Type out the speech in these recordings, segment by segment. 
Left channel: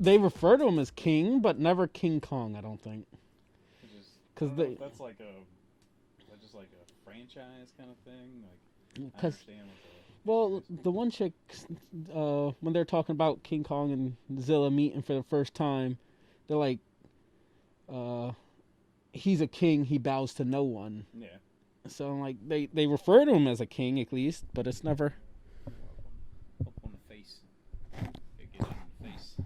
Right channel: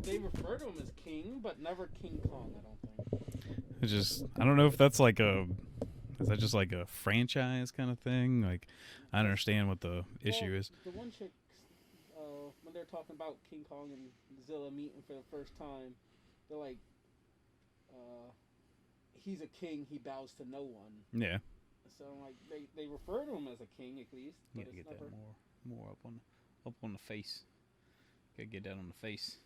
They refer to him as King, but never King Kong, I don't think. It's just, I don't know if that's like is that just like a franchise kind of thing? Like, I understand what the issue is. The one chick, when they're talking about King Kong and Zilla meeting for the first time, they're like, he's a king, he bows to no one. Yeah. So, like, they refer to him as a king, at least, but it's never... More up on the face. Gotta get that on the face.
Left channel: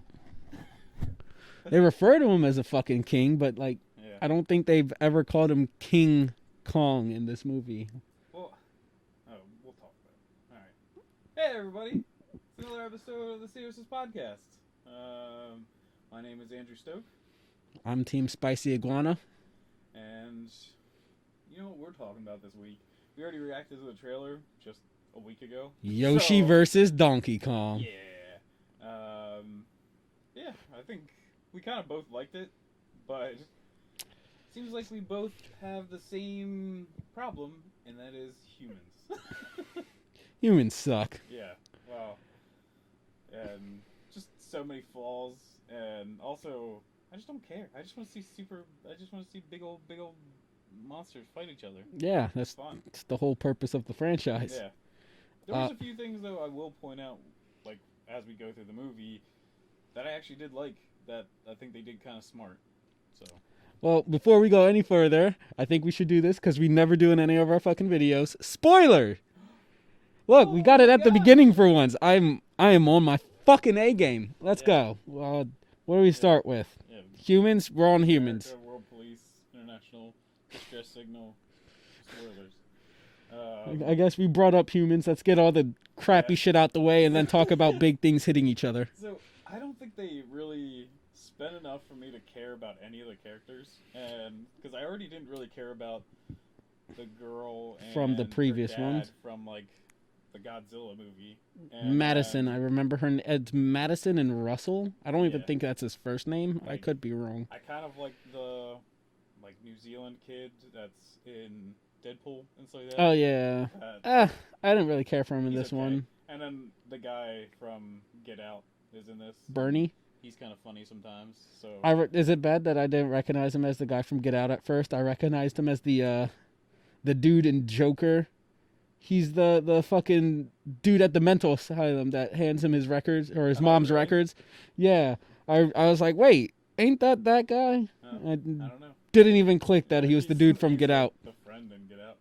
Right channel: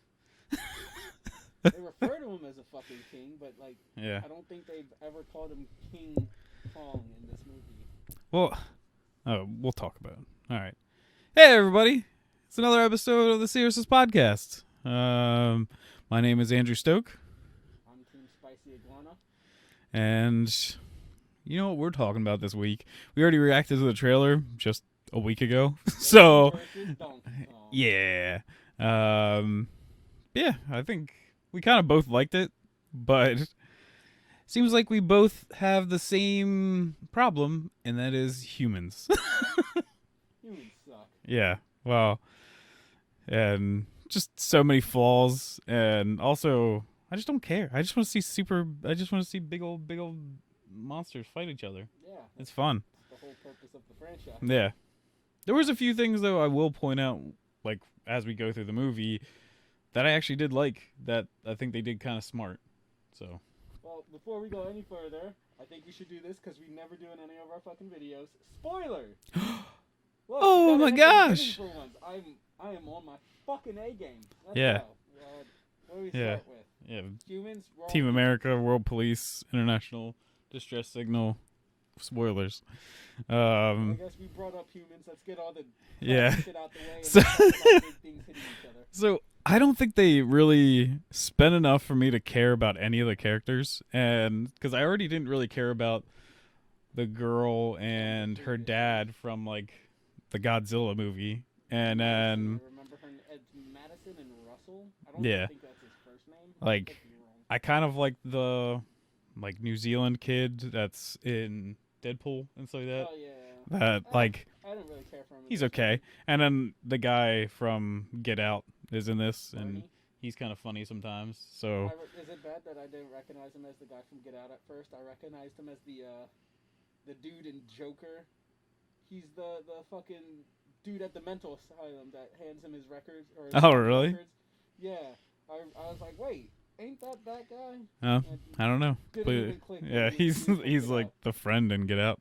They refer to him as a fucking king, but, like, yeah. I don't think they've ever called him King Kong in this movie. Well, we'll talk about it. All right. Hey, everybody. It's another episode of the Seriousness Podcast. My name is Andrew Stoke. I'm Team Spicy Iguana. And you know what we're talking about this week? We already reacted to the trailer just a week ago. Yoshi versus Donkey Kong. Yeah. Yeah, I think we kind of both liked it, but seems like we both have the same problem, and that is humans. Humans suck. Yeah, well, and just so many flaws, and also I just don't care. I just want to see big old monsters fight each other. Yeah, that's fun. It's the whole purpose of the franchise. Yeah. There was a few things though I will point out, like as we go through the movie, that I actually did like, that I think they did kind of smart. So. Well, before we go any further, I think we should do this because we never do in any of our fucking videos. Spoiler! Look, we got it at the beginning for once. I am on my fucking A game. Let's go. What do we start with? Yeah. Humans. We're on Team humans. America, World Police, International, Distress Signal, spoilers. I guess we brought up humans. Let's get all the crappy shit out the way and then talk about big things hitting each other. So I don't think they really spent enough for me to care about any of the characters, and because I already didn't really care about the girl and her dad from like the Godzilla movie. And Madison, I remember her. It's Madison and Russell. I don't even think that's his first name. Like, I could be wrong. I kind of like the New Zealand kid that's in Deadpool and stuff like that. Oh yeah. I didn't really care for him in this one. He's okay. And then the guy from Get Out is in this. Bernie. He's kind of funny sometimes. So is it bad that I didn't recognize him as the guy from Get Out at first? I recognized him as the dude in Joker. He's the fucking dude at the mental asylum that hands him his records or his mom's records. Yeah. I was like, wait, ain't that guy? No, I don't know. Didn't even click that he was the dude from Get Out. The friend in Get Out.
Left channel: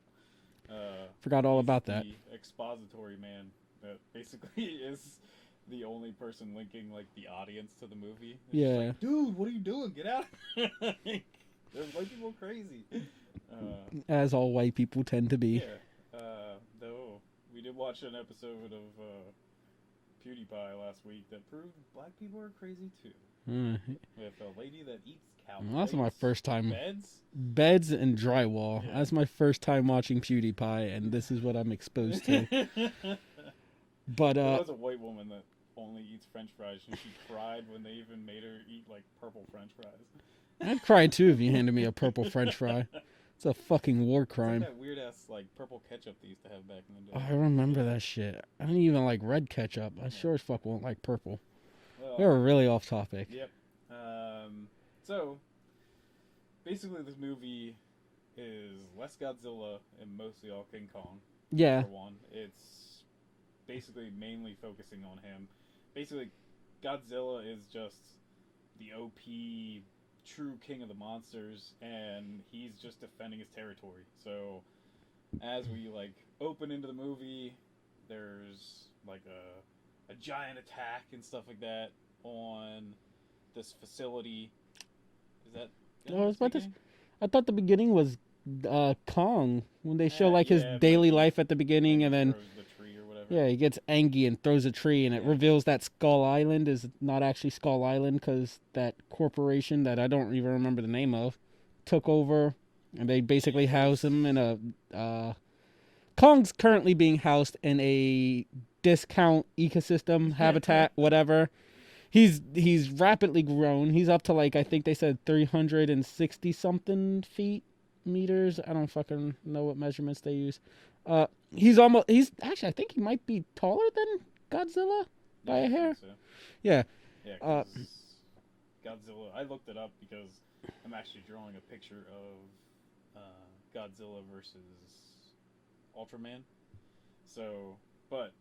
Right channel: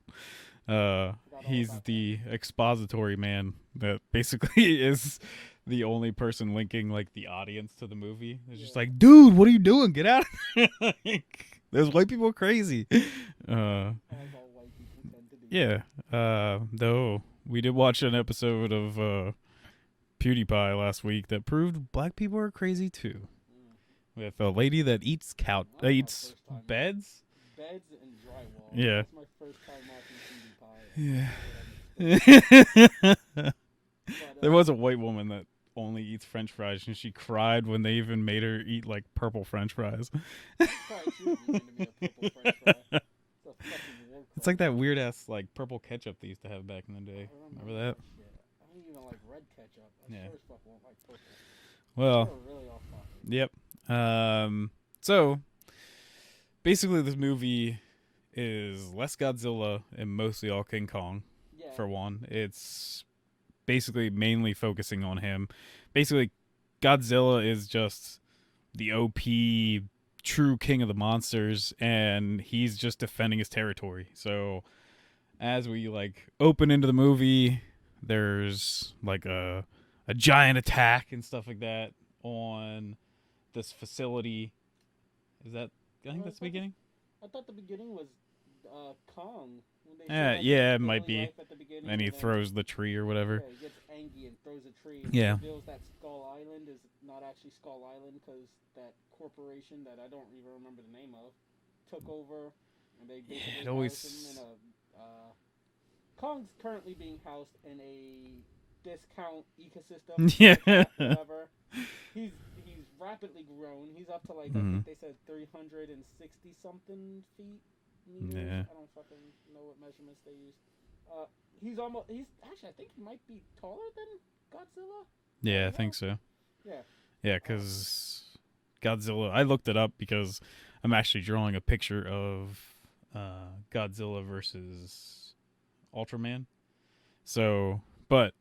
Forgot all about that. He's the expository man that basically is the only person linking like the audience to the movie. It's just like, dude, what are you doing? Get out! Those white people are crazy. As all white people tend to be. Yeah. Though we did watch an episode of PewDiePie last week that proved black people are crazy too. With a lady that eats That's my first time. Beds and drywall. Yeah. That's my first time watching PewDiePie, and this is what I'm exposed to. But there was a white woman that only eats French fries, and she cried when they even made her eat like purple French fries. I'd cry too if you handed me a purple French fry. It's a fucking war crime. It's like that weird ass like purple ketchup they used to have back in the day. I remember that shit. I don't even like red ketchup. I sure as fuck won't like purple. Well, we're really off topic. Yep. So basically, this movie is less Godzilla and mostly all King Kong. Yeah. For one, it's basically mainly focusing on him. Basically, Godzilla is just the OP true king of the monsters, and he's just defending his territory. So as we like open into the movie, there's like a giant attack and stuff like that on this facility. Is that the beginning? I thought the beginning was Kong when they show like his daily life at the beginning, and then throws the tree or whatever. Yeah, he gets angry and throws a tree, and it reveals that Skull Island is not actually Skull Island because that corporation that I don't even remember the name of took over, and they basically house him in a. Kong's currently being housed in a discount ecosystem habitat, whatever. He's rapidly grown. He's up to like I think they said 360 something feet. meters. Yeah. I don't fucking know what measurements they use. He's actually, I think he might be taller than Godzilla. Yeah, I think so. Yeah. Yeah, because Godzilla, I looked it up because I'm actually drawing a picture of Godzilla versus Ultraman. So, but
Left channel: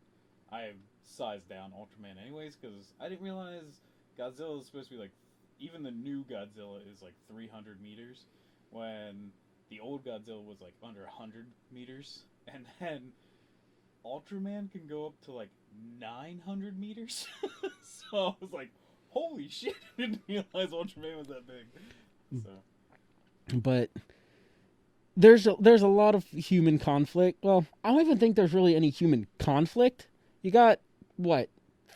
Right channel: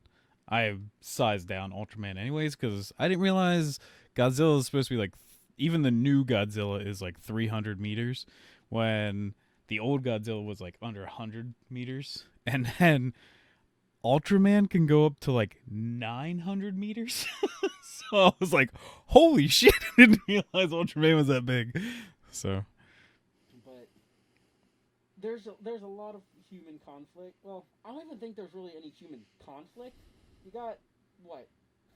I sized down Ultraman anyways because I didn't realize Godzilla is supposed to be like, even the new Godzilla is like 300 meters when the old Godzilla was like under 100 meters. And then Ultraman can go up to like 900 meters. So I was like, holy shit, I didn't realize Ultraman was that big. So, but there's a lot of human conflict. Well, I don't even think there's really any human conflict. You got what,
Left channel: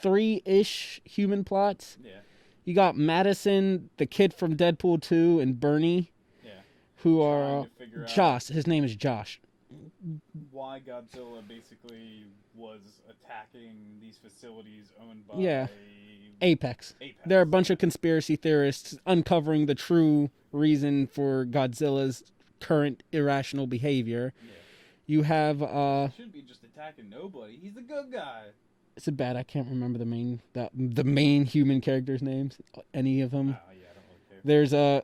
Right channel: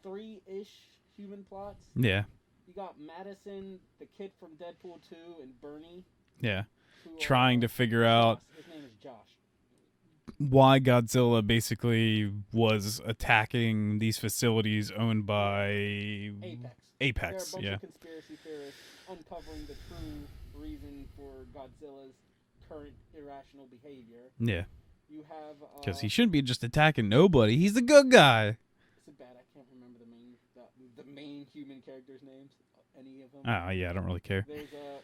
3-ish human plots? yeah. You got Madison, the kid from Deadpool 2, and Bernie. Yeah. Who trying are to figure out Josh. His name is Josh. Why Godzilla basically was attacking these facilities owned by Apex. Apex. There are a bunch of conspiracy theorists uncovering the true reason for Godzilla's current irrational behavior. Yeah. You have he shouldn't be just attacking nobody. He's the good guy. Is it bad? I can't remember the main human characters' names. Any of them? Oh yeah, I don't really care. There's a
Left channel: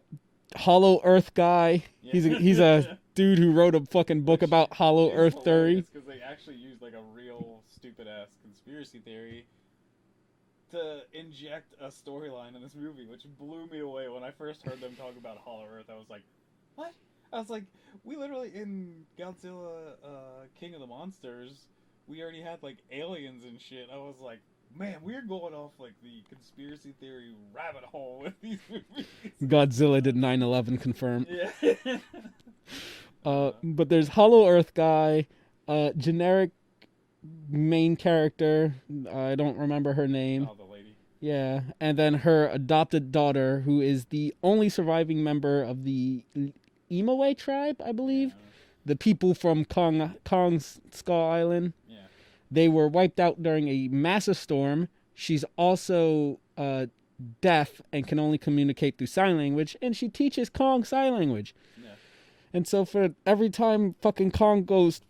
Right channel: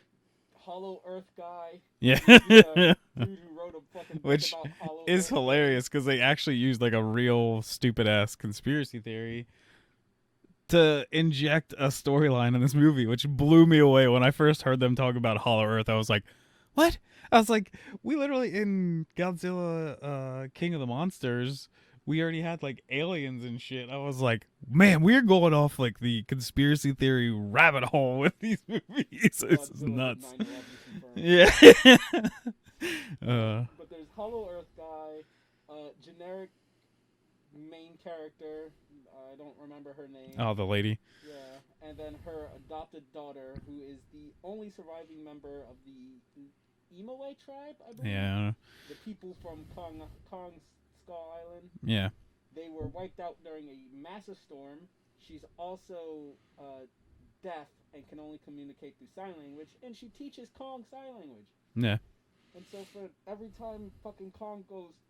Hollow Earth guy. Yeah. He's a dude who wrote a fucking book about Hollow Earth. It's hilarious because they actually used like a real stupid ass conspiracy theory to inject a storyline in this movie, which blew me away. When I first heard them talk about Hollow Earth, I was like, what? I was like, we literally in Godzilla King of the Monsters, we already had like aliens and shit. I was like, man, we're going off like the conspiracy theory rabbit hole with these movies. Godzilla did 9/11 confirm. Yeah. But there's Hollow Earth guy, generic main character. I don't remember her name. Oh, the lady. Yeah, and then her adopted daughter, who is the only surviving member of the Imoue tribe, I believe. Yeah. The people from Kong's Skull Island. Yeah. They were wiped out during a massive storm. She's also deaf and can only communicate through sign language, and she teaches Kong sign language. Yeah. And so for every time fucking Kong goes,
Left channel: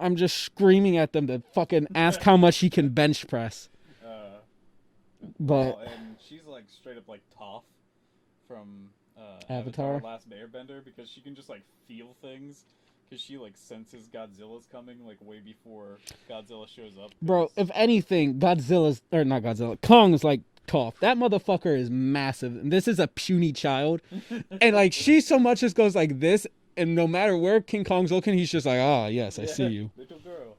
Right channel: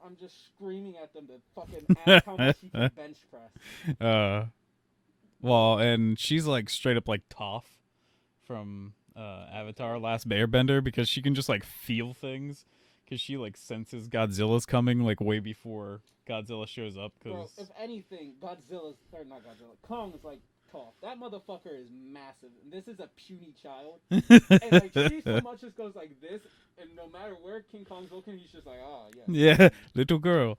I'm just screaming at them to fucking ask how much he can bench press. Well, and she's like straight up like Toph from Avatar Last Airbender because she can just like feel things because she like senses Godzilla's coming like way before Godzilla shows up. Bro, if anything, Kong's like Toph. That motherfucker is massive. And this is a puny child. And like she so much just goes like this, and no matter where King Kong's looking, he's just like, ah, yes, I see you. Little girl.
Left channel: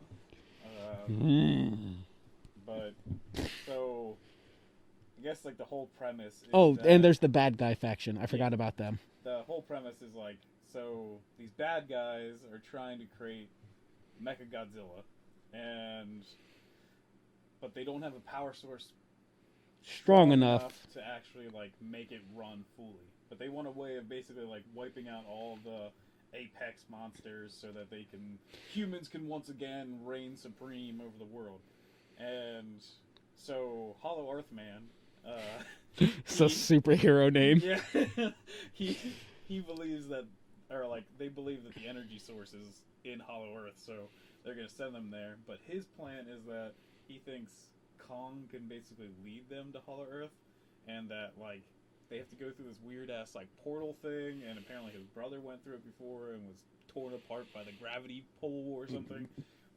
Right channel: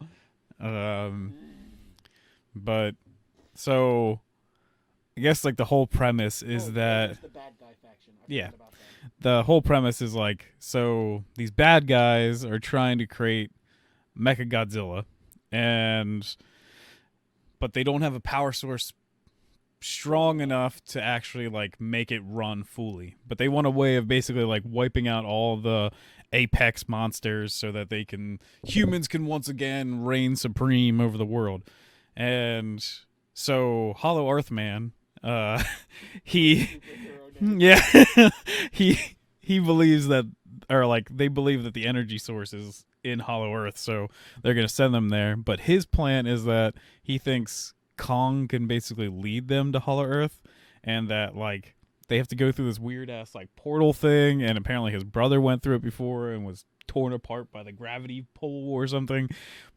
But so I guess like the whole premise is that, and there's the bad guy faction. I forgot about them. The whole premise is like, so these bad guys are trying to create Mechagodzilla, but they don't have a power source strong enough to actually like make it run fully. But they want a way of basically like wiping out all the apex monsters so that humans can once again reign supreme over the world. And so Hollow Earth Man, he's a superhero name. Yeah. he believes that, or like they believe that the energy source is in Hollow Earth, so they're gonna send them there. But his plan is that he thinks Kong can basically lead them to Hollow Earth, and that like they have to go through this weird ass like portal thing, and apparently his brother went through it before and was torn apart by the gravity pull or something.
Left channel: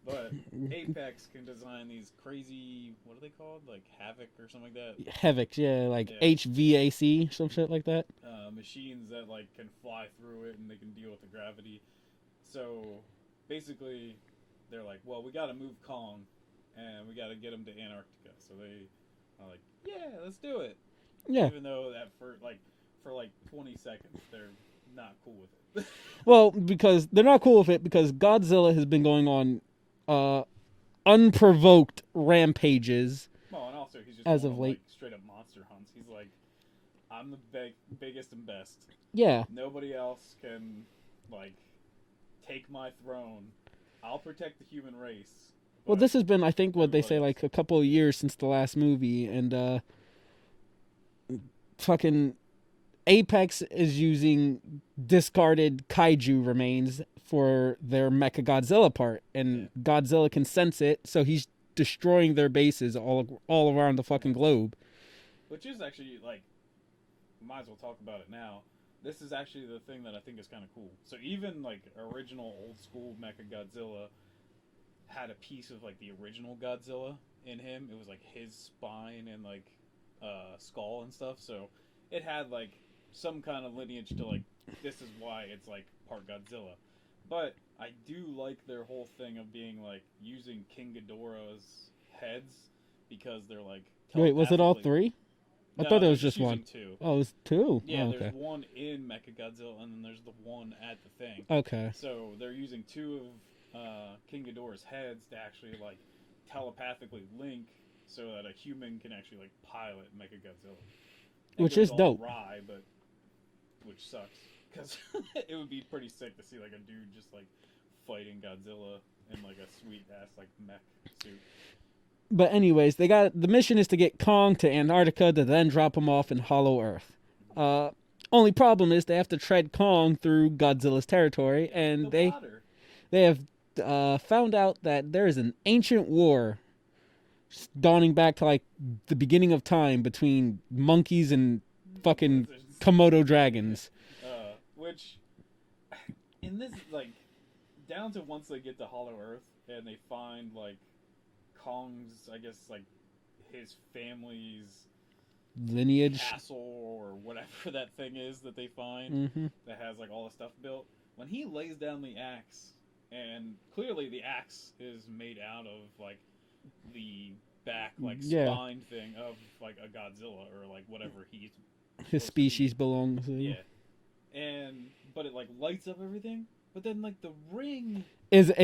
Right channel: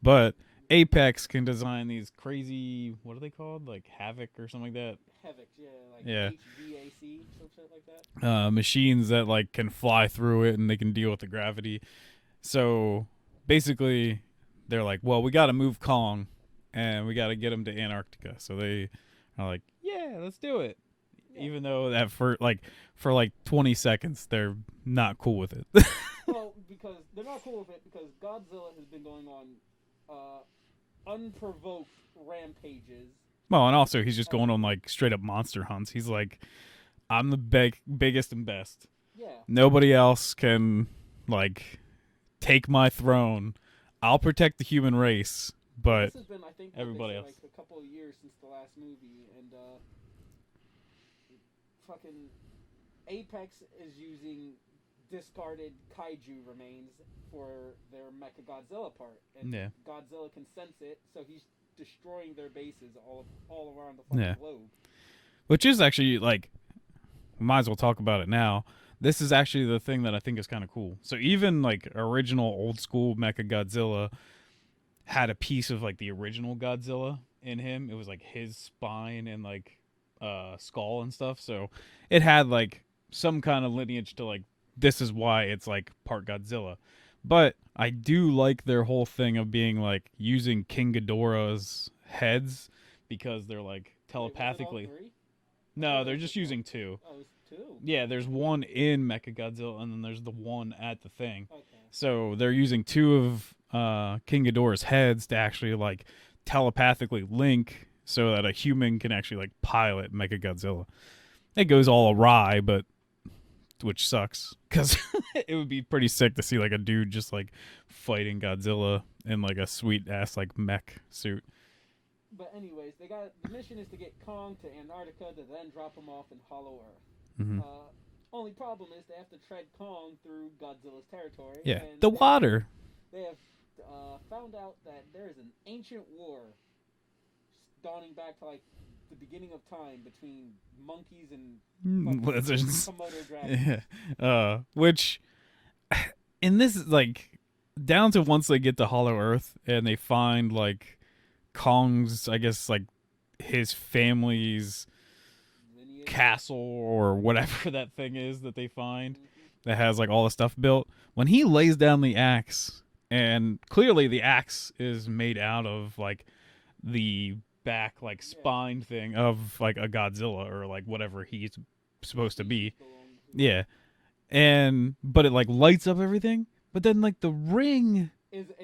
But Apex can design these crazy, what are they called? Like Havoc or something like that? Havoc, yeah, like HVAC, some shit like that. Machines that like can fly through it and they can deal with the gravity. So basically they're like, well, we got to move Kong and we got to get him to Antarctica. So they are like, yeah, let's do it. Yeah. Even though that for like 20 seconds they're not cool with it. Well, because they're not cool with it because Godzilla has been going on unprovoked rampages. Well, and also he's just going on like straight up monster hunts. He's like, I'm the biggest and best. Yeah. Nobody else can like take my throne. I'll protect the human race. But well, this has been, I think, what they say, like a couple of years since the last movie, and fucking Apex is using discarded kaiju remains for their Mechagodzilla part, and Godzilla can sense it, so he's destroying their bases all around the fucking globe. Which is actually, like, might as well talk about it now. This is actually the thing that I think is kind of cool. So even, like, original old school Mechagodzilla had a piece of, like, the original Godzilla in him. It was, like, his spine and, like, skull and stuff. So it had, like, some kind of lineage to, like, this is why it's, like, part Godzilla. But I do like their whole thing of being, like, using King Ghidorah's heads because they're, like, wait, was it all three? I thought it was just using one. two. Oh, it was two? Yeah, okay. There's one in Mechagodzilla, and then there's the one at the thing. Okay. So they're using two of King Ghidorah's heads to actually, like, telepathically link so that a human can actually, like, pilot Mechagodzilla. It goes all awry, but... which sucks, because it would be pretty sick to see, like, a dude just, like, fighting Godzilla in, like, a sweet-ass, like, mech suit. But anyways, the mission is to get Kong to Antarctica to then drop him off in Hollow Earth. Mm-hmm. Only problem is they have to tread Kong through Godzilla's territory. Yeah, and water. They have found out that there is an ancient war dawning back to, like, the beginning of time between monkeys and fucking Komodo dragons. Which, in this, like, down to once they get to Hollow Earth and they find, like, Kong's, I guess, like, his family's lineage castle or whatever that thing is that they find that has, like, all the stuff built. When he lays down the axe, and clearly the axe is made out of, like, the back, like, spine thing of, like, a Godzilla or, like, whatever he's supposed to be. His species belongs to. Yeah. But it, like, lights up everything. But then, like, the ring is a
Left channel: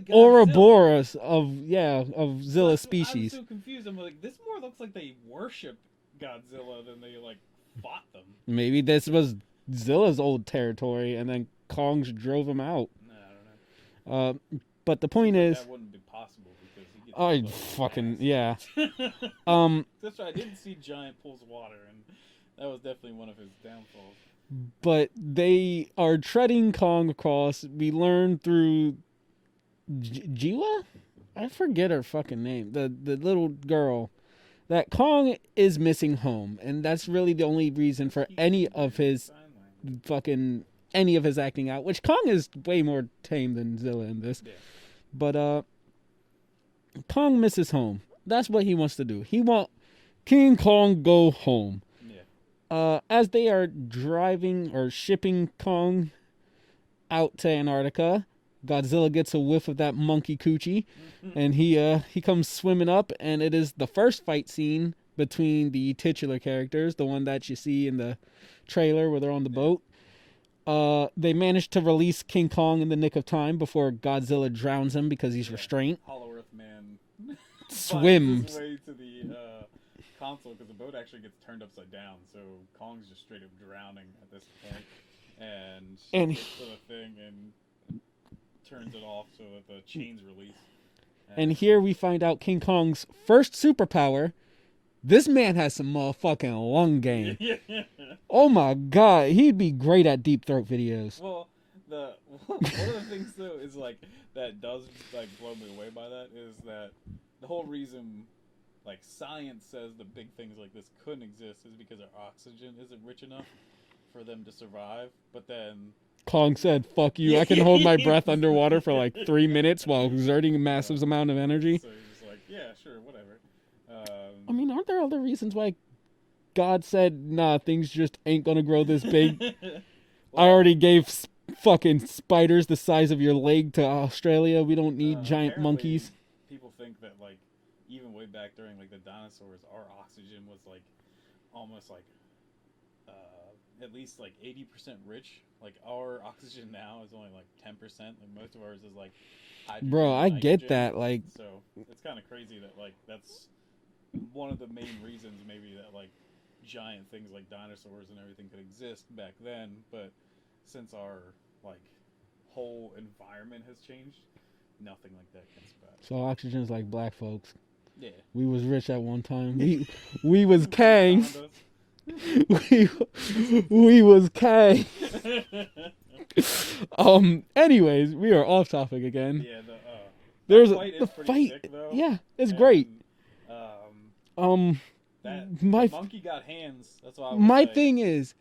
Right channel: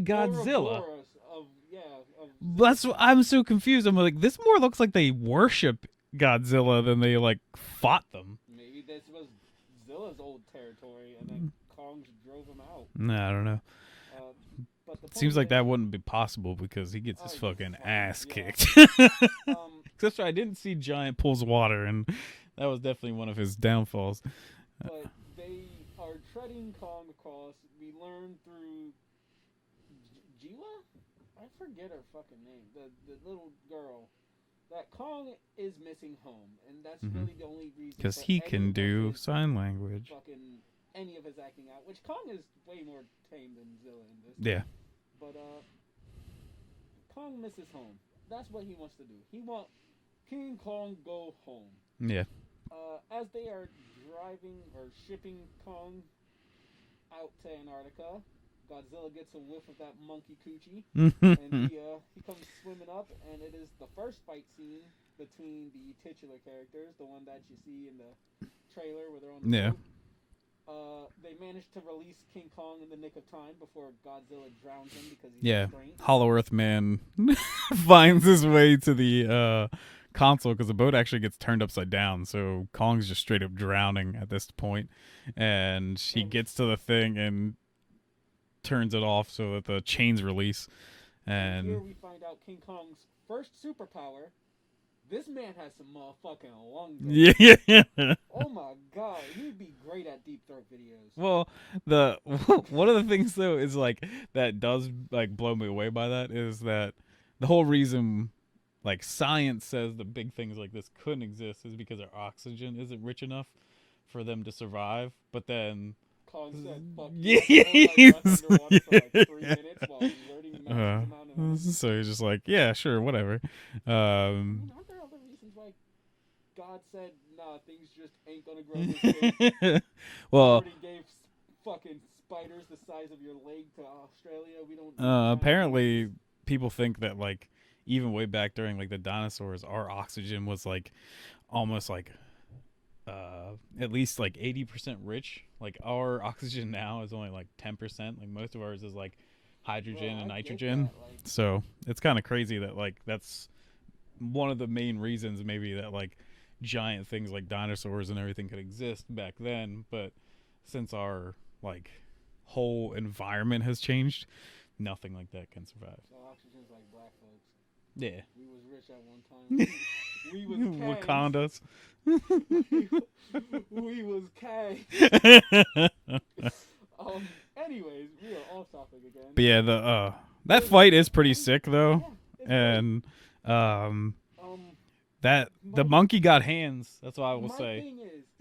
Godzilla. Ouroboros of Zilla species. I'm so confused. I'm like, this more looks like they worship Godzilla than they, like, fought them. Maybe this was Zilla's old territory, and then Kong's drove him out. Nah, I don't know. But the point seems is, like that wouldn't be possible because he gets his fucking ass kicked. Except I didn't see Giant pulls water, and that was definitely one of his downfalls. But they are treading Kong across. We learn through Jiwa? I forget her fucking name. The little girl. That Kong is missing home, and that's really the only reason for any of his sign language. Fucking any of his acting out. Which Kong is way more tame than Zilla in this. Yeah. But Kong misses home. That's what he wants to do. He want King Kong go home. Yeah. As they are driving or shipping Kong out to Antarctica, Godzilla gets a whiff of that monkey coochie, and he comes swimming up, and it is the first fight scene between the titular characters, the one that you see in the trailer where they're on the boat. They managed to release King Kong in the nick of time before Godzilla drowns him because he's restrained. Hollow Earth Man finds his way to the console because the boat actually gets turned upside down, so Kong's just straight up drowning at this point, and she gets to the thing and turns it off so that the chains release. And here we find out King Kong's first superpower. This man has some motherfucking lung game. Yeah. Oh my god, he'd be great at deep throat videos. Well, one of the things though is like that does like blow me away by that is that the whole reason like science says the big things like this couldn't exist is because our oxygen isn't rich enough for them to survive. But then Kong said, fuck you, I can hold my breath underwater for like 3 minutes while exerting a massive amount of energy. So he's just like, yeah, sure, whatever. I mean, aren't there other reasons why God said, nah, things just ain't gonna grow this big? Well, I already gave fucking spiders the size of your leg to Australia. We don't need giant apparently monkeys. People think that like even way back during like the dinosaurs, our oxygen was like almost like at least like 80% rich. Like our oxygen now is only like 10%. Like most of ours is like hydrogen. Bro, I nitrogen. get that. Like, so it's kind of crazy that like that's one of the main reasons maybe that like giant things like dinosaurs and everything could exist back then. But since our like whole environment has changed, nothing like that can survive. So oxygen's like black folks. Yeah, we was rich at one time. We was kings. we was K. Anyways, we are off topic again. But yeah, that fight is pretty sick though. Yeah, it's great. That the monkey got hands. That's what I will say. My thing is,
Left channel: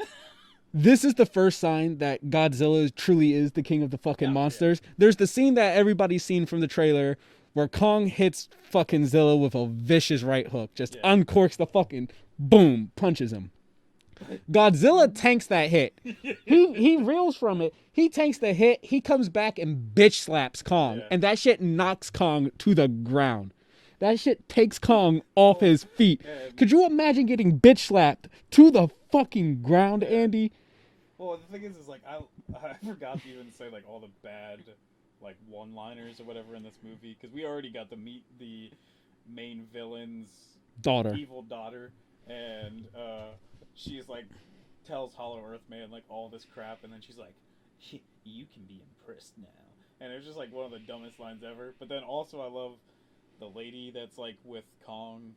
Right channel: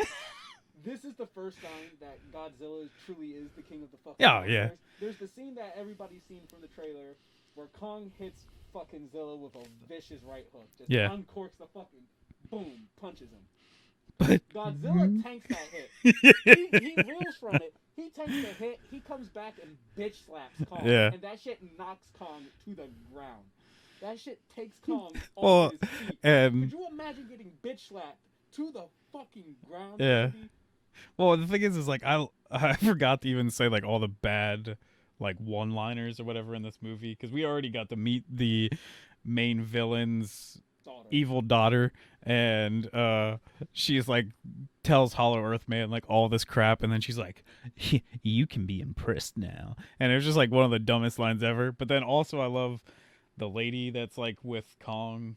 this is the first sign that Godzilla truly is the king of the fucking monsters. Yeah. There's the scene that everybody's seen from the trailer where Kong hits fucking Zilla with a vicious right hook, just uncorks the fucking boom, punches him. But Godzilla tanks that hit. He reels from it. He tanks the hit. He comes back and bitch slaps Kong, and that shit knocks Kong to the ground. That shit takes Kong off his feet. Could you imagine getting bitch slapped to the fucking ground, Andy? Well, the thing is like I forgot to even say like all the bad like one-liners or whatever in this movie, because we already got to meet the main villain's evil daughter, and she's like tells Hollow Earth Man like all this crap, and then she's like, "You can be impressed now," and it was just like one of the dumbest lines ever. But then also I love the lady that's like with Kong,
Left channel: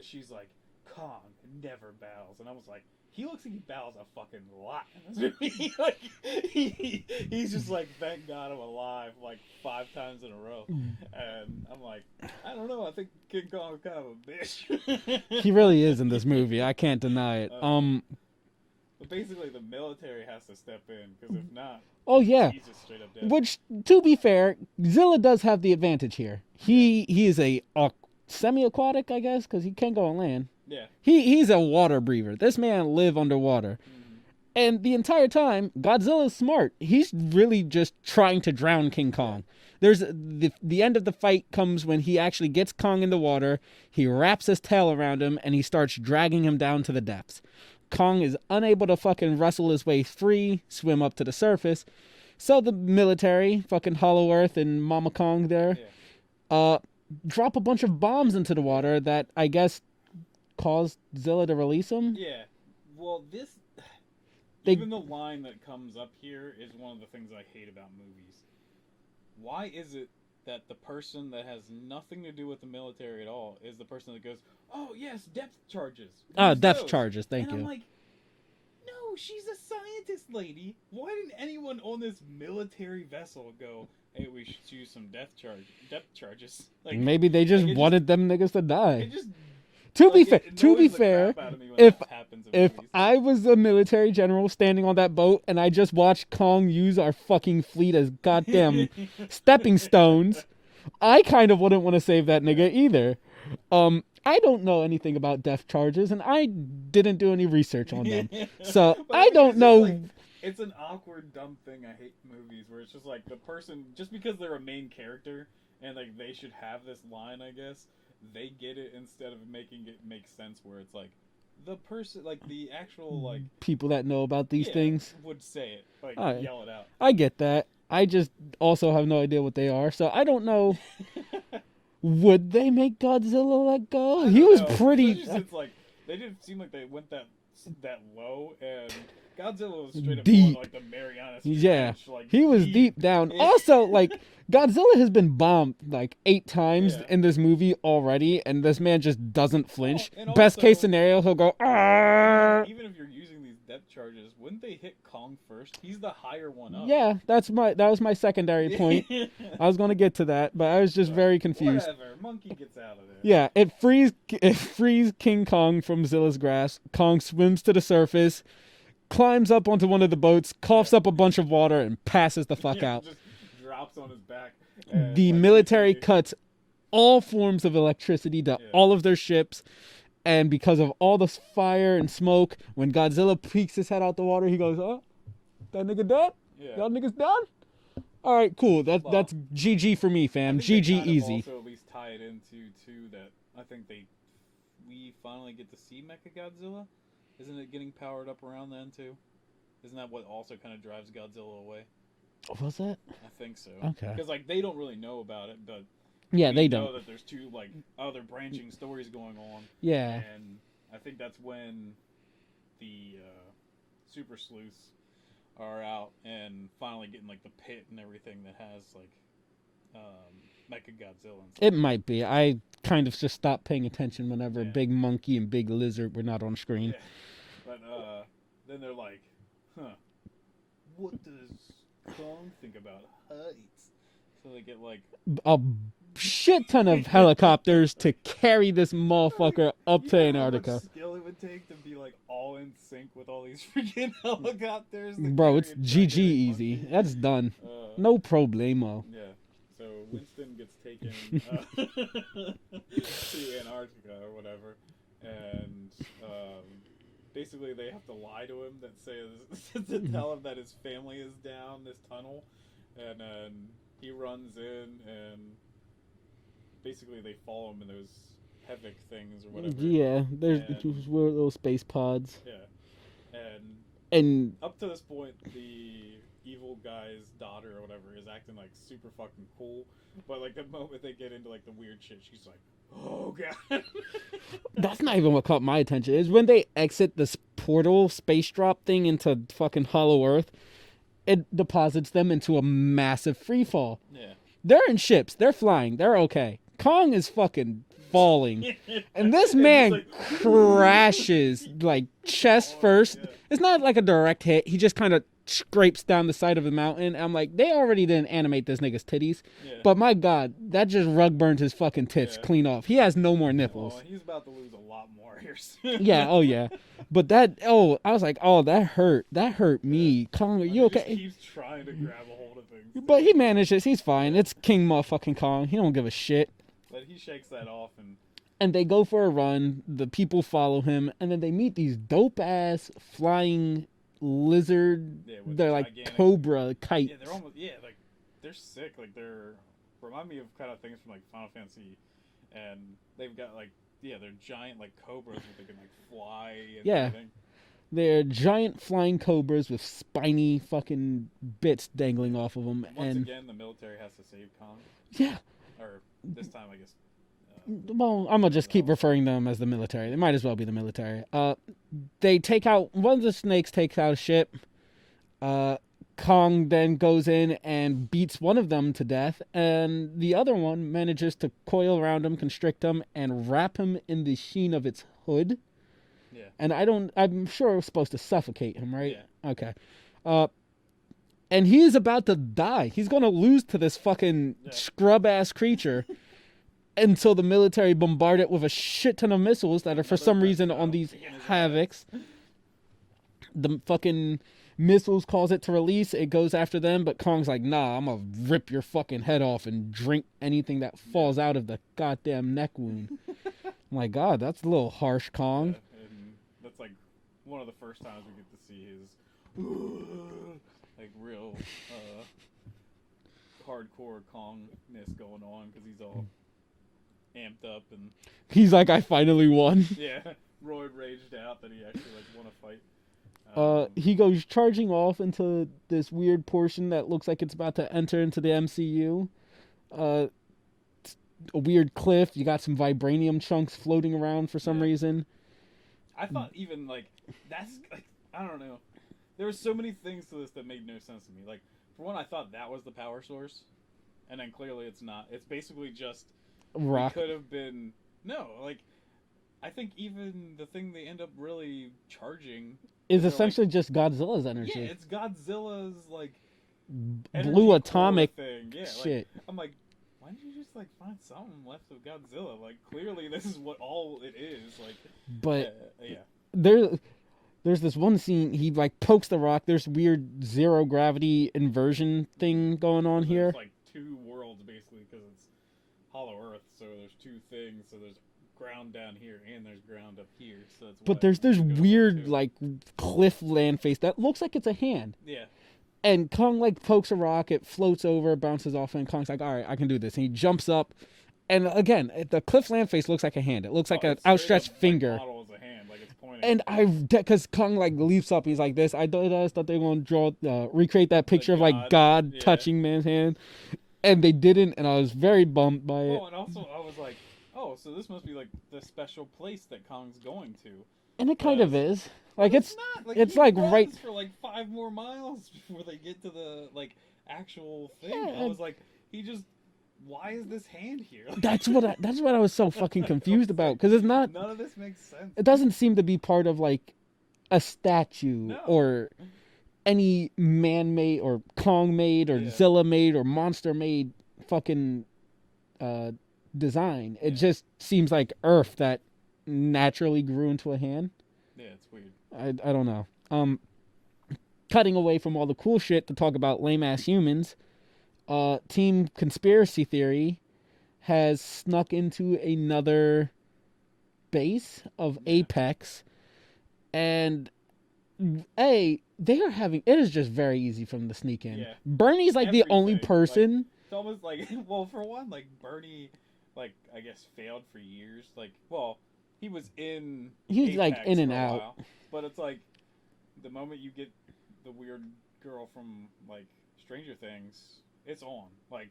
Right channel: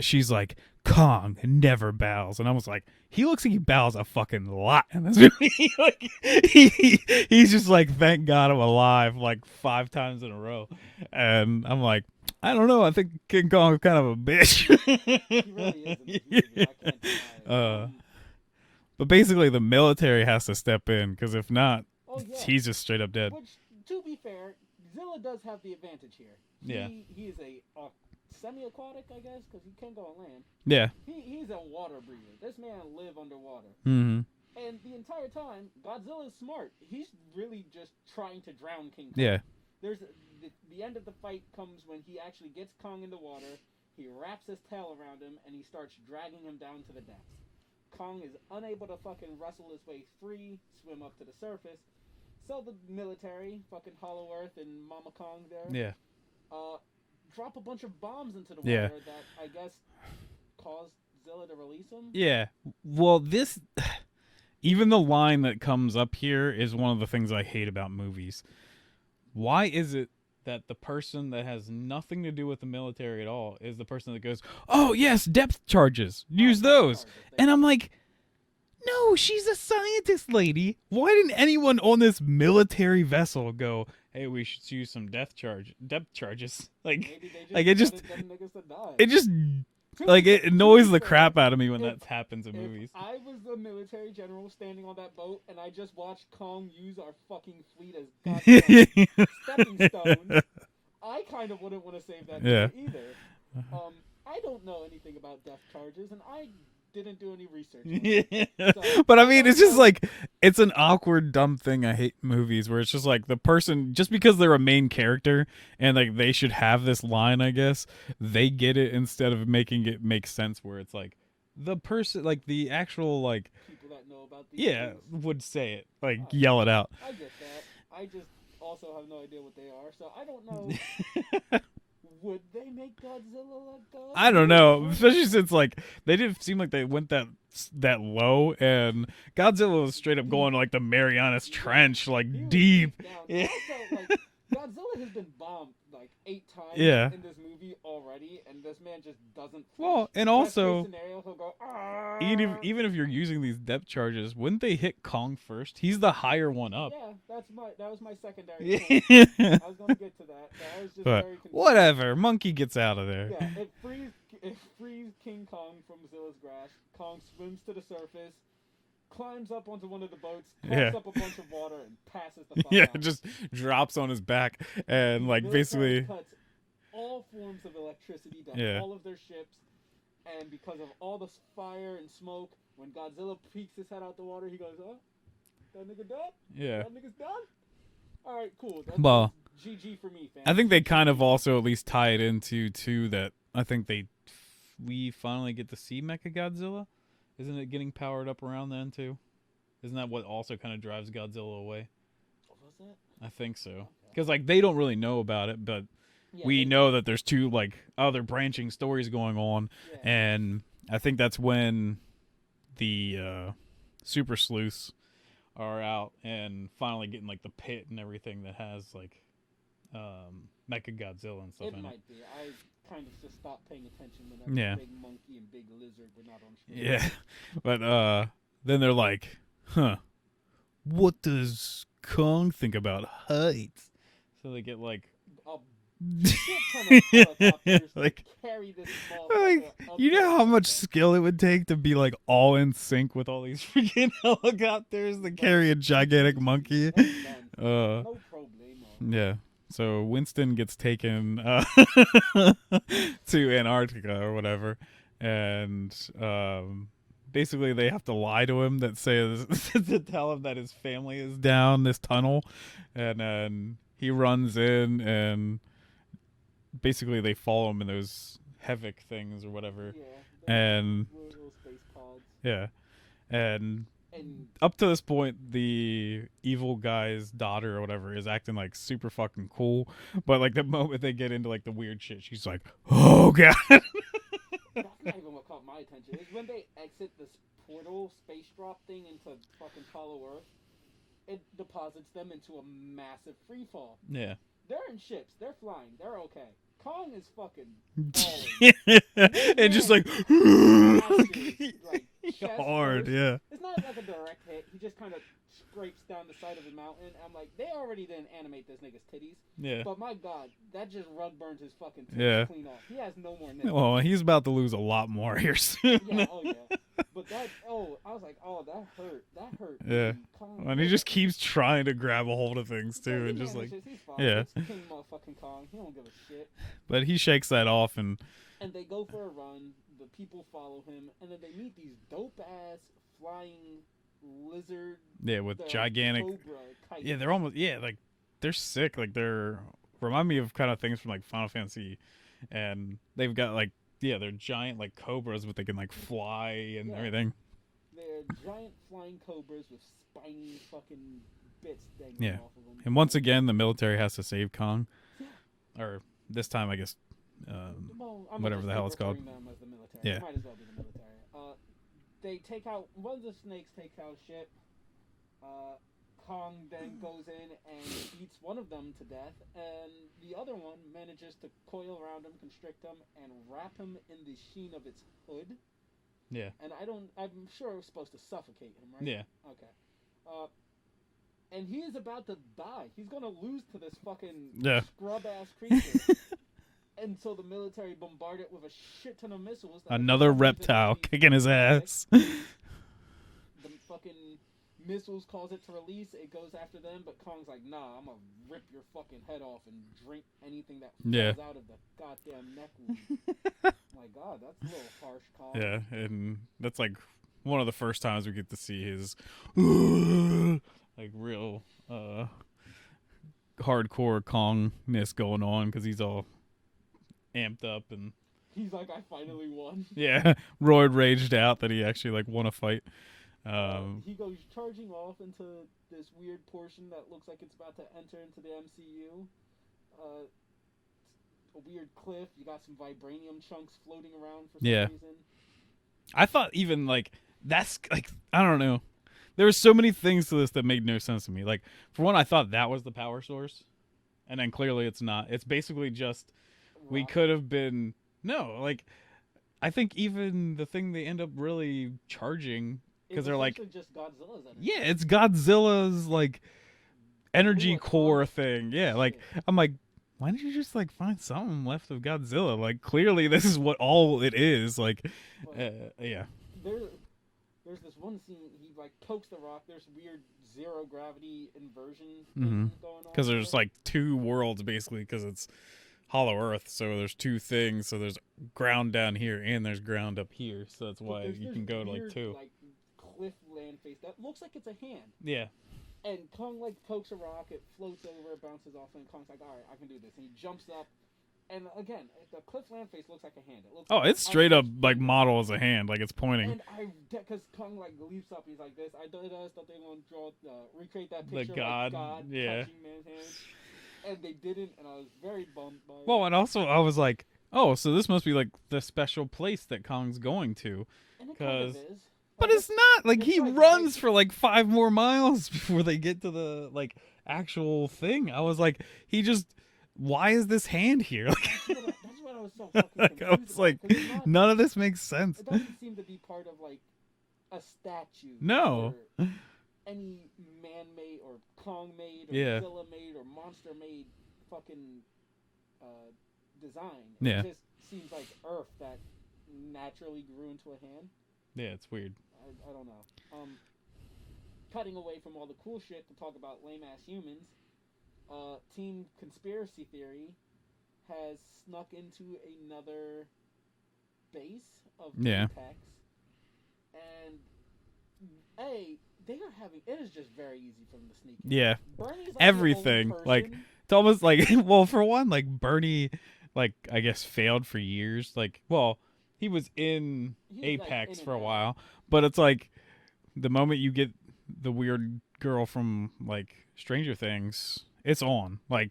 she's like, "Kong never bows," and I was like, he looks like he bows a fucking lot in this movie. Like, he's just like, thank God I'm alive, like 5 times in a row. And I'm like, I don't know, I think King Kong is kind of a bitch. He really is in this movie. I can't deny it. But basically the military has to step in, because if not, he's just straight up dead. Which, to be fair, Zilla does have the advantage here. He is a semi-aquatic, I guess, because he can't go on land. Yeah. He's a water breather. This man live underwater. Mm-hmm. And the entire time, Godzilla's smart. He's really just trying to drown King Kong. Yeah. There's the end of the fight comes when he actually gets Kong in the water. He wraps his tail around him, and he starts dragging him down to the depths. Kong is unable to fucking wrestle his way free, swim up to the surface. So the military, fucking Hollow Earth and Mama Kong there, drop a bunch of bombs into the water that I guess caused Zilla to release him. Yeah. Well, even the line that comes up here is one of the things I hate about movies. Why is it that the person that has nothing to do with the military at all is the person that goes, "Oh yes, depth charges. Use those." Charges. And I'm like, no, she's a scientist lady. Why didn't anyone on this military vessel go, "Hey, we should use some depth charges"? Like, maybe they just wanted them niggas to die. It just it annoys the crap out of me when that happens in movies. If I was a military general standing on that boat and I just watched Kong use our fucking fleet as goddamn stepping stones, I kind of wouldn't want to save that nigga either. I don't know anything about depth charges, and I didn't do any research on them. So, but I mean, it's just like, it's an awkward, dumb thing. I hate movies where it's just like the person, just because they're a main character and like they should have this line, I guess, they get it instead of making it make sense, where it's like the person, like the actual like people that know about these things would say it, like yell it out. I get that. I just also have no idea what they are, so I don't know. Would they make Godzilla let go? I don't know. Especially since like they didn't seem like they went that low, and Godzilla was straight up going like the Marianas Trench, like he was deep down. Also, like Godzilla has been bombed like 8 times in this movie already, and this man just doesn't flinch. And best case scenario, he'll go. Even if you're using these depth charges, wouldn't they hit Kong first? He's the higher one up. Yeah, that was my secondary point. I was gonna get to that, but I was just very confused. Whatever, monkey gets out of there. Yeah, it frees King Kong from Zilla's grasp. Kong swims to the surface, climbs up onto one of the boats, coughs up a bunch of water, and passes the fuck out. Just drops on his back. And the military cuts all forms of electricity to all of their ships. And because of all the fire and smoke, when Godzilla peeks his head out the water, he goes, "Oh, that nigga dead? Yeah. Y'all niggas done? All right, cool. That's GG for me, fam." I think GG they kind easy. of also at least tie it into, too, that I think we finally get to see Mechagodzilla. Isn't it getting powered up around then, too? Isn't that what also kind of drives Godzilla away? Was that? I think so. Okay. Because, like, they don't really know about it, but we know that there's 2, like, other branching stories going on. Yeah. And I think that's when the super sleuths are out and finally getting, like, the pit and everything that has, like, Mecha Godzilla and stuff. It might be. I kind of just stopped paying attention whenever Yeah. Big Monkey and Big Lizard were not on screen. Yeah, but then they're like, huh, what does Kong think about heights? So they get like a shit ton of helicopters like, to carry this motherfucker up you to know how much Antarctica. skill it would take to be like all in sync with all these freaking helicopters that Bro, carry a it's gigantic GG monkey. easy. That's done. No problemo. Yeah. So Winston gets taken to Antarctica or whatever, and basically they have to lie to him that says to tell him that his family is down this tunnel, and then he runs in, and basically they follow him in those Havoc things or whatever. Yeah, And- those little space pods. Yeah, and And up to this point, the evil guy's daughter or whatever is acting like super fucking cool, but like the moment they get into like the weird shit, she's like, "Oh god." that's not even what caught my attention. Is when they exit this portal space drop thing into fucking Hollow Earth, it deposits them into a massive free fall. Yeah. They're in ships. They're flying. They're okay. Kong is fucking falling. And this It man just like crashes like chest hard, first. yeah. It's not like a direct hit. He just kind of scrapes down the side of the mountain. I'm like, they already didn't animate this nigga's titties. Yeah. But my God, that just rug burned his fucking tits Yeah. clean off. He has no more nipples. Well, he's about to lose a lot more here soon. Yeah, oh yeah. But I was like, oh, that hurt. That hurt me. Kong, And you he okay? just keeps trying to grab a hold of things too. But he Just manages. He's fine. Yeah. It's King motherfucking Kong. He don't give a shit. but he shakes that off, and And they go for a run. The people follow him, and then they meet these dope ass flying lizard. yeah, with they're gigantic like cobra kites. Yeah, they're almost like they're sick. Like they're remind me of kind of things from like Final Fantasy, and they've got like they're giant like cobras, but they can like fly and Yeah. everything. They're giant flying cobras with spiny fucking bits dangling Yeah. off of them. And once again, the military has to save Kong, yeah. or this time I guess. Well, I'm gonna whatever just the keep hell it's referring to them as the military. Yeah. It might as well be the military. They take out one of the snakes. Takes out a ship. Kong then goes in and beats one of them to death, and the other one manages to coil around him, constrict him, and wrap him in the sheen of its hood. Yeah. And I'm sure it was supposed to suffocate him, right? Yeah. Okay. And he is about to die. He's gonna lose to this fucking scrub ass creature. Until the military bombard it with a shit ton of missiles that are for some reason on these kicking his Havocs. ass. The fucking missiles cause it to release. It goes after them, but Kong's like, nah, I'm gonna rip your fucking head off and drink anything that falls out of the goddamn neck wound. My God, that's a little harsh, Kong. Yeah, and that's like one of the first times we get to see his like real hardcore Kongness going on, because he's all amped up and He's like, I finally won. roid raged out that he actually like won a fight. He goes charging off into this weird portion that looks like it's about to enter into the MCU. A weird cliff. You got some vibranium chunks floating around for some reason. I thought even like that's like I don't know. There were so many things to this that made no sense to me. Like for one, I thought that was the power source, and then clearly it's not. It's basically just Rock. we could have been like I think even the thing they end up really charging is they're essentially just Godzilla's energy. Yeah, it's Godzilla's like Blue energy core atomic thing. Yeah, like shit. I'm like, why didn't you just like find something left of Godzilla? Like clearly this is what all it is. Like, But yeah, there's this one scene he like pokes the rock. There's weird zero gravity inversion thing going on because here. there's like two worlds basically because it's Hollow Earth, so there's two things. So there's ground down here and there's ground up here. So that's why. But there's you this can go, weird two. like cliff land face that looks like it's a hand. Yeah. And Kong like pokes a rock, it floats over, bounces off, and Kong's like, "All right, I can do this." And he jumps up, and again, the cliff land face looks like a hand. It looks like an it's straight up outstretched finger. like model as a hand, like it's pointing. And because Kong like leaps up, he's like this. I thought they were gonna recreate that picture of like God touching man's hand, and they didn't. And I was very bummed by it. Well, and also I was like, oh, so this must be like the special place that Kong's going to. And it kind of is. But Like it's not like it's he like runs for like 5 more miles before they get to the like actual thing. Yeah, I was like, he just why is this hand here? That's what I was so fucking confused about, because it's not. None of this makes sense. It doesn't seem to be part of like a statue or any man-made or Kong-made or Zilla-made or monster-made fucking design. It just seems like earth that naturally grew into a hand. Yeah, it's weird. I don't know. Cutting away from all the cool shit to talk about lame-ass humans, Team Conspiracy Theory has snuck into another base of Apex, and they are having, it is just very easy for them to sneak in. Yeah. Bernie's like the only person. Like, it's almost like, well, for one, like Bernie, like I guess failed for years. Like, well, he was in Apex like in and for a out. while, but it's like the moment you get the weird girl from like Stranger Things, it's on. Like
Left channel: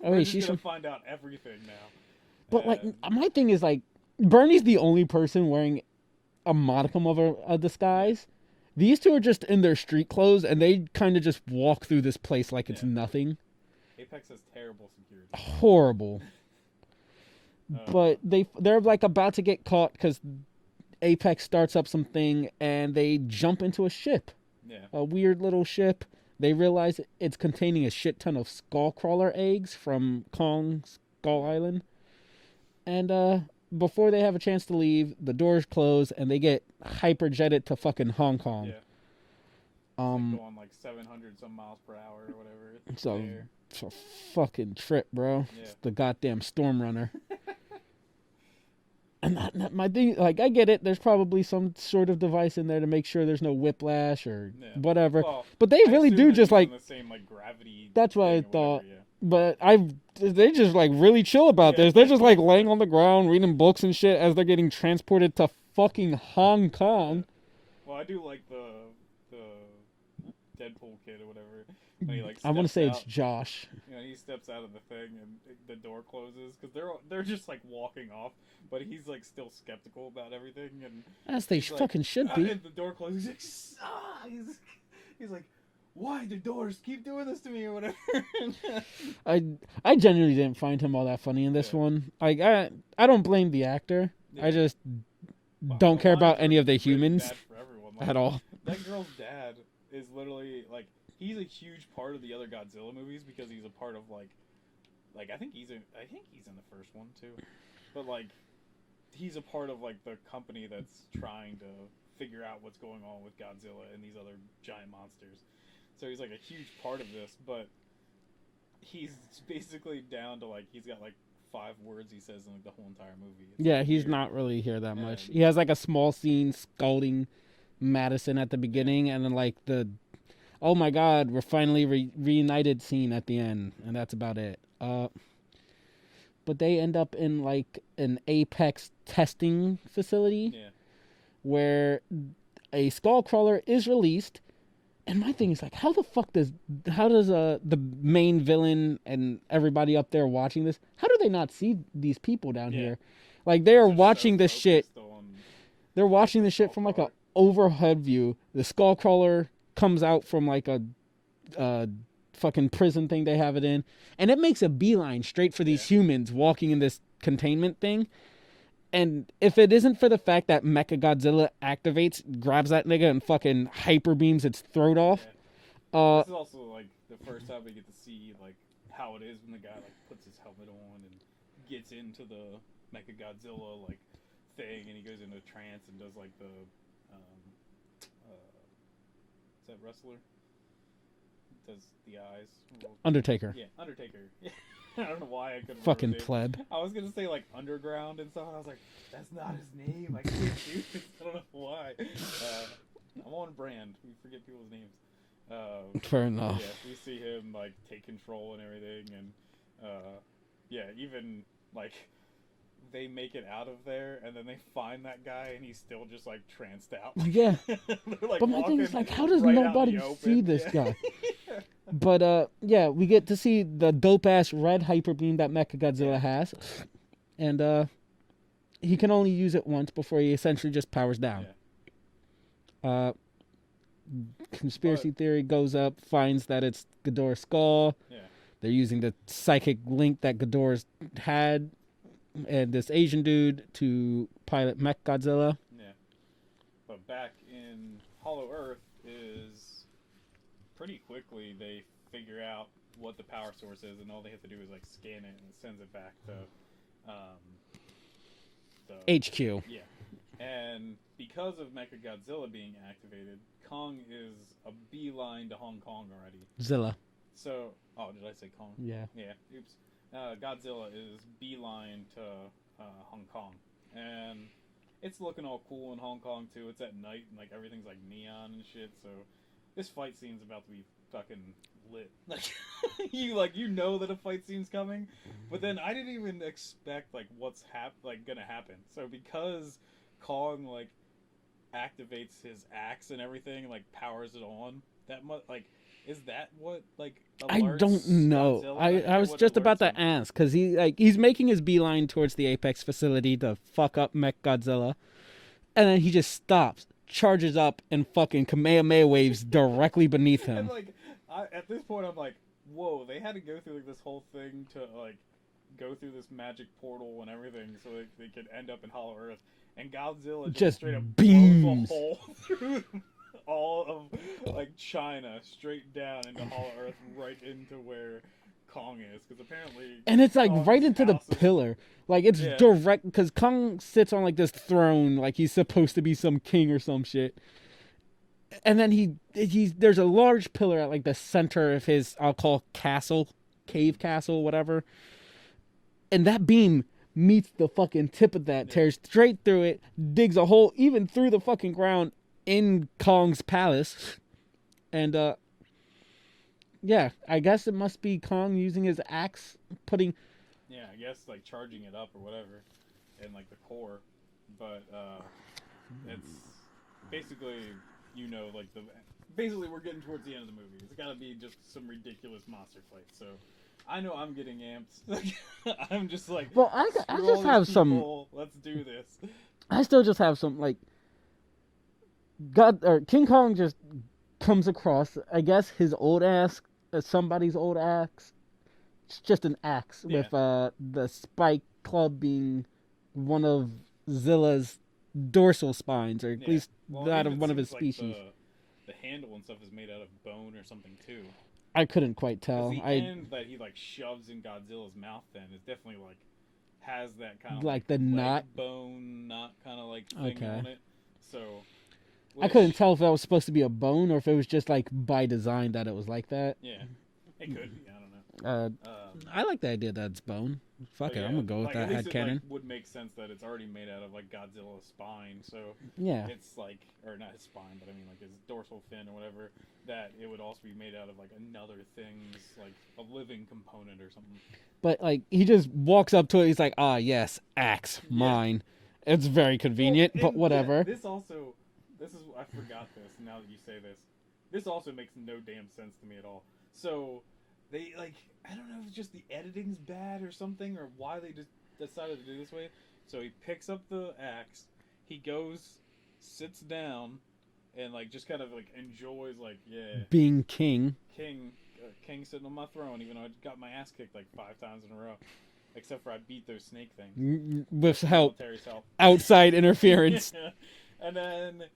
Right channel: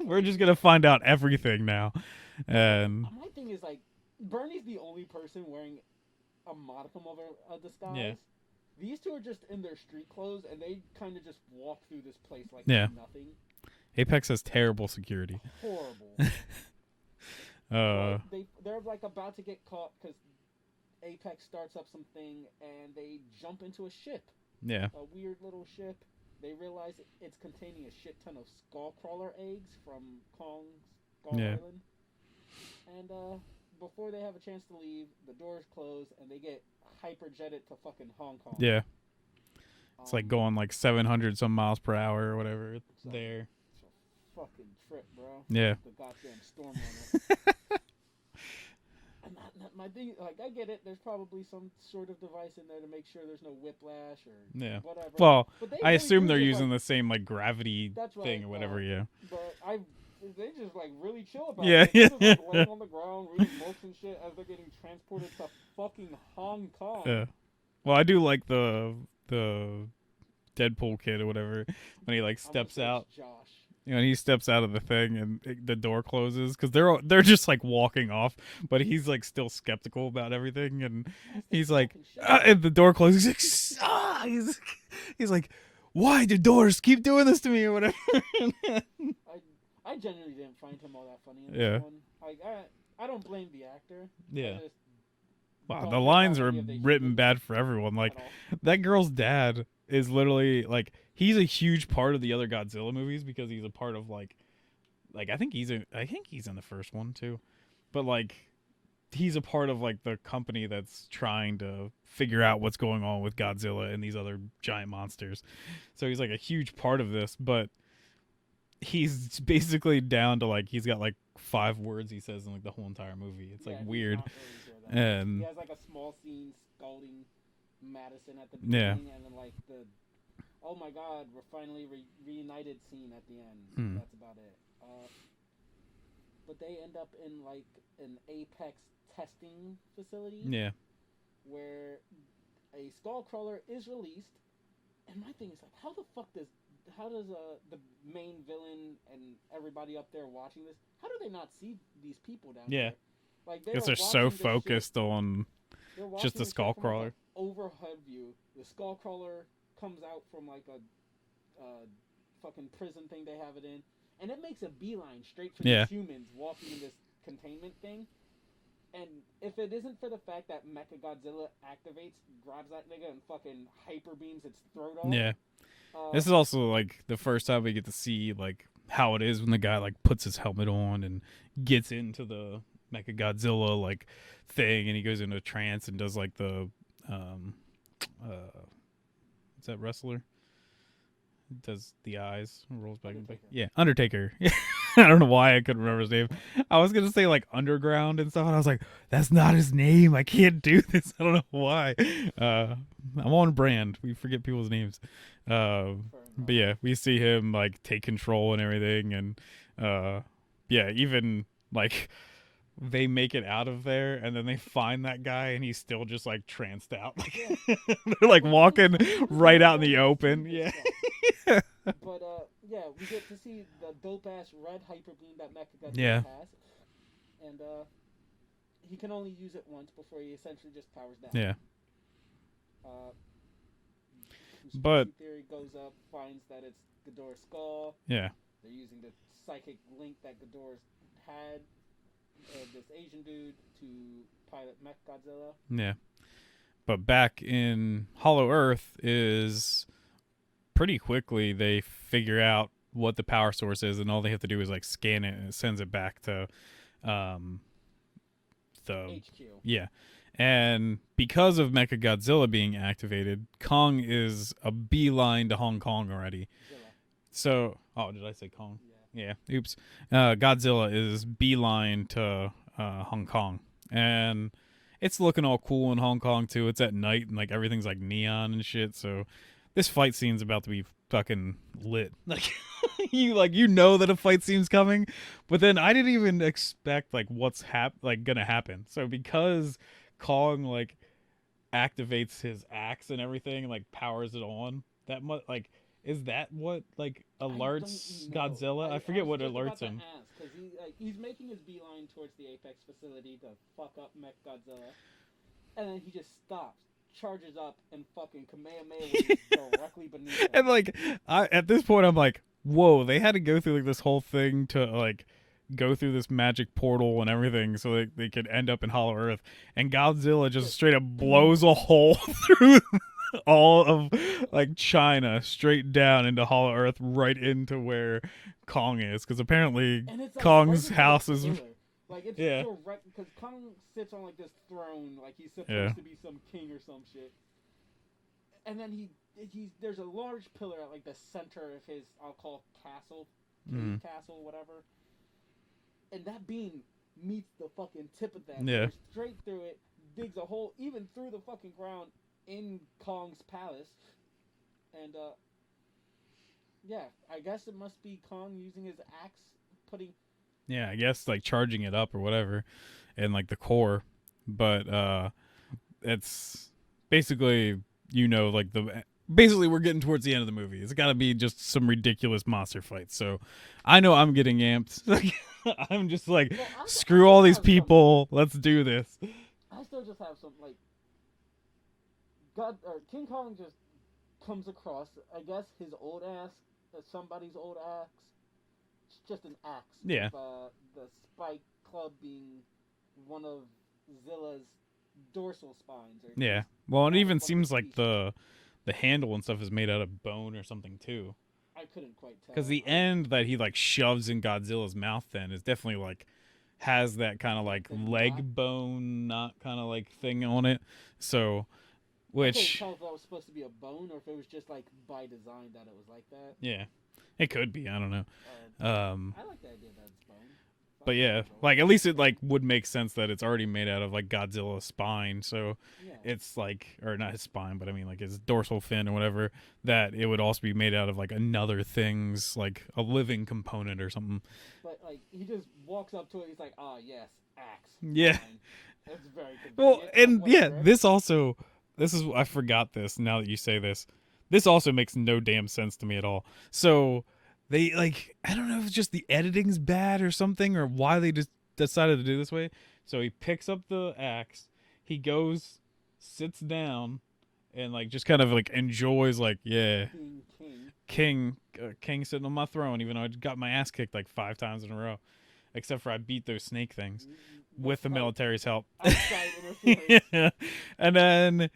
we're just gonna find out everything now. And my thing is like Bernie's the only person wearing a modicum of a disguise. Yeah. These two are just in their street clothes, and they kind of just walk through this place like it's nothing. Apex has terrible security. Horrible. But they're like about to get caught because Apex starts up something, and they jump into a ship. Yeah. A weird little ship. They realize it's containing a shit ton of skullcrawler eggs from Kong's Skull Island. And before they have a chance to leave, the doors close and they get hyperjetted to fucking Hong Kong. Yeah. It's like going like 700 some miles per hour or whatever. It's a fucking trip, bro. Yeah. It's the goddamn Storm Runner. And my thing, like, I get it. There's probably some sort of device in there to make sure there's no whiplash or whatever. Well, but they really do just like the same like gravity. That's what I thought. Whatever, But they just like really chill about this. They're just like laying on the ground reading books and shit as they're getting transported to fucking Hong Kong. Yeah. Well, I do like the Deadpool kid or whatever when he like steps out. I want to say it's Josh. You know, he steps out of the thing and the door closes because they're just like walking off, but he's like still skeptical about everything, and he's like, and the door closes. He's like, he's like, why do doors keep doing this to me or whatever? I genuinely didn't find him all that funny in this one. Like I don't blame the actor. I just don't care about any of the humans. Bad for everyone, like at all. That girl's dad is literally like, he's a huge part of the other Godzilla movies because he's a part of like I think he's in the first one too, but like he's a part of like the company that's trying to figure out what's going on with Godzilla and these other giant monsters. So he's like a huge part of this, but he's basically down to like, he's got like 5 words he says in like the whole entire movie. It's like he's weird. not really here that much. He has like a small scene scalding Madison at the beginning, and then like the oh my god, we're finally reunited scene at the end, and that's about it. But they end up in like an Apex testing facility, where a skullcrawler is released. And my thing is like, how does the main villain and everybody up there watching this, how do they not see these people down here? Like they are watching this shit. They're watching this shit from like a overhead view. The skullcrawler comes out from like a fucking prison thing they have it in, and it makes a beeline straight for these humans walking in this containment thing. And if it isn't for the fact that Mechagodzilla activates, grabs that nigga and fucking hyper beams its throat off. This is also like the first time we get to see like how it is when the guy like puts his helmet on and gets into the Mechagodzilla like thing, and he goes into a trance and does like the what's that wrestler? Does the eyes? Undertaker. Yeah, Undertaker. I don't know why I couldn't remember his name. Pled. I was gonna say like Underground and stuff, and I was like, that's not his name. I can't do this. I don't know why. I'm on brand. We forget people's names. Fair enough. But yeah, we see him like take control and everything, and even like they make it out of there, and then they find that guy, and he's still just like tranced out. Yeah, they're like walking like, right out in the open. This guy? But we get to see the dope ass red hyper beam that Mechagodzilla has, and he can only use it once before he essentially just powers down. Conspiracy theory goes up, finds that it's Ghidorah's skull. Yeah. They're using the psychic link that Ghidorah's had and this Asian dude to pilot Godzilla. Yeah. But back in Hollow Earth is pretty quickly they figure out what the power source is, and all they have to do is like scan it, and it sends it back to the HQ. Yeah. And because of Mechagodzilla being activated, Kong is a beeline to Hong Kong already. Zilla. So, did I say Kong? Yeah. Yeah. Oops. Godzilla is beeline to Hong Kong, and it's looking all cool in Hong Kong too. It's at night and like everything's like neon and shit. So this fight scene's about to be fucking lit. Like you know that a fight scene's coming, but then I didn't even expect like what's gonna happen. So because Kong like activates his axe and everything, like powers it on, that much like. Is that what like alerts I don't know. Godzilla? I was just about to ask because he's making his beeline towards the Apex facility to fuck up Godzilla, and then he just stops, charges up, and fucking Kamehameha waves directly beneath him. And like, at this point, I'm like, whoa! They had to go through like this whole thing to like go through this magic portal and everything so they could end up in Hollow Earth, and Godzilla just straight up blows a hole through all of like China straight down into Hollow Earth, right into where Kong is, because apparently and it's like Kong's right into house the is pillar. Like it's direct because Kong sits on like this throne, like he's supposed to be some king or some shit. And then there's a large pillar at like the center of his, I'll call castle, cave castle, whatever. And that beam meets the fucking tip of that, tears straight through it, digs a hole even through the fucking ground in Kong's palace. And I guess it must be Kong using his axe, putting I guess like charging it up or whatever, and like the core. But it's basically, like basically we're getting towards the end of the movie. It's got to be just some ridiculous monster fights. So I know I'm getting amped. I'm just like, screw all these people. Let's do this. I still just have some like King Kong just comes across, I guess, his old axe, somebody's old axe. It's just an axe with the spike club being one of Zilla's dorsal spines. Or well, it even seems like the handle and stuff is made out of bone or something too. I couldn't quite tell. Because the end that he like shoves in Godzilla's mouth then is definitely like has that kind of like leg bone knot kind of like thing on it. So I couldn't tell if that was supposed to be a bone or if it was just like by design that it was like that. Yeah, it could be. I don't know. I like the idea that it's bone. Fuck but yeah, like at least it like would make sense that it's already made out of like Godzilla's spine. So it's like, or not his spine, but I mean like his dorsal fin or whatever. That it would also be made out of like another thing's like a living component or something. But like he just walks up to it. He's like, yes, axe, mine. It's very convenient. Well, and but whatever. This is I forgot this. Now that you say this, this also makes no damn sense to me at all. So. They like, I don't know if it's just the editing's bad or something or why they just decided to do this way. So he picks up the axe, he goes, sits down, and like just kind of like enjoys like being king sitting on my throne, even though I got my ass kicked like 5 times in a row, except for I beat those snake things with the military's help, outside interference, and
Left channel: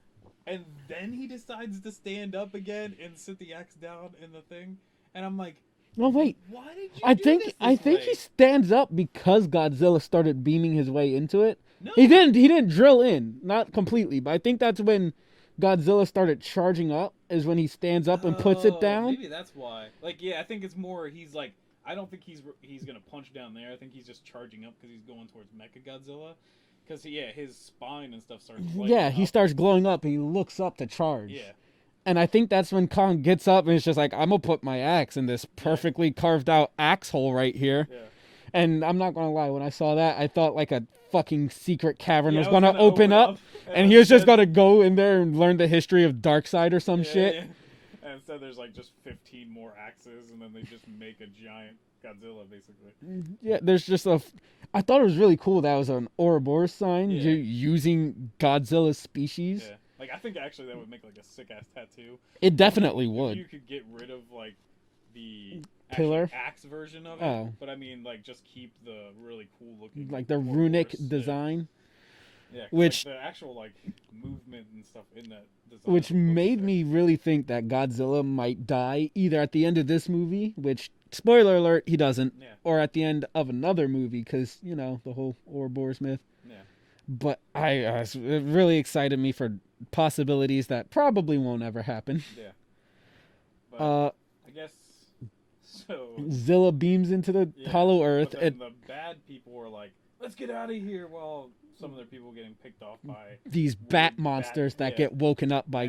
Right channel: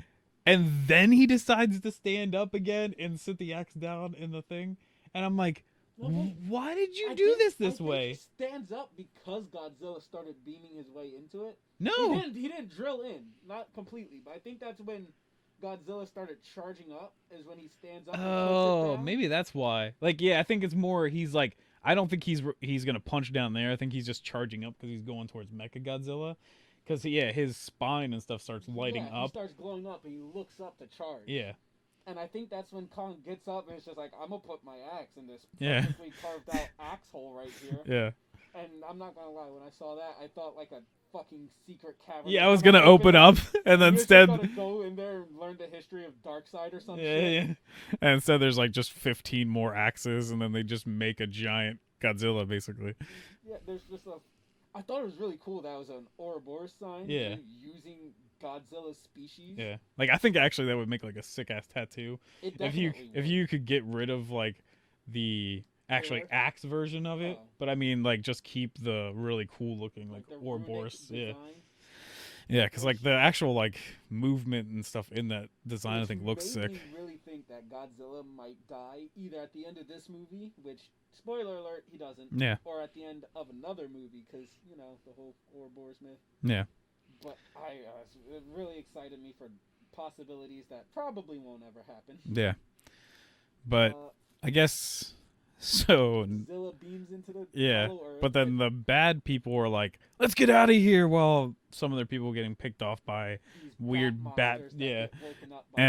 then he decides to stand up again and sit the axe down in the thing, and I'm like. Well, wait. Why did you do this way? I think he stands up because Godzilla started beaming his way into it. No. He didn't drill in. Not completely, but I think that's when Godzilla started charging up, is when he stands up and puts it down. Maybe that's why. Like, I think it's more, he's like, I don't think he's going to punch down there. I think he's just charging up because he's going towards Mechagodzilla. Because, his spine and stuff starts lighting up. He starts glowing up and he looks up to charge. Yeah. And I think that's when Kong gets up and it's just like, I'm going to put my axe in this perfectly carved out axe hole right here. Yeah. And I'm not going to lie, when I saw that, I thought like a fucking secret cavern was going to open up. And you're just going to go in there and learn the history of Darkseid or some shit. Yeah. And instead there's like just 15 more axes and then they just make a giant Godzilla basically. Yeah, there's just I thought it was really cool that was an Ouroboros sign using Godzilla's species. Yeah. Like, I think actually that would make like a sick ass tattoo. It definitely would. If you could get rid of like the actually axe version of it, but I mean like just keep the really cool looking like the runic design. Yeah, because like the actual like movement and stuff in that design, which made sick. me really think that Godzilla might die either at the end of this movie, which spoiler alert, he doesn't, or at the end of another movie, because you know the whole Ouroboros myth. Yeah. But it really excited me for possibilities that probably won't ever happen. Yeah. But I guess so. Zilla beams into the hollow earth. But then the bad people were like, let's get out of here, while some of their people getting picked off by these bat monsters that get woken up by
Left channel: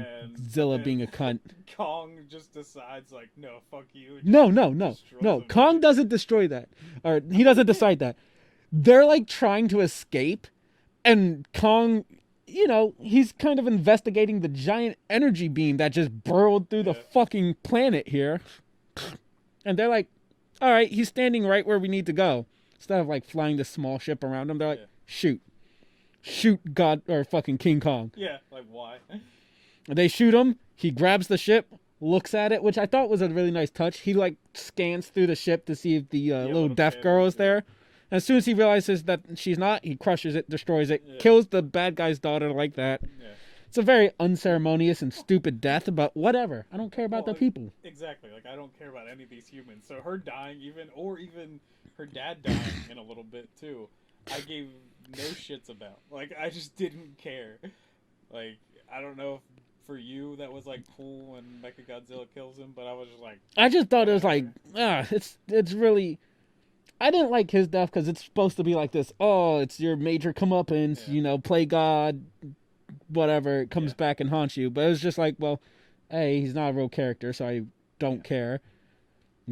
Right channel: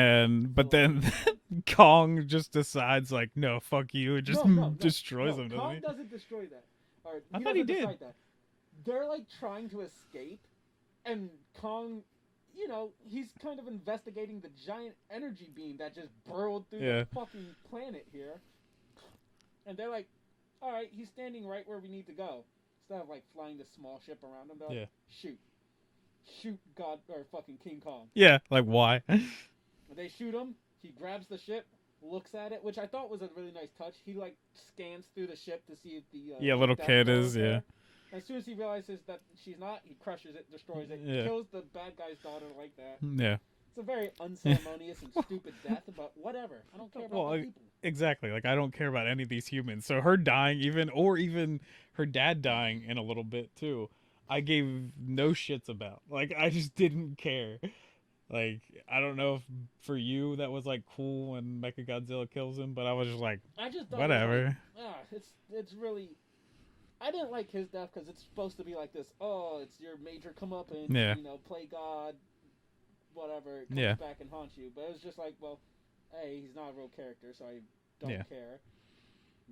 Zilla being a cunt. Kong just decides like, no, fuck you. It just no. Kong doesn't destroy that. Or he doesn't decide that. They're like trying to escape, and Kong, you know, he's kind of investigating the giant energy beam that just burrowed through the fucking planet here. And they're like, all right, he's standing right where we need to go. Instead of like flying the small ship around him, they're like, shoot God or fucking King Kong. Yeah, like why? They shoot him. He grabs the ship, looks at it, which I thought was a really nice touch. He like scans through the ship to see if the little deaf girl is there. And as soon as he realizes that she's not, he crushes it, destroys it, kills the bad guy's daughter like that. Yeah. It's a very unceremonious and stupid death, but whatever. I don't care about the people. Exactly. Like, I don't care about any of these humans. So her dying even her dad dying in a little bit too, I gave no shits about. Like, I just didn't care. Like, I don't know if for you that was like cool when Mechagodzilla kills him, but I was just like, I just thought it was like, it's really, I didn't like his death because it's supposed to be like this, oh, it's your major comeuppance, you know, play God, whatever, it comes back and haunts you. But it was just like, well, A, he's not a real character, so I don't care.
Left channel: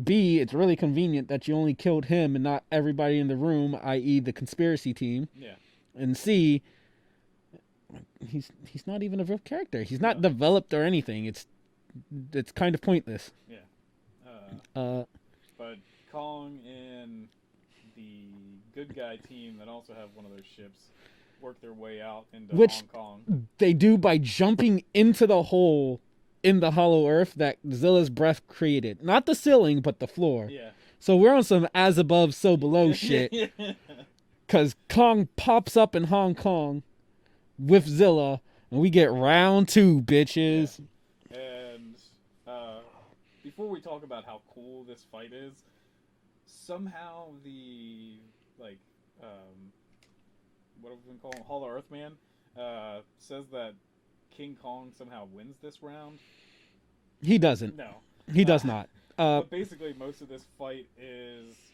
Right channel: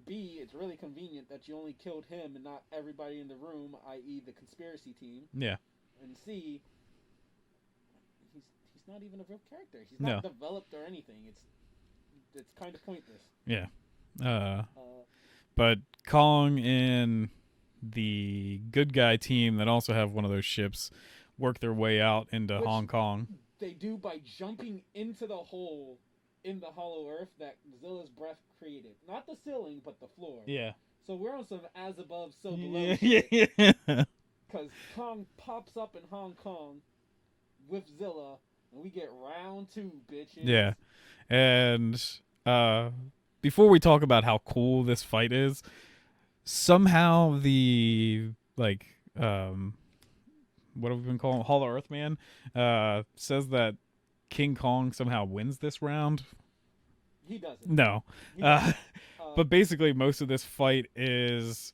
B, it's really convenient that you only killed him and not everybody in the room, i.e. the conspiracy team. Yeah. And C, he's not even a real character. He's not developed or anything. It's kind of pointless. Yeah. But Kong and the good guy team that also have one of those ships work their way out into Hong Kong. They do by jumping into the hole in the hollow earth that Zilla's breath created. Not the ceiling, but the floor. Yeah. So we're on some as above, so below shit. Because Kong pops up in Hong Kong with Zilla, and we get round 2, bitches. Yeah. And before we talk about how cool this fight is, somehow the, like, what have we been calling Hollow Earth Man, says that King Kong somehow wins this round. He doesn't. No. He does not. But basically most of this fight is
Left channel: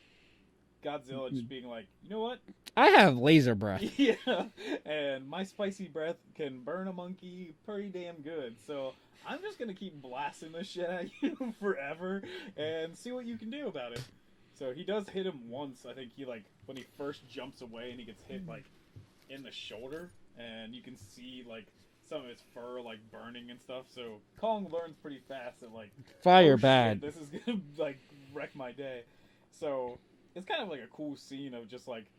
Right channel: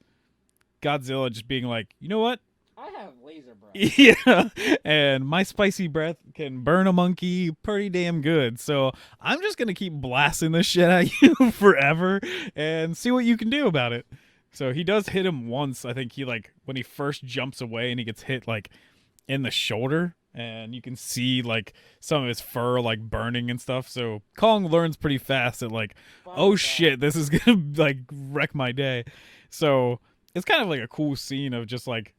Godzilla just being like, you know what? I have laser breath. Yeah. And my spicy breath can burn a monkey pretty damn good. So I'm just going to keep blasting this shit at you forever and see what you can do about it. So he does hit him once. I think he, like, when he first jumps away and he gets hit, like, in the shoulder. And you can see, like, some of his fur, like, burning and stuff. So Kong learns pretty fast that, like, shit, this is going to, like, wreck my day. So it's kind of like a cool scene of just, like,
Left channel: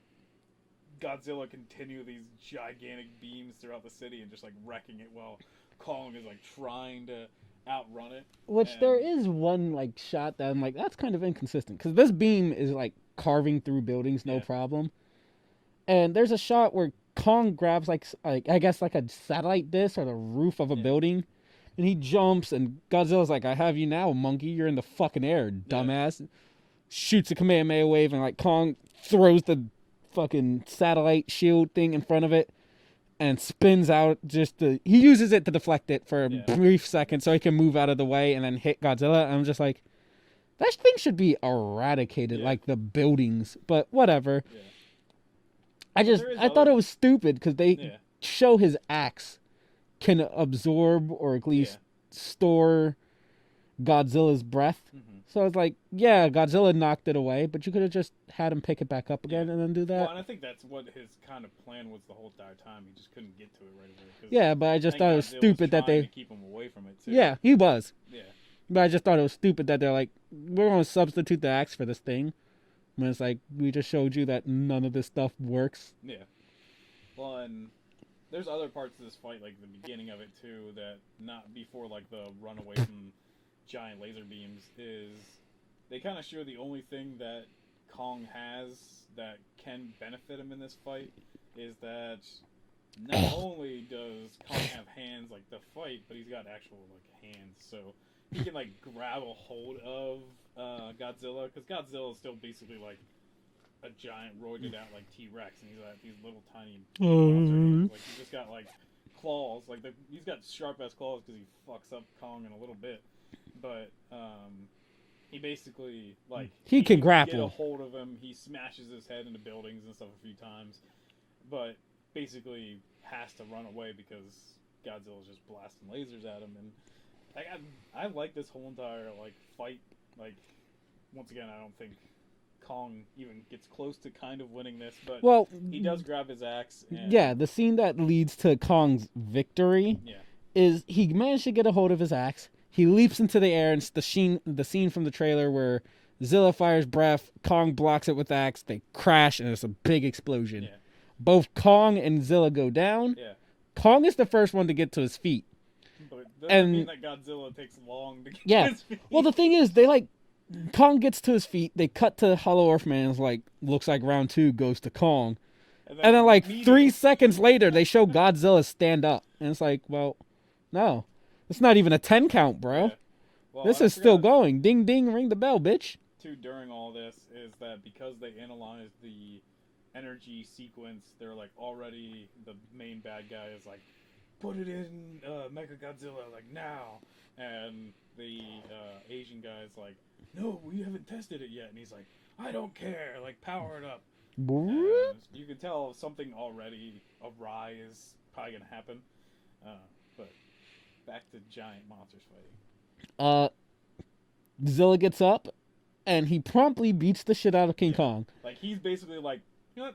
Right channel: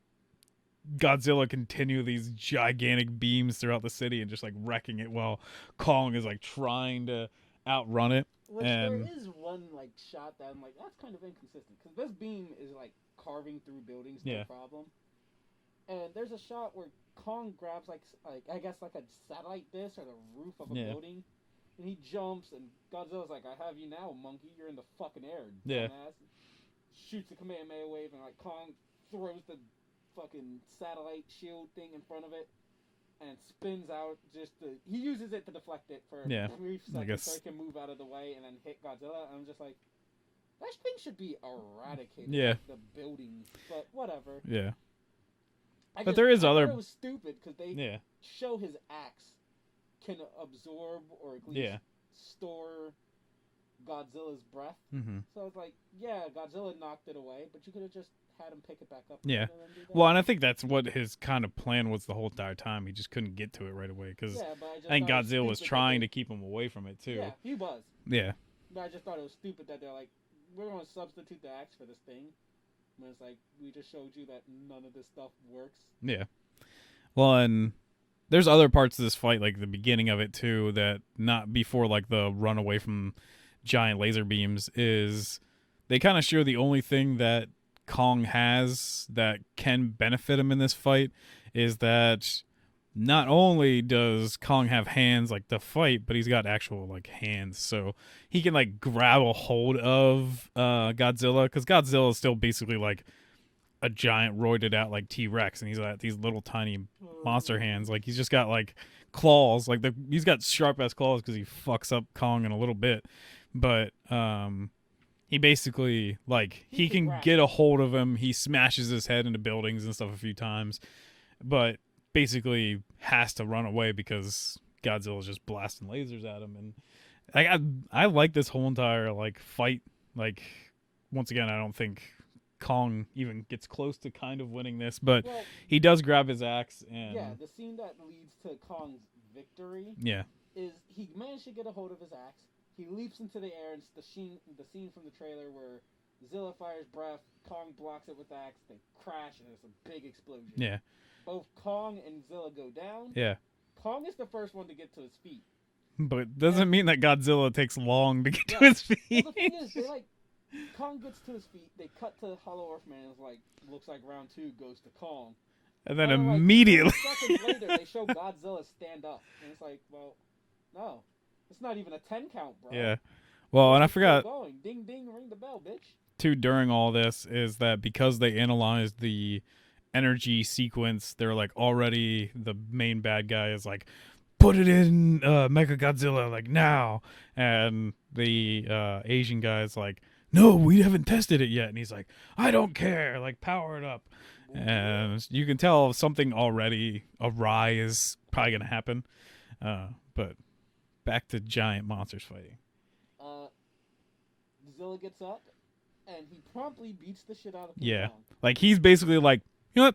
Godzilla continue these gigantic beams throughout the city and just, like, wrecking it while Kong is, like, trying to outrun it. Which there is one, like, shot that I'm like, that's kind of inconsistent. Because this beam is, like, carving through buildings, no problem. And there's a shot where Kong grabs like I guess like a satellite dish or the roof of a building, and he jumps, and Godzilla's like, I have you now, monkey, you're in the fucking air, dumbass. Shoots a Kamehameha wave, and like Kong throws the fucking satellite shield thing in front of it and spins out he uses it to deflect it for a brief second so he can move out of the way and then hit Godzilla. And I'm just like, that thing should be eradicated, like the buildings, but whatever. Yeah. I thought it was stupid because they show his axe can absorb or at least store Godzilla's breath. Mm-hmm. So I was like, yeah, Godzilla knocked it away, but you could have just had him pick it back up again and then do that. Well, and I think that's what his kind of plan was the whole entire time. He just couldn't get to it right away. But I just thought it was stupid was trying to keep him away from it too. Yeah, he was. Yeah. But I just thought it was stupid that they're like, we're going to substitute the axe for this thing. When it's like, we just showed you that none of this stuff works. Yeah. Well, and there's other parts of this fight, like the beginning of it too, that not before like the run away from giant laser beams is they kind of show the only thing that Kong has that can benefit him in this fight is that not only does Kong have hands like to fight, but he's got actual like hands, so he can like grab a hold of Godzilla, because Godzilla is still basically like a giant roided out like T-Rex, and he's got these little tiny monster hands. Like he's just got like claws, like he's got sharp ass claws because he fucks up Kong in a little bit, but he basically like he can get a hold of him. He smashes his head into buildings and stuff a few times, but basically has to run away because Godzilla's just blasting lasers at him. And like I like this whole entire like fight. Like once again, I don't think Kong even gets close to kind of winning this, but he does grab his axe. And the scene that leads to Kong's victory is he managed to get a hold of his axe. He leaps into the air, and it's the scene from the trailer where Zilla fires breath, Kong blocks it with the axe, they crash, and there's a big explosion. Yeah. Both Kong and Zilla go down. Yeah. Kong is the first one to get to his feet. But doesn't mean that Godzilla takes long to get to his feet. Well, the thing is, Kong gets to his feet, they cut to Hollow Earth Man, looks like round 2 goes to Kong. And then like 3 seconds later, they show Godzilla stand up. And it's like, well, no. It's not even a 10 count, bro. Yeah. Well, this is still going. Ding, ding, ring the bell, bitch. Too, during all this is that because they analyzed the energy sequence, they're like already the main bad guy is like, put it in Mecha Godzilla like now, and the Asian guy's like, no, we haven't tested it yet, and he's like, I don't care, like power it up. And you can tell something already awry is probably gonna happen. But back to giant monsters fighting. Zilla gets up and he promptly beats the shit out of King Kong. Like he's basically like, you know what?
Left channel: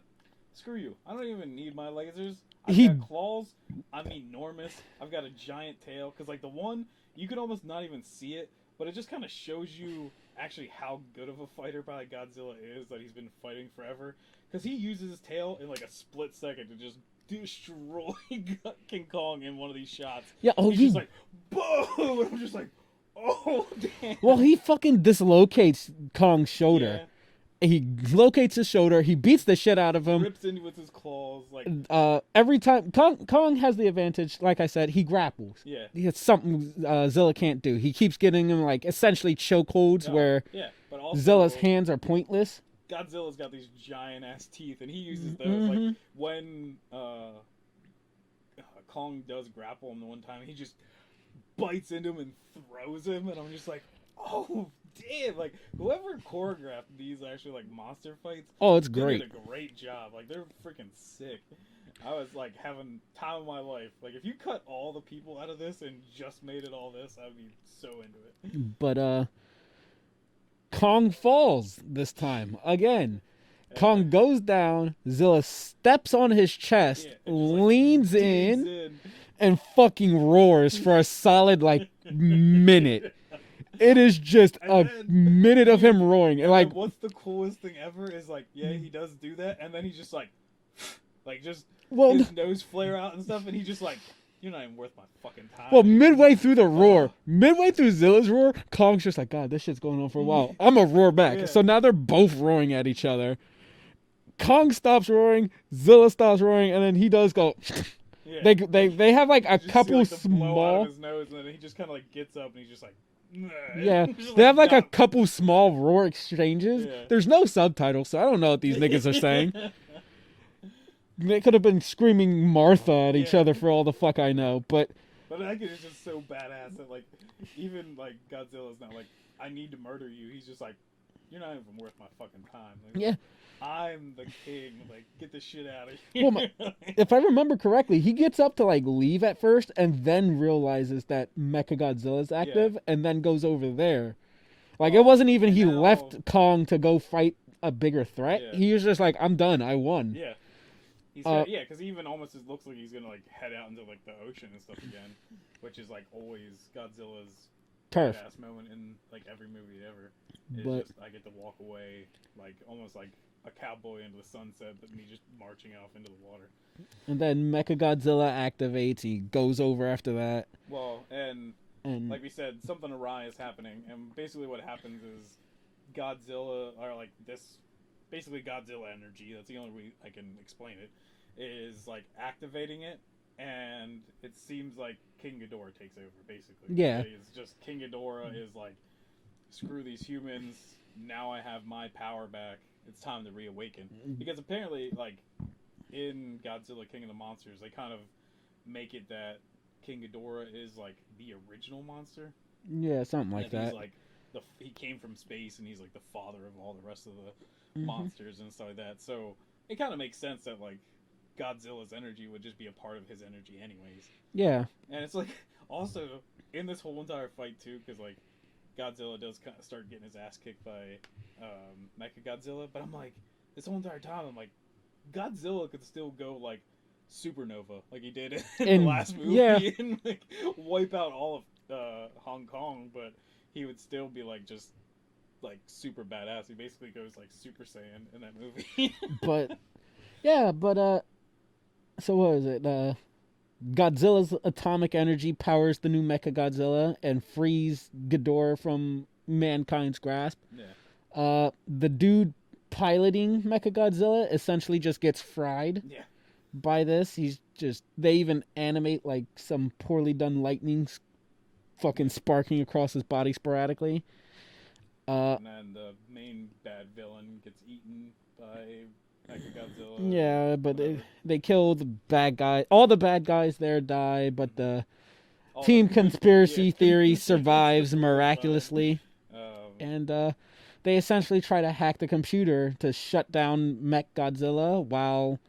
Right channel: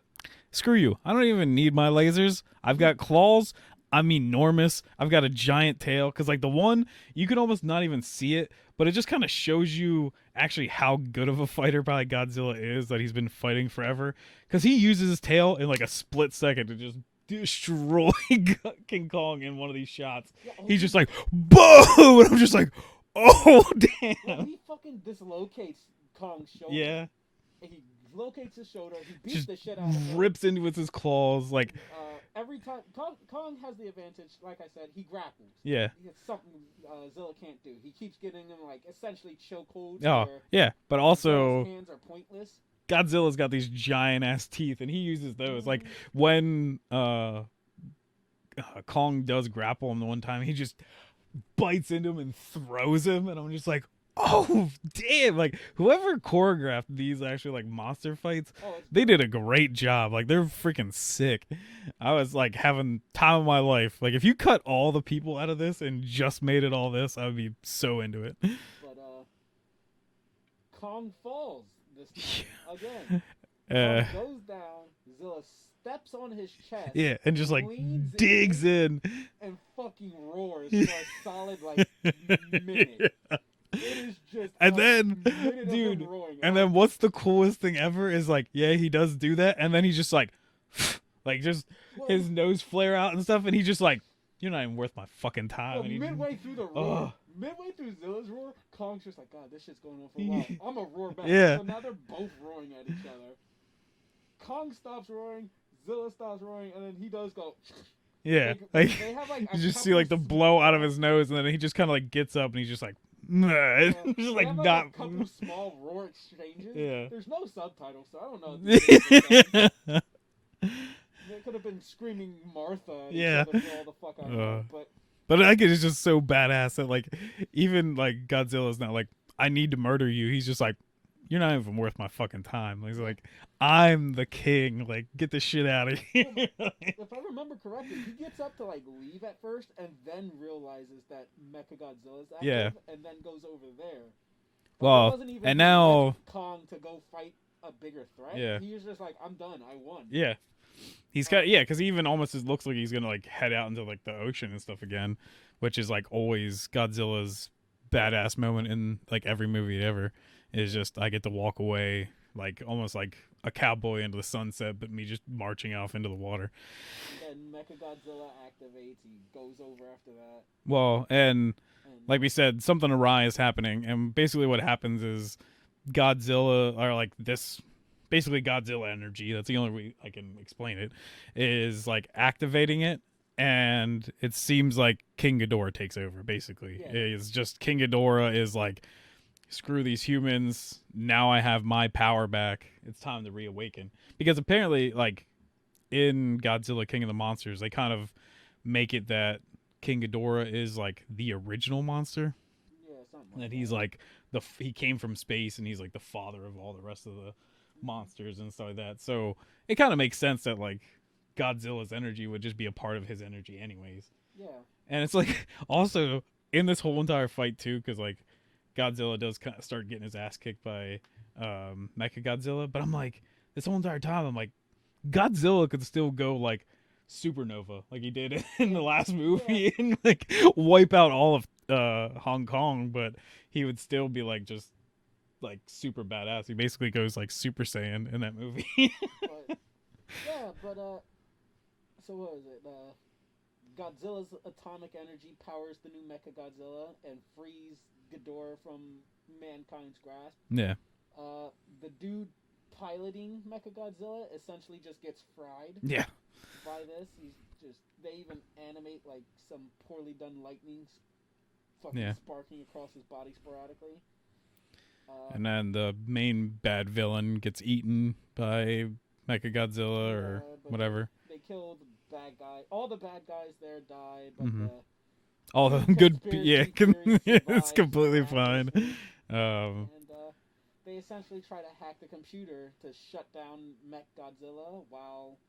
Screw you. I don't even need my lasers. I've got claws. I'm enormous. I've got a giant tail. Because like the one, you can almost not even see it, but it just kind of shows you actually how good of a fighter probably Godzilla is, that he's been fighting forever. Because he uses his tail in like a split second to just destroy King Kong in one of these shots. Yeah, he's just like, boom! And I'm just like, oh, damn. Well, he fucking dislocates Kong's shoulder. Yeah. He locates his shoulder. He beats the shit out of him. Rips into with his claws. Like every time Kong has the advantage. Like I said, he grapples. Yeah, it's something Zilla can't do. He keeps getting him like essentially chokeholds where but also Zilla's hands are pointless. Godzilla's got these giant ass teeth, and he uses those. Like when Kong does grapple him the one time, he just bites into him and throws him, and I'm just like, oh damn! Like whoever choreographed these actually like monster fights, they did a great job. Like they're freaking sick. I was like having time of my life. Like if you cut all the people out of this and just made it all this, I would be so into it. But Kong falls this time again. Kong goes down. Zilla steps on his chest. Yeah, and just like leans digs in and fucking roars for a solid like minute. It is just a minute of him roaring. And like, then what's the coolest thing ever is like, yeah, he does do that, and then he's just like just his nose flare out and stuff, and he's just like, you're not even worth my fucking time. Well, midway through the roar, midway through Zilla's roar, Kong's just like, God, this shit's going on for a while. I'm gonna roar back. Yeah. So now they're both roaring at each other. Kong stops roaring, Zilla stops roaring, and then he does go. Yeah, they have like a couple see, like the blow out of his nose, and then he just kind of like gets up and he's just like. Yeah, they have like a couple small roar exchanges. Yeah. There's no subtitles, so I don't know what these niggas are saying. They could have been screaming Martha at each other for all the fuck I know, but like it's just so badass that like even like Godzilla's not like, I need to murder you. He's just like, you're not even worth my fucking time. He's like, I'm the king. Like, get the shit out of here. Well, if I remember correctly, he gets up to like leave at first and then realizes that Mechagodzilla is active and then goes over there. Like, it wasn't even left Kong to go fight a bigger threat. Yeah. He was just like, I'm done. I won. Yeah. He's got, because he even almost looks like he's going to like head out into like the ocean and stuff again, which is like always Godzilla's badass moment in like every movie ever. Is just, I get to walk away like almost like a cowboy into the sunset, but me just marching off into the water. And then Mechagodzilla activates. He goes over after that. Well, and like we said, something awry is happening, and basically what happens is Godzilla, or like this, basically Godzilla energy. That's the only way I can explain it. Is like activating it, and it seems like King Ghidorah takes over. Basically, Yeah. it's just King Ghidorah is like, screw these humans. Now I have my power back. It's time to reawaken. Because apparently, like in Godzilla King of the Monsters, they kind of make it that King Ghidorah is like the original monster. Yeah, something like and that. He's like he came from space, and he's like the father of all the rest of the monsters and stuff like that. So it kind of makes sense that like Godzilla's energy would just be a part of his energy anyways. Yeah. And it's like also in this whole entire fight too, because like Godzilla does kind of start getting his ass kicked by Mechagodzilla, but I'm like, this whole entire time I'm like, Godzilla could still go like supernova like he did in the last movie and like wipe out all of Hong Kong, but he would still be like just like super badass. He basically goes like Super Saiyan in that movie. But so what is it? Godzilla's atomic energy powers the new Mechagodzilla and frees Ghidorah from mankind's grasp. Yeah. The dude piloting Mechagodzilla essentially just gets fried. Yeah. By this, they even animate like some poorly done lightning fucking sparking across his body sporadically. And then the main bad villain gets eaten by Mechagodzilla. Yeah, or but whatever. They kill the bad guy. All the bad guys there die, but the all team the conspiracy theory it's survives completely miraculously. fine. And they essentially try to hack the computer to shut down Mechagodzilla while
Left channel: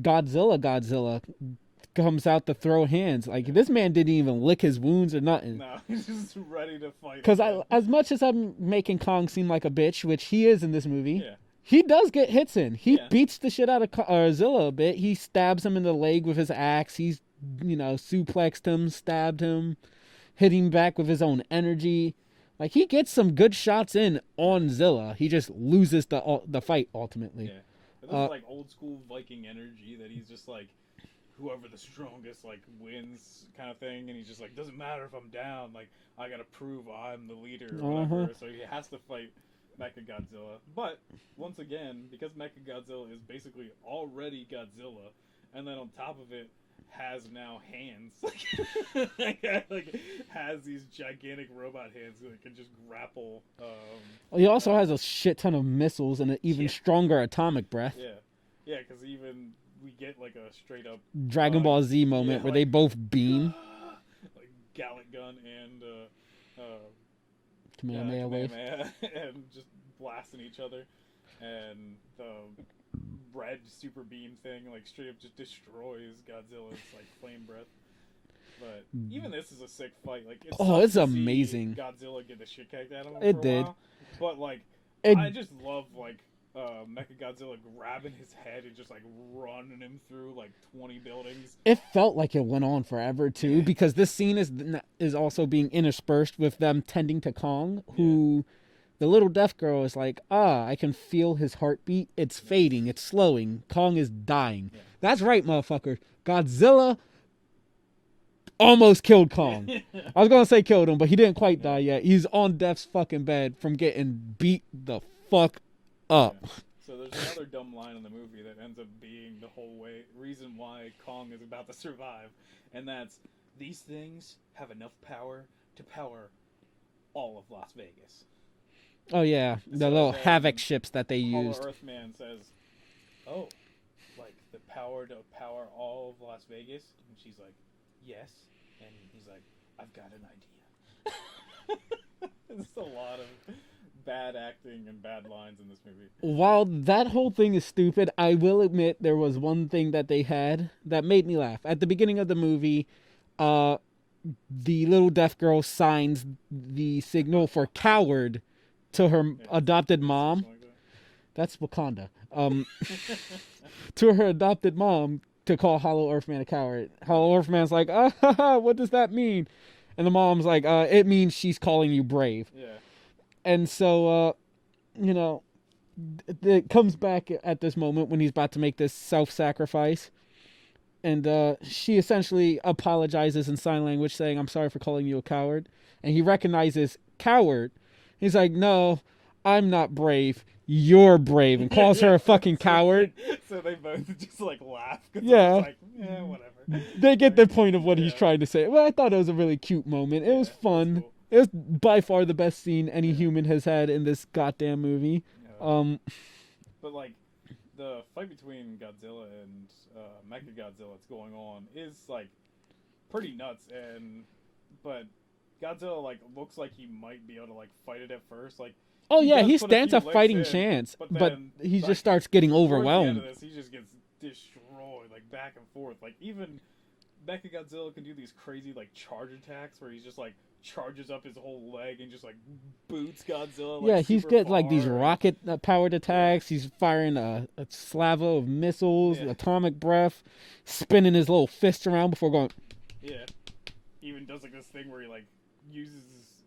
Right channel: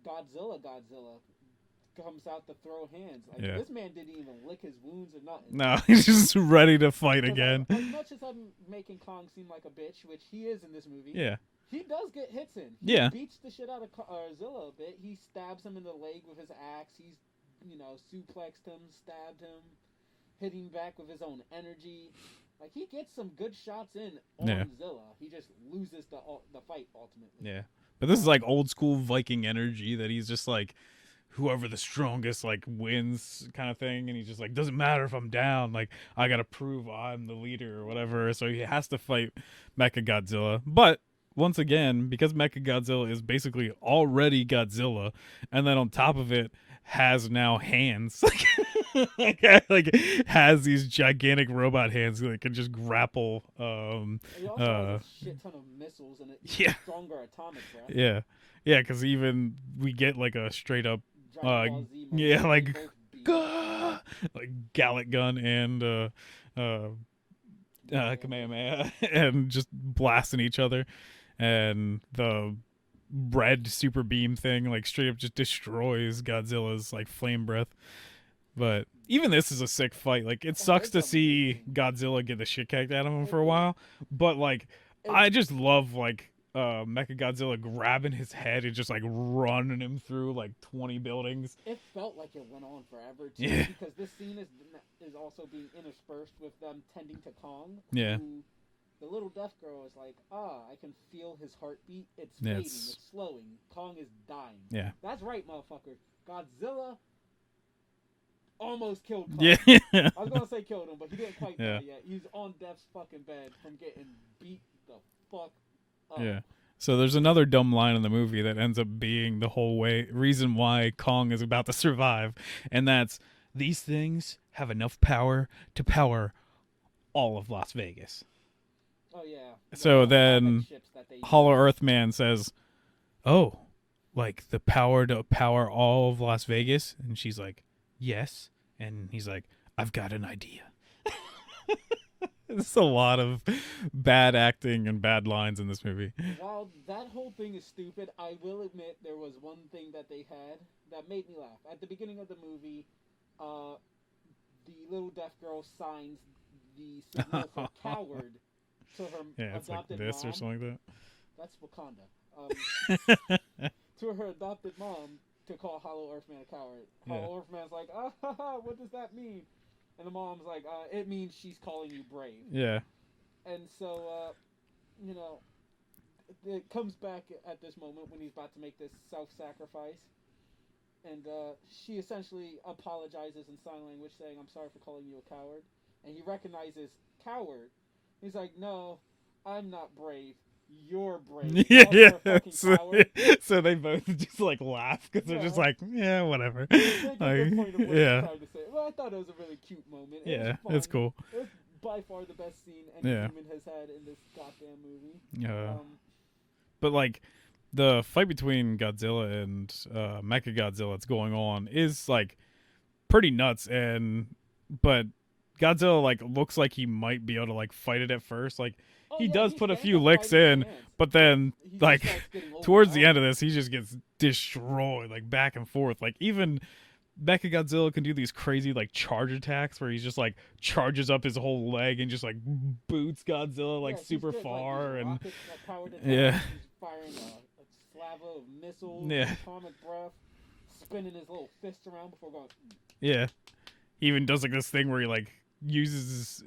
Godzilla comes out to throw hands. Like, this man didn't even lick his wounds or nothing. No, he's just ready to fight again. As much as I'm making Kong seem like a bitch, which he is in this movie, yeah, he does get hits in. He beats the shit out of Zilla a bit. He stabs him in the leg with his axe. He's, suplexed him, stabbed him, hit him back with his own energy. Like, he gets some good shots in on Zilla. He just loses the fight ultimately. Yeah. But this is like old school Viking energy that he's just like, whoever the strongest like wins kind of thing, and he's just like, doesn't matter if I'm down, like I gotta prove I'm the leader or whatever. So he has to fight Mechagodzilla. But once again, because Mechagodzilla is basically already Godzilla, and then on top of it has now hands, like has these gigantic robot hands that can just grapple. He also has a shit ton of missiles and an even stronger atomic breath. Yeah, because even we get like a straight up Dragon Ball Z moment where they both beam, like Gallic Gun and Kamehameha, and just blasting each other, and the red super beam thing like straight up just destroys Godzilla's like flame breath. But even this is a sick fight. Like, it sucks to see Godzilla get the shit kicked out of him for a while, but like I just love like Mechagodzilla grabbing his head and just like running him through like 20 buildings. It felt like it went on forever too, because this scene is also being interspersed with them tending to Kong, who the little deaf girl is like, I can feel his heartbeat. It's fading. It's slowing. Kong is dying. Yeah. That's right, motherfucker. Godzilla almost killed Kong. I was going to say killed him, but he didn't quite die yet. He's on Death's fucking bed from getting beat the fuck up. Yeah. So there's another dumb line in the movie that ends up being the whole reason why Kong is about to survive, and that's, these things have enough power to power all of Las Vegas. Oh yeah, so then Havoc ships that they use. Hollow Earth Man says, "Oh, like the power to power all of Las Vegas?" And she's like, "Yes." And he's like, "I've got an idea." There's a lot of bad acting and bad lines in this movie. While that whole thing is stupid, I will admit there was one thing that they had that made me laugh. At the beginning of the movie, the little deaf girl signs the signal for coward to her adopted mom. Like that. That's Wakanda. To her adopted mom to call Hollow Earth Man a coward. Hollow Earth Man's like, what does that mean? And the mom's like, it means she's calling you brave. Yeah. And so, it comes back at this moment when he's about to make this self-sacrifice. And she essentially apologizes in sign language saying, I'm sorry for calling you a coward. And he recognizes coward He's like, no, I'm not brave. You're brave, and calls her a fucking coward. So they both just like laugh because Yeah. they're just like, yeah, whatever. They get the point of what he's yeah. trying to say. Well, I thought it was a really cute moment. It was fun. It's cool. It was by far the best scene any human has had in this goddamn movie. But like the fight between Godzilla and Mechagodzilla that's going on is like pretty nuts, but Godzilla like looks like he might be able to like fight it at first, like. Oh he stands a fighting chance, but then he like, just starts getting overwhelmed. Towards the end of this, he just gets destroyed, like back and forth. Like even Mechagodzilla can do these crazy like charge attacks where he's just like charges up his whole leg and just like boots Godzilla. Like, he's got like these rocket powered attacks. Yeah. He's firing a slavo of missiles, atomic breath, spinning his little fist around before going. Yeah, he even does like this thing where he like uses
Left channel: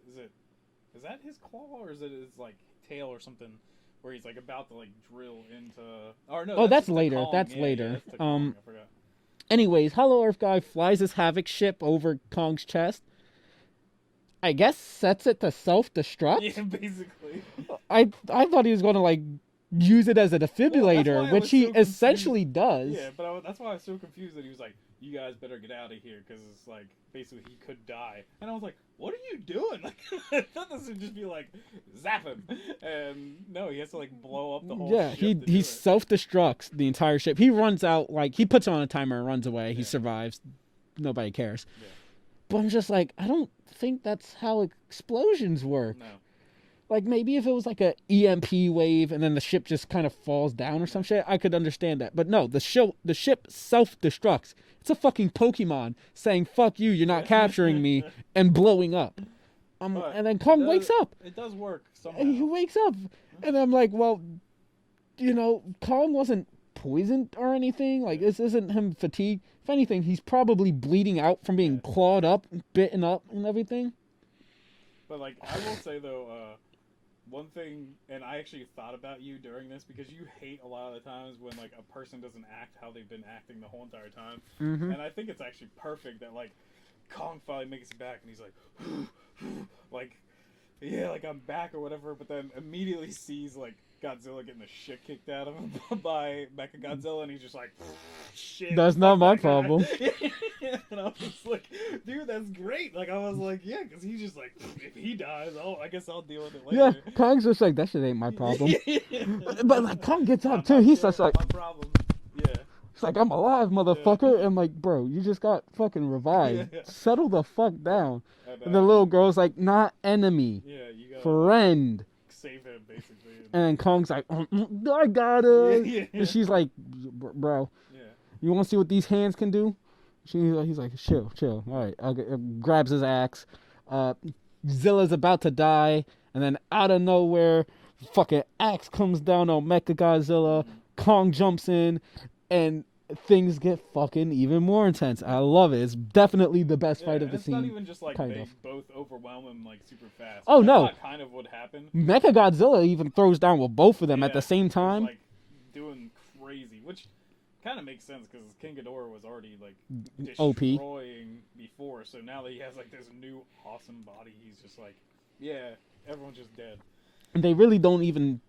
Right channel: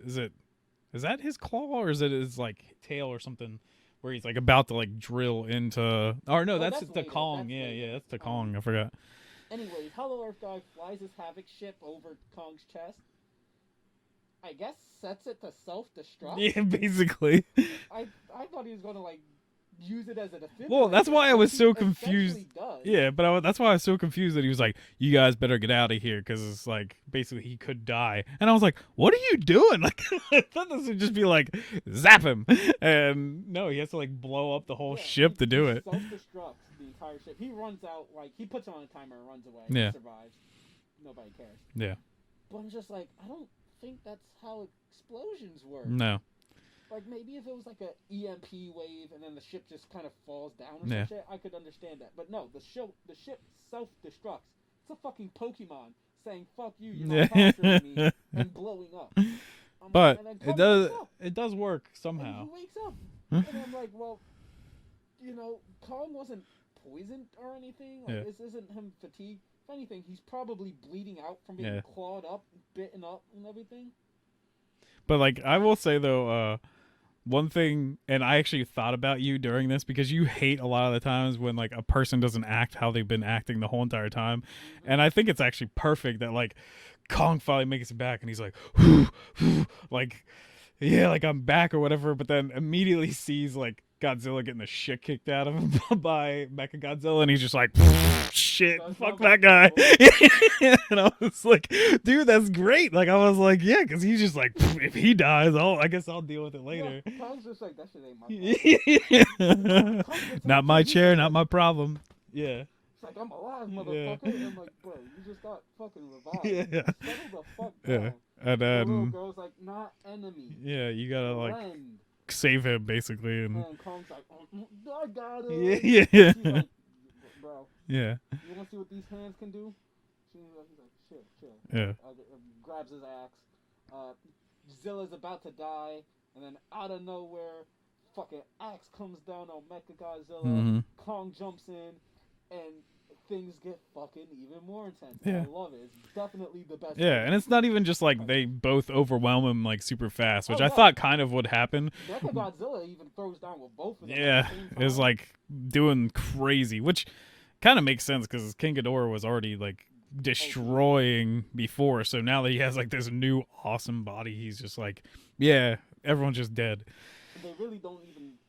is that his claw or is it his like tail or something where he's like about to like drill into? Or no, that's later. Kong. That's yeah, later. Yeah, that's the Kong. I forgot. Anyways, Hollow Earth guy flies his Havoc ship over Kong's chest. I guess sets it to self-destruct. Yeah, basically. I thought he was going to like use it as a defibrillator, well, that's why I was which so he essentially does. Yeah, but that's why I was so confused that he was like, "You guys better get out of here," because it's like basically he could die, and I was like, "What are you doing?" Like, I thought this would just be like, zap him, and no, he has to like blow up the whole ship to do it. He self-destructs the entire ship. He runs out, like he puts on a timer and runs away. He survives. Nobody cares. Yeah, but I'm just like, I don't think that's how explosions work. No. Like, maybe if it was like a EMP wave and then the ship just kind of falls down or some shit, I could understand that. But no, the ship self-destructs. It's a fucking Pokemon saying, fuck you, you're not capturing me, and blowing up. But and then Kong wakes up. It does work somehow. And he wakes up. And I'm like, well, Kong wasn't poisoned or anything. Like, this isn't him fatigued. If anything, he's probably bleeding out from being clawed up, bitten up, and everything. But, like, I will say, though, one thing, and I actually thought about you during this because you hate a lot of the times when like a person doesn't act how they've been acting the whole entire time. And I think it's actually perfect that like Kong finally makes it back and he's like, like, yeah, like I'm back or whatever, but then immediately sees like Godzilla getting the shit kicked out of him by Mechagodzilla, and he's just like, shit, that's not my problem. And I was like, dude, that's great. Like, I was like, yeah, because he's just like, if he dies, I guess I'll deal with it later. Yeah, Kong's just like, that shit ain't my problem. But like, Kong gets up not too. my chair, not my problem. Yeah. It's like, I'm alive, motherfucker. And like, bro, you just got fucking revived. Settle the fuck down. And the little girl's like, not enemy. Yeah, you gotta friend. Save him, basically. And Kong's like, I got it. And she's like, bro, you want to see what these hands can do? He's like, chill. All right. Grabs his axe. Zilla's about to die. And then out of nowhere, fucking axe comes down on Mechagodzilla. Kong jumps in. And things get fucking even more intense. I love it. It's definitely the best fight. And it's not even just like they both overwhelm him like super fast, which I thought kind of would happen. Mechagodzilla even throws down with both of them at the same time. It's like doing crazy, which kind of makes sense because King Ghidorah was already like destroying before, so now that he has like this new awesome body, he's just like, yeah, everyone's just dead. And they really don't even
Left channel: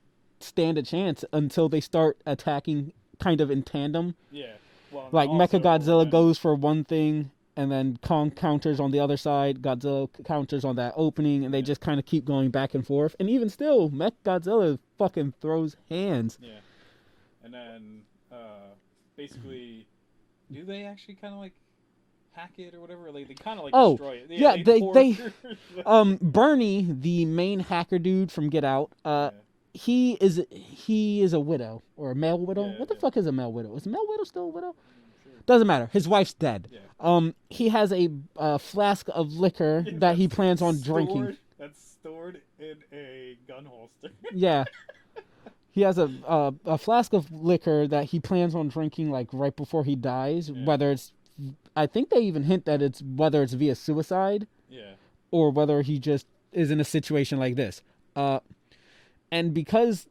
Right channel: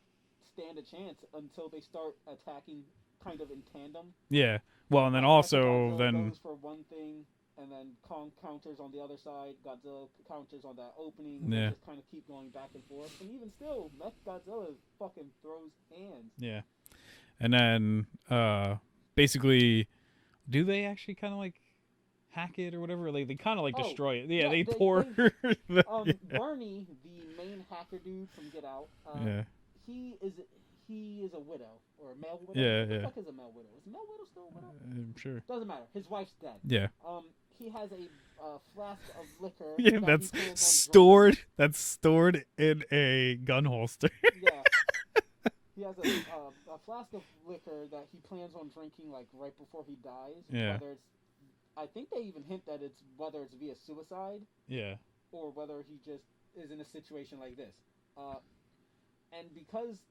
stand a chance until they start attacking kind of in tandem. Yeah. Well, and like also, Mechagodzilla goes for one thing, and then Kong counters on the other side. Godzilla counters on that opening, and they just kind of keep going back and forth. And even still, Mechagodzilla fucking throws hands. Yeah. And then, basically, do they actually kind of like hack it or whatever? Like they kind of like destroy it. Yeah. They Bernie, the main hacker dude from Get Out. He is a widow or a male widow. Yeah, what the fuck is a male widow? Is a male widow still a widow? I'm sure. Doesn't matter. His wife's dead. Yeah. He has a flask of liquor that he plans on drinking. That's stored in a gun holster. Yeah. He has a flask of liquor that he plans on drinking like right before he dies. Yeah. Whether it's, I think they even hint that whether it's via suicide. Yeah. Or whether he just is in a situation like this. And because,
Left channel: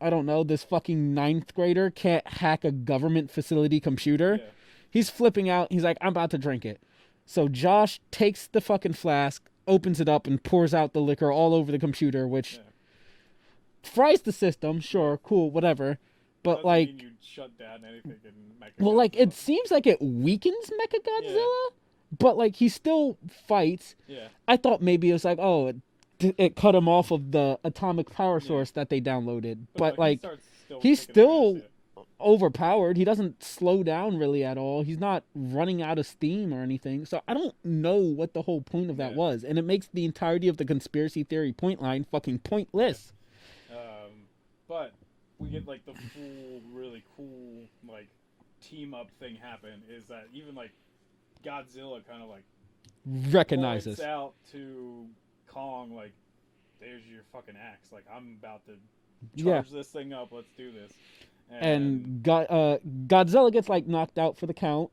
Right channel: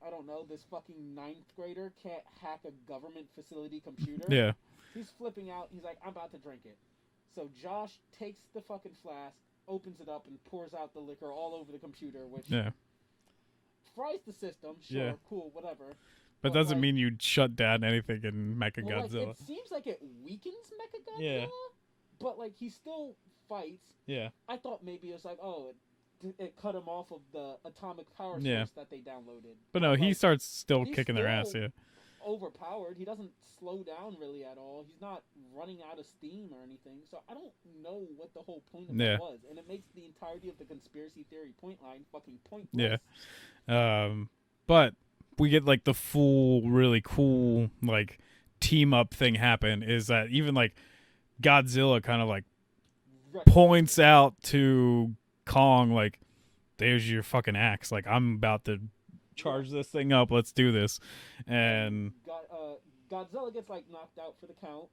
I don't know, this fucking 9th grader can't hack a government facility computer, he's flipping out. He's like, I'm about to drink it. So Josh takes the fucking flask, opens it up and pours out the liquor all over the computer, which fries the system. Sure, cool, whatever. But doesn't like, mean you shut down anything in Mechagodzilla. Well, like, it seems like it weakens Mechagodzilla, but, like, he still fights. Yeah. I thought maybe it was like, oh, it cut him off of the atomic power source that they downloaded. But no, like, he starts still kicking their ass, overpowered. He doesn't slow down really at all. He's not running out of steam or anything. So I don't know what the whole point of that was. And it makes the entirety of the conspiracy theory point line fucking pointless. Yeah. But we get like the full really cool like team up thing happen is that even like Godzilla kind of like points out to Kong like, there's your fucking axe, like I'm about to charge this thing up, let's do this. And Godzilla gets like knocked out for the count.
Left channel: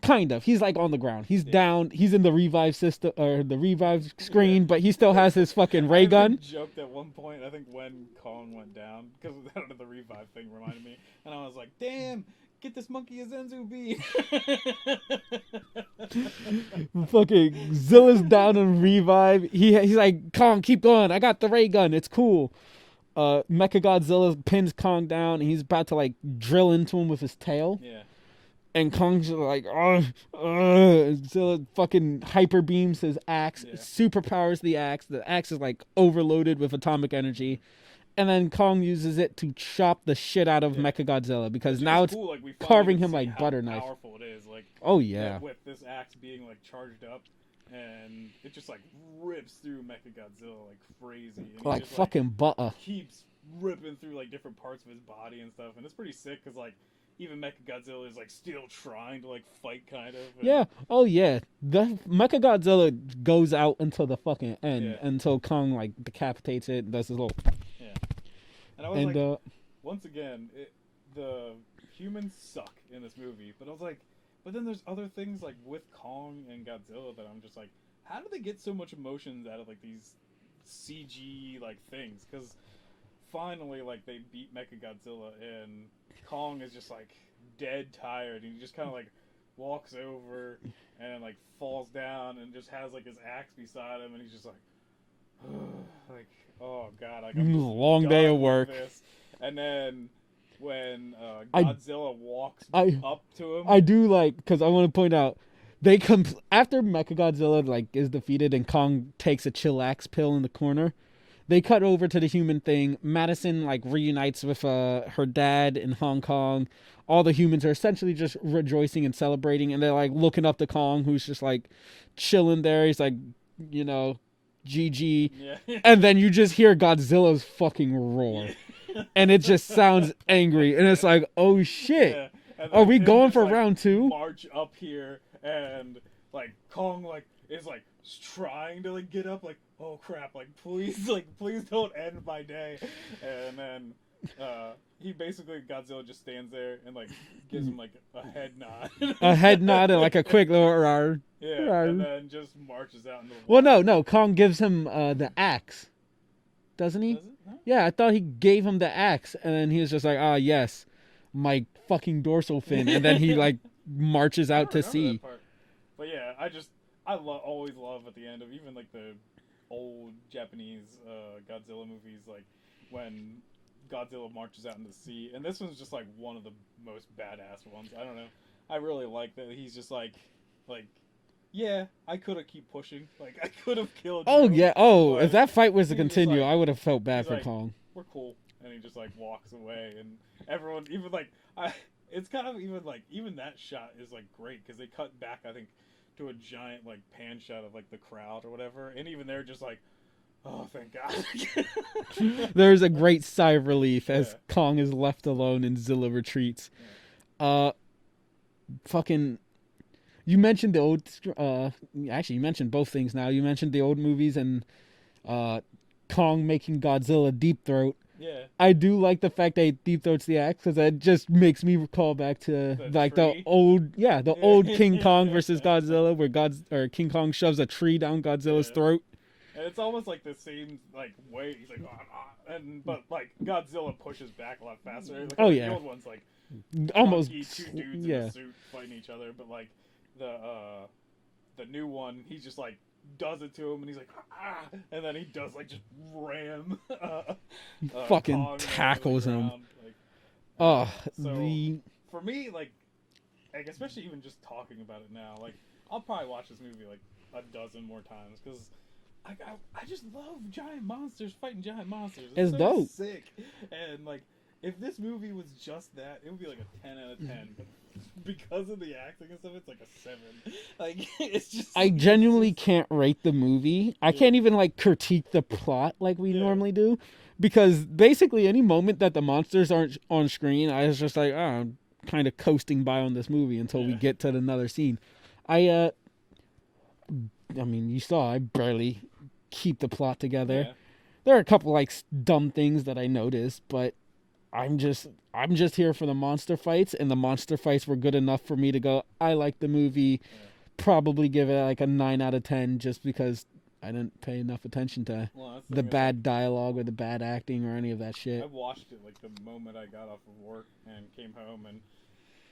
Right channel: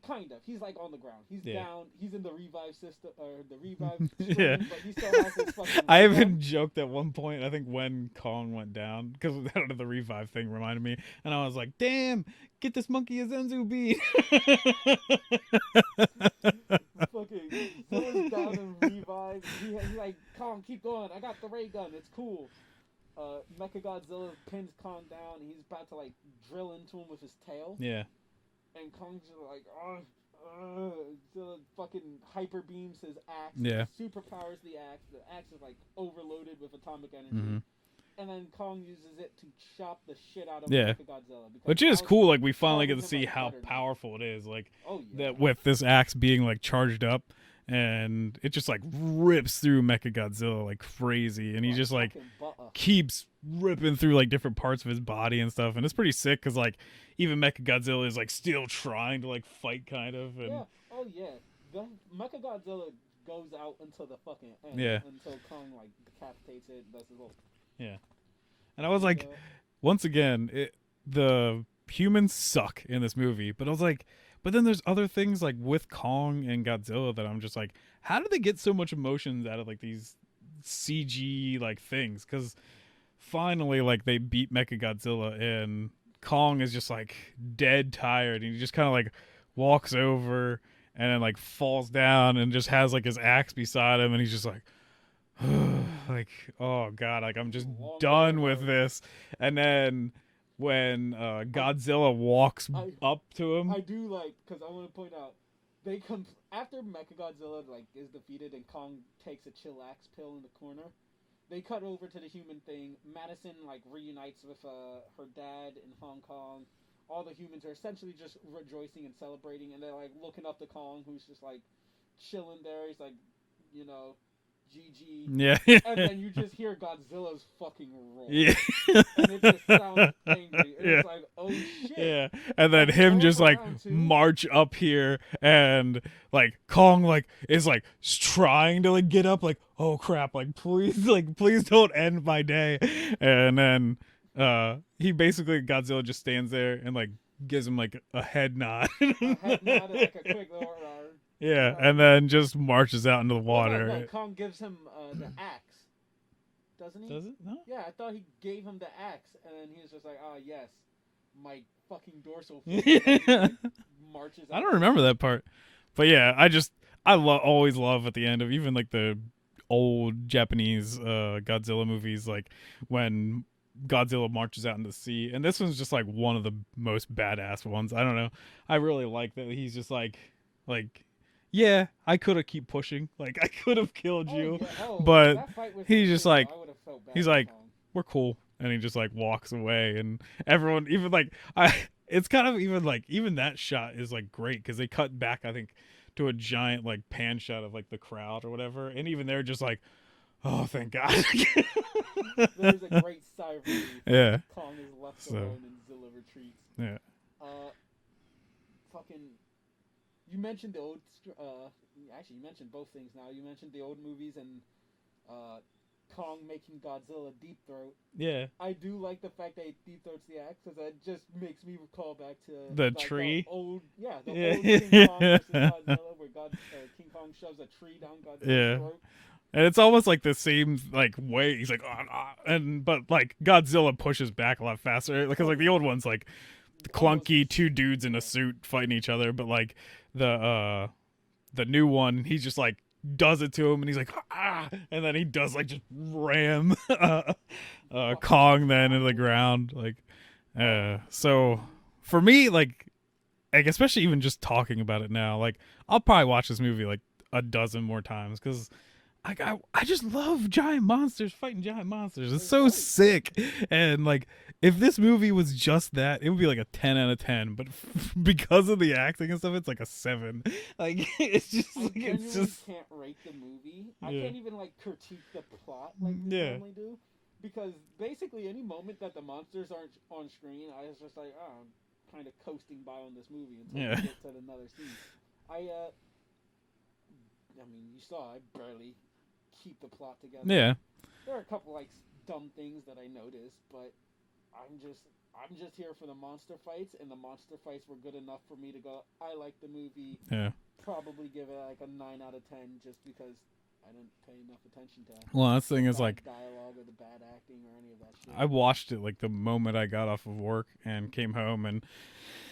Kind of. He's like on the ground. He's down. He's in the revive system or the revive screen, but he still has his fucking ray gun. I even joked at one point, I think when Kong went down, because the revive thing reminded me, and I was like, damn, get this monkey a Zenzu beat. Fucking Zilla's down in revive. He's like, Kong, keep going. I got the ray gun. It's cool. Mechagodzilla pins Kong down, and he's about to like drill into him with his tail. And Kong's like, Zilla fucking hyper beams his axe, superpowers the axe. The axe is like overloaded with atomic energy. And then Kong uses it to chop the shit out of Mechagodzilla, because which now is cool. Like we finally can see like how powerful it is. Like with this axe being like charged up, and it just like rips through Mechagodzilla like crazy, and he just like keeps ripping through like different parts of his body and stuff, and it's pretty sick because like even Mechagodzilla is like still trying to like fight kind of. And the Mechagodzilla goes out until the fucking end, until Kong like decapitates it, does his little and I was like, once again, the humans suck in this movie, but I was like, but then there's other things like with Kong and Godzilla that I'm just like, how do they get so much emotions out of like these CG like things? Because finally like they beat Mechagodzilla and Kong is just like dead tired, and he just kind of like walks over and then like falls down and just has like his axe beside him, and he's just like like, oh god, like I'm just done with this. And then when Godzilla walks up to him, I do like, because I want to point out they after Mechagodzilla like is defeated and Kong takes a chillax pill in the corner, they cut over to the human thing. Madison like reunites with her dad in Hong Kong. All the humans are essentially just rejoicing and celebrating, and they're like looking up to Kong, who's just like chilling there. He's like, you know, GG. Yeah. And then you just hear Godzilla's fucking roar. Yeah. And it just sounds angry. And it's like, oh shit. Yeah. And then him just like march up here, and like Kong like is like trying to like get up, like, oh crap, like please don't end my day. And then he basically, Godzilla just stands there and like gives him like a head nod. A head nod and like a quick little rawr. Yeah, and then just marches out into the water. Well, no, Kong gives him the axe. Doesn't he? Does it? No? Yeah, I thought he gave him the axe, and then he was just like, yes, my fucking dorsal fin. And then he like marches out to sea. I don't remember that part. But yeah, I always love at the end of even like the old Japanese Godzilla movies, like when Godzilla marches out into the sea. And this one's just like one of the most badass ones. I don't know. I really like that he's just like yeah, I could have keep pushing. Like I could have killed you. Oh yeah. Oh, but if that fight was to continue, like, I would have felt bad for Kong. We're cool. And he just like walks away, and everyone, even like it's kind of even like, even that shot is like great because they cut back, I think, to a giant like pan shot of like the crowd or whatever, and even they're just like, oh thank God. There's a great sigh of relief as Kong is left alone and Zilla retreats. Fucking, you mentioned the old actually you mentioned both things now. You mentioned the old movies and Kong making Godzilla deep throat. Yeah, I do like the fact that he deep throats the axe, because that just makes me recall back to the old King Kong versus Godzilla, where King Kong shoves a tree down Godzilla's throat. And it's almost like the same like way. He's like, but like Godzilla pushes back a lot faster. Like, the old one's like clunky, two dudes in a suit fighting each other. But like the new one, he's just like does it to him, and he's like, ah, and then he does like just ram Fucking Kong then in the tackles him. ground. Like, Oh, for me, like especially even just talking about it now, like I'll probably watch this movie like a dozen more times because I just love giant monsters fighting giant monsters. It's so dope. sick. And like if this movie was just that, it would be like a 10 out of 10. But because of the acting and stuff, it's like a 7. Like it's just I genuinely can't rate the movie. I can't even like critique the plot like we normally do, because basically any moment that the monsters aren't on screen, I was just like, oh, I'm kind of coasting by on this movie until we get to another scene. I mean, you saw I barely keep the plot together. Yeah. There are a couple like dumb things that I noticed, but I'm just here for the monster fights, and the monster fights were good enough for me to go, I like the movie. Yeah. Probably give it like a 9 out of 10 just because I didn't pay enough attention to the bad dialogue or the bad acting or any of that shit. I watched it like the moment I got off of work and came home, and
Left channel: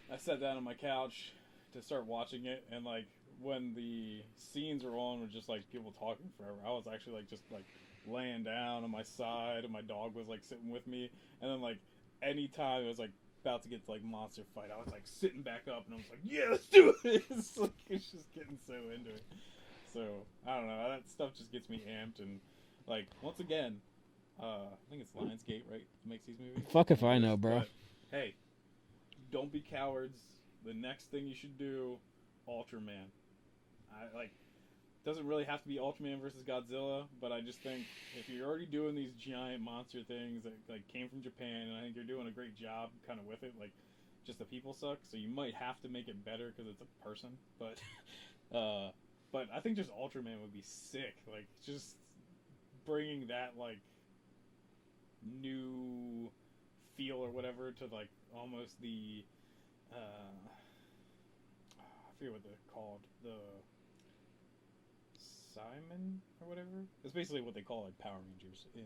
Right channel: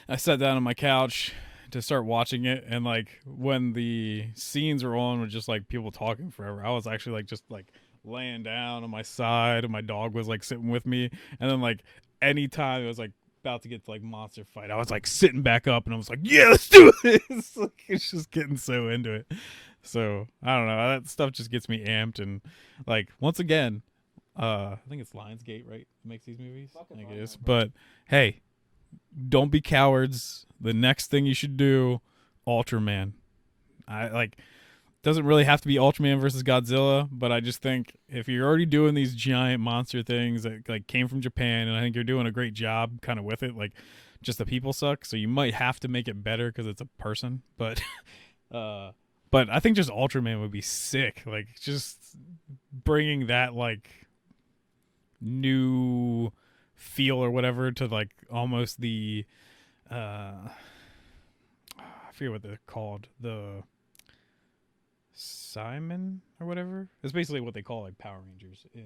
I sat down on my couch to start watching it, and like when the scenes were on with just like people talking forever, I was actually like just like laying down on my side, and my dog was like sitting with me, and then like anytime it was like about to get to like monster fight, I was like sitting back up, and I was like, yeah, let's do it. It's just getting so into it. So I don't know, that stuff just gets me amped. And like once again, I think it's Lionsgate, right, that makes these movies. Fuck if I know, bro. But hey, don't be cowards. The next thing you should do, Ultraman. I like, doesn't really have to be Ultraman versus Godzilla, but I just think if you're already doing these giant monster things that like came from Japan, and I think you're doing a great job kind of with it, like just the people suck, so you might have to make it better because it's a person. But I think just Ultraman would be sick. Like just bringing that like new feel or whatever to like almost the I forget what they're called, the Simon or whatever. It's basically what they call like Power Rangers in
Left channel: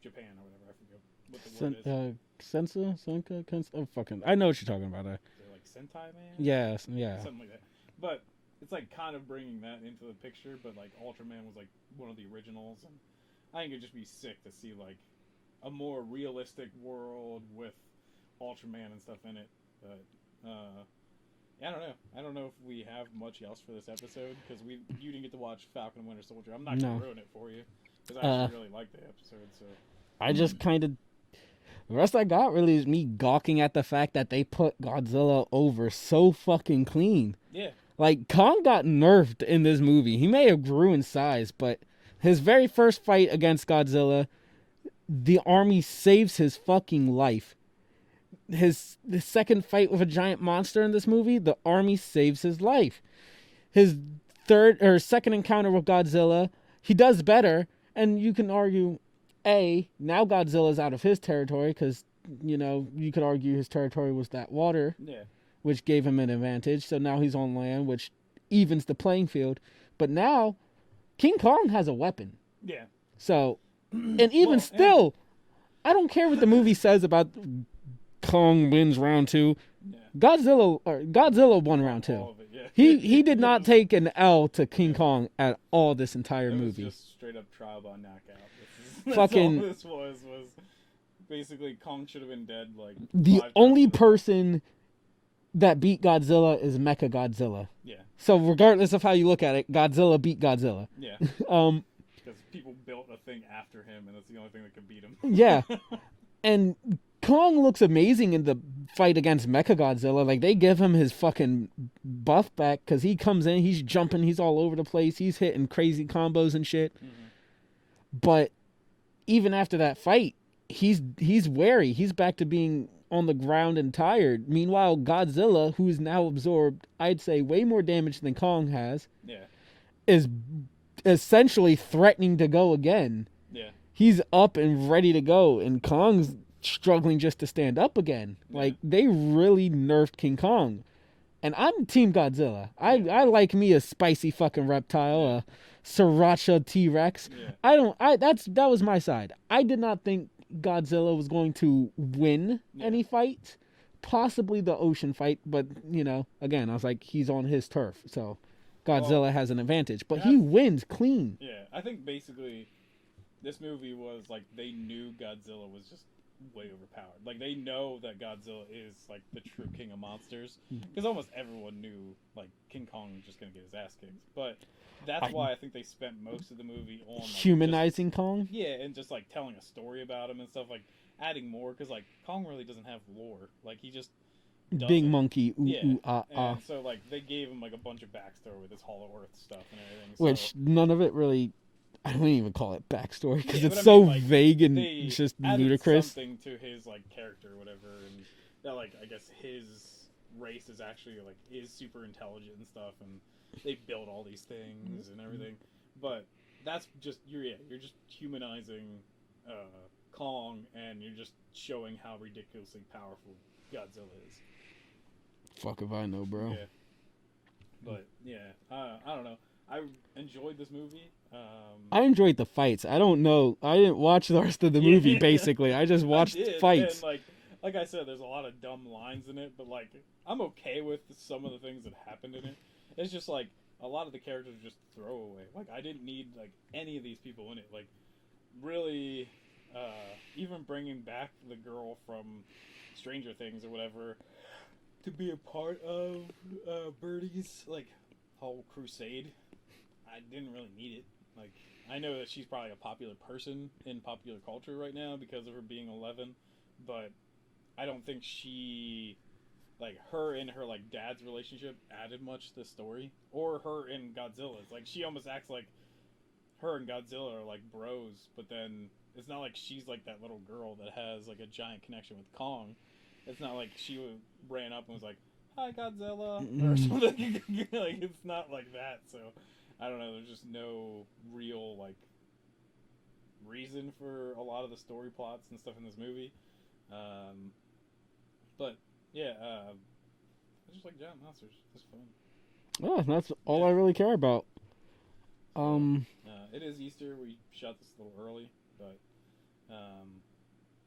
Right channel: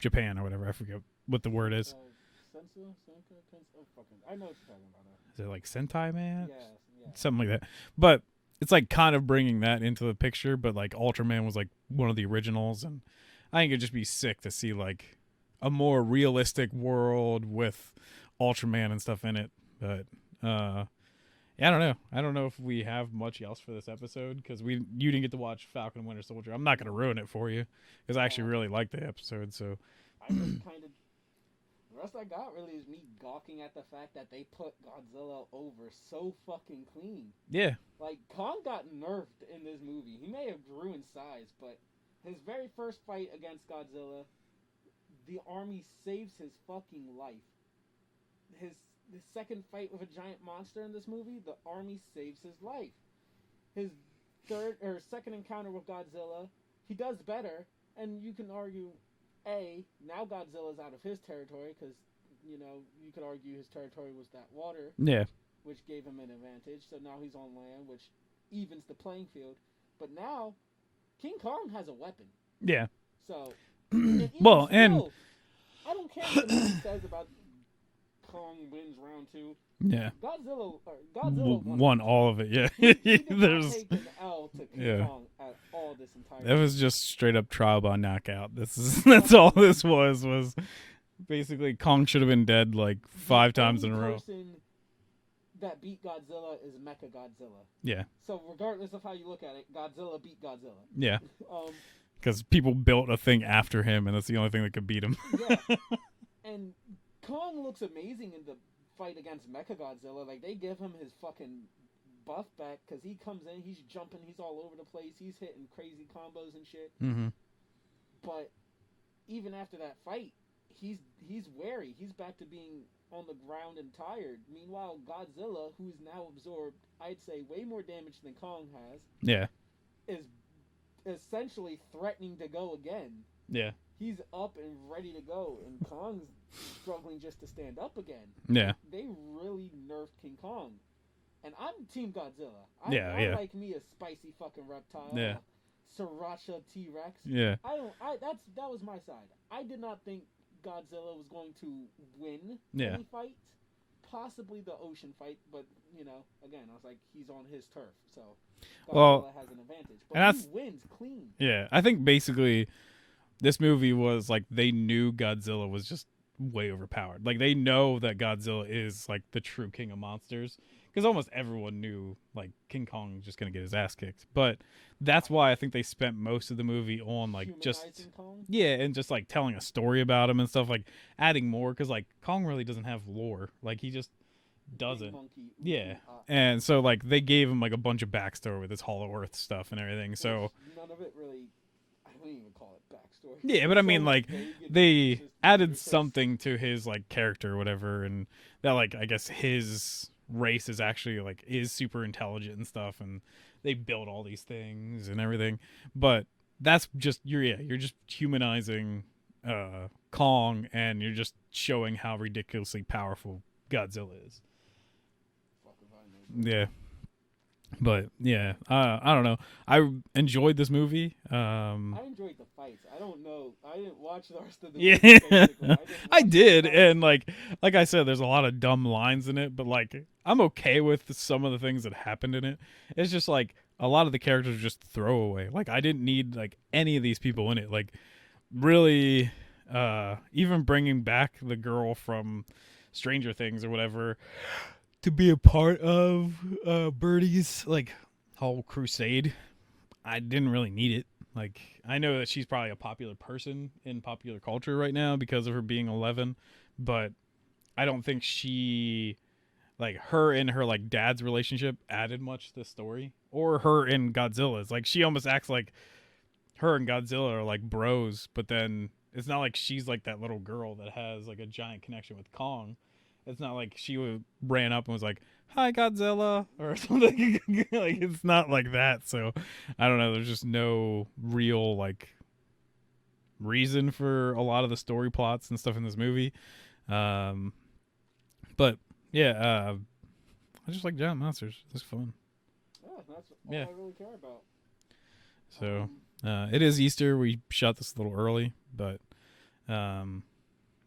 Japan or whatever. I forget what the word is. Sensa? Oh, fucking, I know what you're talking about. Is it like Sentai Man? Yeah. Something like that. But it's like kind of bringing that into the picture, but like Ultraman was like one of the originals, and I think it'd just be sick to see like a more realistic world with Ultraman and stuff in it. But yeah, I don't know if we have much else for this episode, because you didn't get to watch Falcon and Winter Soldier. I'm not gonna ruin it for you because I actually really liked the episode. So I just kind of, the rest I got really is me gawking at the fact that they put Godzilla over so fucking clean. Yeah, like Kong got nerfed in this movie. He may have grew in size, but his very first fight against Godzilla, the army saves his fucking life. The second fight with a giant monster in this movie, the army saves his life. His second encounter with Godzilla, he does better, and you can argue, now Godzilla's out of his territory, because, you know, you could argue his territory was that water, which gave him an advantage, so now he's on land, which evens the playing field. But now, King Kong has a weapon. Yeah. So, and even still, I don't care what the movie says about Kong wins round 2. Yeah. Godzilla won round 2. All of it, yeah. He did not take an L to King Kong at all this entire movie. It was just straight up trial by knockout. That's all this was basically Kong should have been dead like 5 times. The only person that beat Godzilla is Mecha Godzilla. Yeah. So regardless of how you look at it, Godzilla beat Godzilla. Yeah. Because people built a thing after him, and that's the only thing that could beat him. Yeah. And Kong looks amazing in the fight against Mechagodzilla. Like, they give him his fucking buff back, because he comes in, he's jumping, he's all over the place, he's hitting crazy combos and shit. Mm-hmm. But even after that fight, he's wary. He's back to being on the ground and tired. Meanwhile, Godzilla, who's now absorbed, I'd say, way more damage than Kong has, is essentially threatening to go again. Yeah. He's up and ready to go, and Kong's struggling just to stand up again. Yeah. Like, they really nerfed King Kong. And I'm Team Godzilla. I like me a spicy fucking reptile, a sriracha T-Rex. Yeah. That was my side. I did not think Godzilla was going to win any fight. Possibly the ocean fight, but, you know, again, I was like, he's on his turf, so. Godzilla has an advantage, but he wins clean. Yeah, I think basically this movie was like they knew Godzilla was just way overpowered. Like they know that Godzilla is like the true king of monsters because almost everyone knew like King Kong was just gonna get his ass kicked. But that's why I think they spent most of the movie on like humanizing Kong. Yeah, and just like telling a story about him and stuff, like adding more because like Kong really doesn't have lore. Like he just big monkey. And so like they gave him like a bunch of backstory with his Hollow Earth stuff and everything. So which none of it really. I don't even call it backstory. Yeah, but it's I mean, so like vague and they just added ludicrous. something to his like character or whatever, and that like I guess his race is actually like is super intelligent and stuff, and they built all these things and everything. But that's just you're just humanizing Kong, and you're just showing how ridiculously powerful Godzilla is. Fuck if I know, bro. Yeah. But yeah, I don't know. I enjoyed this movie. I enjoyed the fights. I don't know. I didn't watch the rest of the movie. Basically, I just watched. I did, fights. And like I said, there's a lot of dumb lines in it. But like, I'm okay with some of the things that happened in it. It's just like a lot of the characters are just throwaway. Like I didn't need like any of these people in it. Like really, even bringing back the girl from Stranger Things or whatever to be a part of Birdie's like whole crusade, I didn't really need it. Like I know that she's probably a popular person in popular culture right now because of her being 11, but I don't think she like her and her like dad's relationship added much to the story, or her and Godzilla's. Like she almost acts like her and Godzilla are like bros, but then it's not like she's like that little girl that has like a giant connection with Kong. It's not like she ran up and was like, "Hi, Godzilla," or something. Like it's not like that. So I don't know. There's just no real like reason for a lot of the story plots and stuff in this movie. But yeah, I just like giant monsters. It's fun. Oh, that's all I really care about. So it is Easter. We shot this a little early, but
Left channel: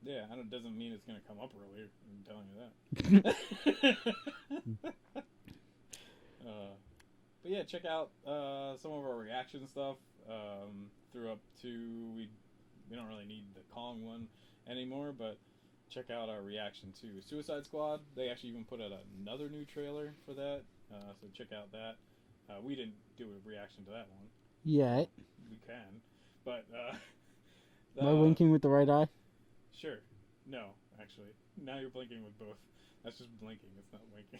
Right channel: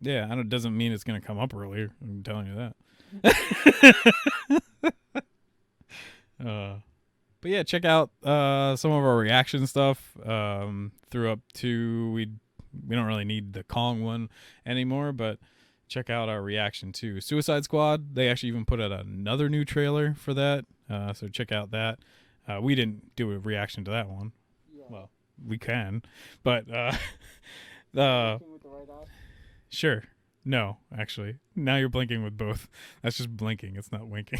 yeah, it doesn't mean it's going to come up earlier. I'm telling you that. But yeah, check out some of our reaction stuff. Through up to we don't really need the Kong one anymore, but check out our reaction to Suicide Squad. They actually even put out another new trailer for that. So check out that. We didn't do a reaction to that one. Yeah. We can, but blinking with the right eye. Sure. No, actually. Now you're blinking with both. That's just blinking. It's not winking.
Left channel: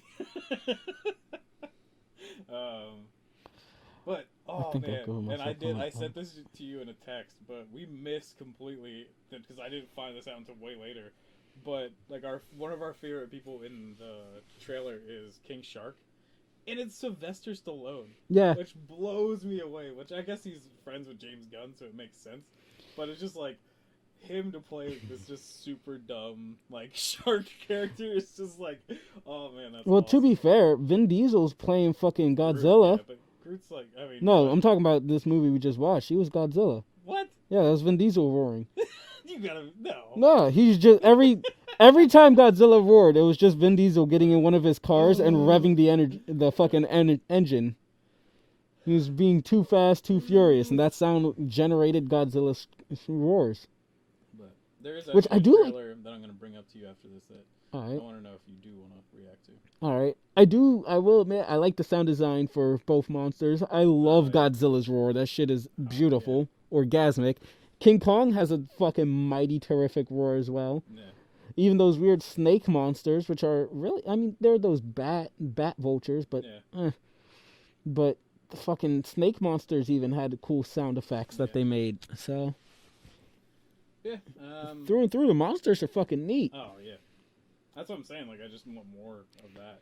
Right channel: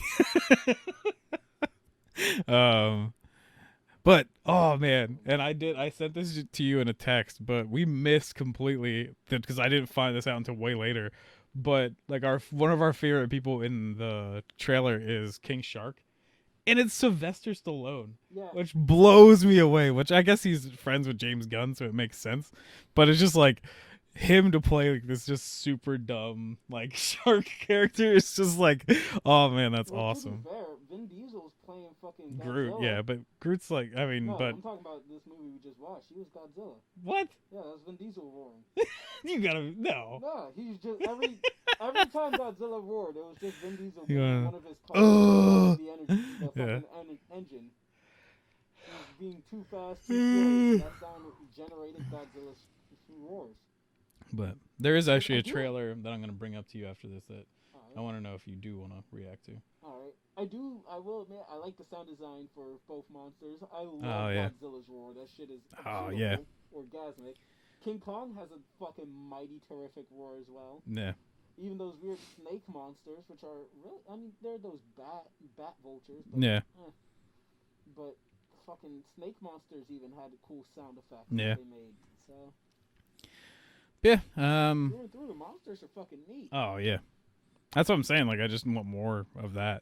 But oh man, and I sent this to you in a text, but we missed completely because I didn't find this out until way later. But like one of our favorite people in the trailer is King Shark. And it's Sylvester Stallone. Yeah. Which blows me away, which I guess he's friends with James Gunn, so it makes sense. But it's just like him to play like this just super dumb like shark character. It's just like, oh man, that's awesome. Well, to be fair, Vin Diesel's playing fucking Godzilla. Groot, yeah, but Groot's like, I mean, no, I'm talking about this movie we just watched. He was Godzilla. What? Yeah, that was Vin Diesel roaring. You gotta No, he's just every time Godzilla roared, it was just Vin Diesel getting in one of his cars and revving the fucking engine. He was being too fast, too furious, and that sound generated Godzilla's roars. But there is actually a trailer that I'm going to bring up to you after this that I want to know if you do want to react to. All right. I will admit, I like the sound design for both monsters. I love Godzilla's roar. That shit is beautiful. Orgasmic. King Kong has a fucking mighty terrific roar as well. Yeah. Even those weird snake monsters, which are really, I mean, they're those bat vultures, but but the fucking snake monsters even had cool sound effects that they made. So yeah, through and through, the monsters are fucking neat. Oh yeah, that's what I'm saying. Like I just want more of that.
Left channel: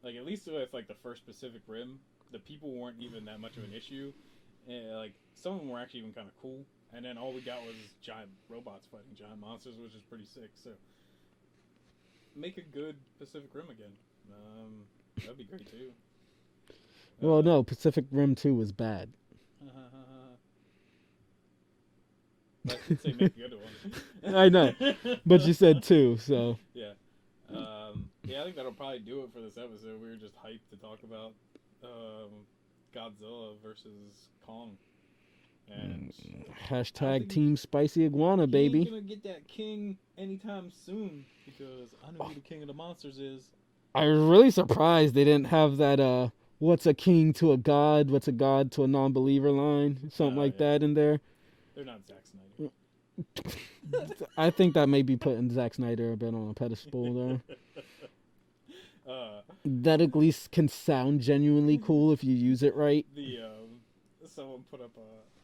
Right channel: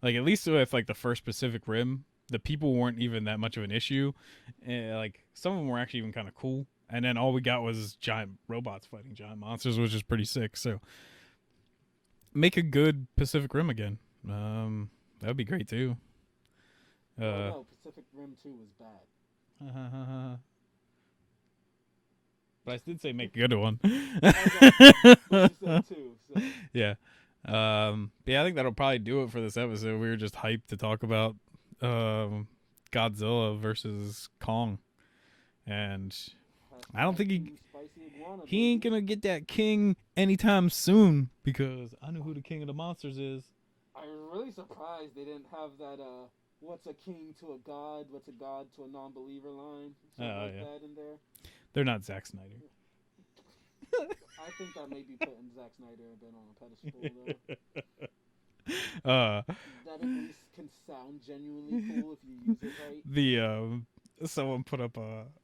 Like at least with like the first Pacific Rim, the people weren't even that much of an issue. Like some of them were actually even kind of cool. And then all we got was giant robots fighting giant monsters, which is pretty sick. So make a good Pacific Rim again. That'd be great too. Well, no, Pacific Rim 2 was bad. But I did say make a good one. I know, but you said 2, so yeah. Yeah, I think that'll probably do it for this episode. We were just hyped to talk about Godzilla versus Kong. And Hashtag I don't think Team Spicy Iguana, he baby. ain't gonna get that king anytime soon because I know who the king of the monsters is. I was really surprised they didn't have that what's a king to a god, what's a god to a non-believer line, something like that in there. They're not Zack Snyder. I think that may be putting Zack Snyder a bit on a pedestal there. That at least can sound genuinely cool if you use it right. Someone put up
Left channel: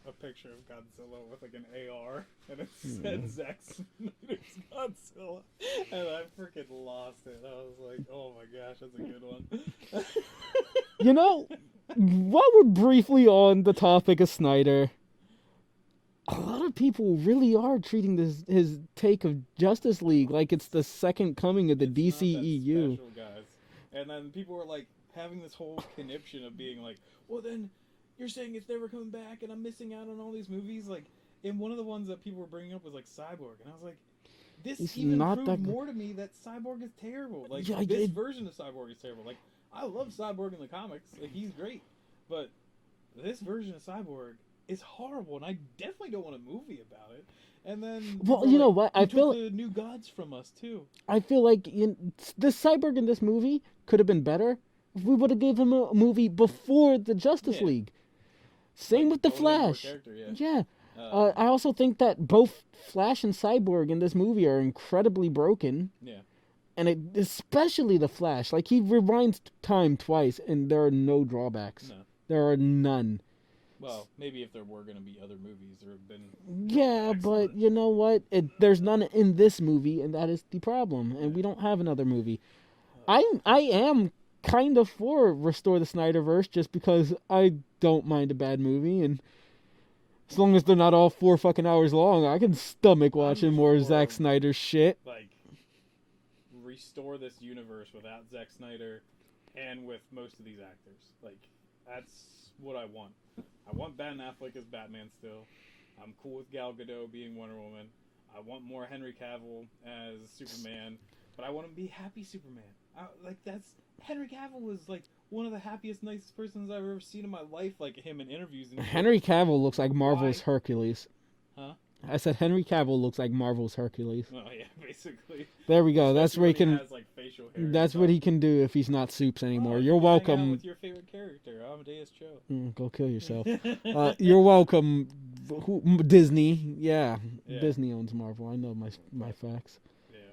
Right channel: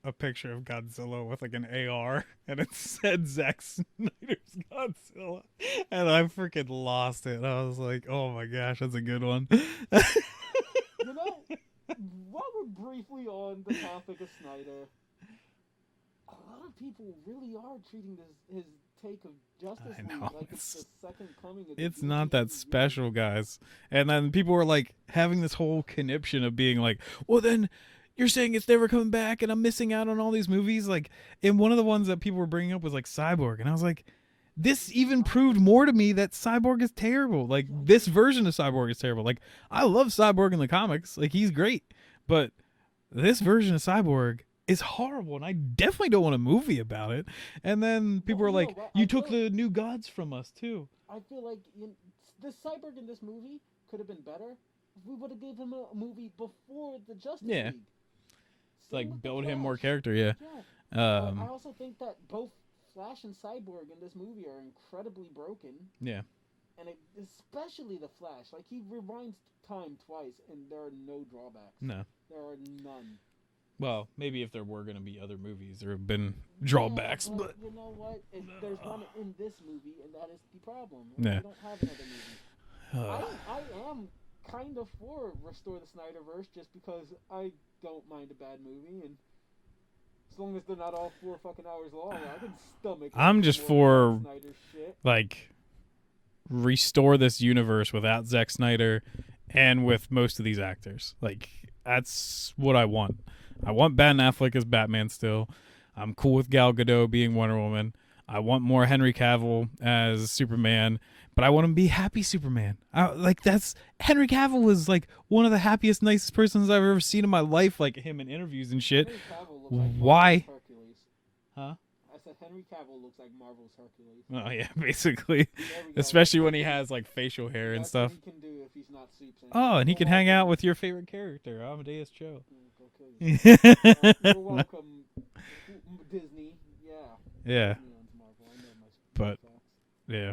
a picture of Godzilla with like an AR, and it said Zack Snyder's Godzilla, and I freaking lost it. I was like, oh my gosh, that's a good one. You know, while we're briefly on the topic of Snyder, a lot of people really are treating his take of Justice League like it's the second coming of the DCEU. It's not that special, guys. And then people were like having this whole conniption of being like, well then, you're saying it's never coming back and I'm missing out on all these movies. Like, and one of the ones that people were bringing up was like Cyborg. And I was like, this even proved more to me that Cyborg is terrible. Like, this version of Cyborg is terrible. Like, I love Cyborg in the comics. Like, he's great. But this version of Cyborg is horrible. And I definitely don't want a movie about it. And then people were like, you took the new gods from us, too. I feel like the Cyborg in this movie could have been better if we would have gave him a movie before the Justice League. Same with the Flash. More character, yeah. Yeah. I also think that both Flash and Cyborg in this movie are incredibly broken. Yeah. And especially the Flash. Like, he rewinds time twice, and there are no drawbacks. No. There are none. Well, maybe if there were going to be other movies, there have been drawbacks. Yeah, but you know what? There's none in this movie, and that is the problem. And we don't have another movie. I am kind of for Restore the Snyderverse just because I don't mind a bad movie, and as long as they're not all 4 fucking hours long, I can stomach watching more Zack Snyder shit. Like, restore this universe without Zack Snyder and with most of these actors. Like, that's what I want. I want Ben Affleck as Batman still. I'm cool with Gal Gadot being Wonder Woman. I want more Henry Cavill as Superman. But I want him to be happy Superman. That's Henry Cavill was like one of the happiest, nicest persons I've ever seen in my life. Like him in interviews and shit. Henry Cavill looks like Marvel's Hercules. Huh? I said Henry Cavill looks like Marvel's Hercules. Oh yeah, basically. There we go. Especially when he has like facial hair. That's what he can do if he's not Soups anymore. Oh, he can hang out with your favorite character, Amadeus Cho. Go kill yourself. You're welcome, Disney. Yeah. Disney owns Marvel. I know my facts. Yeah.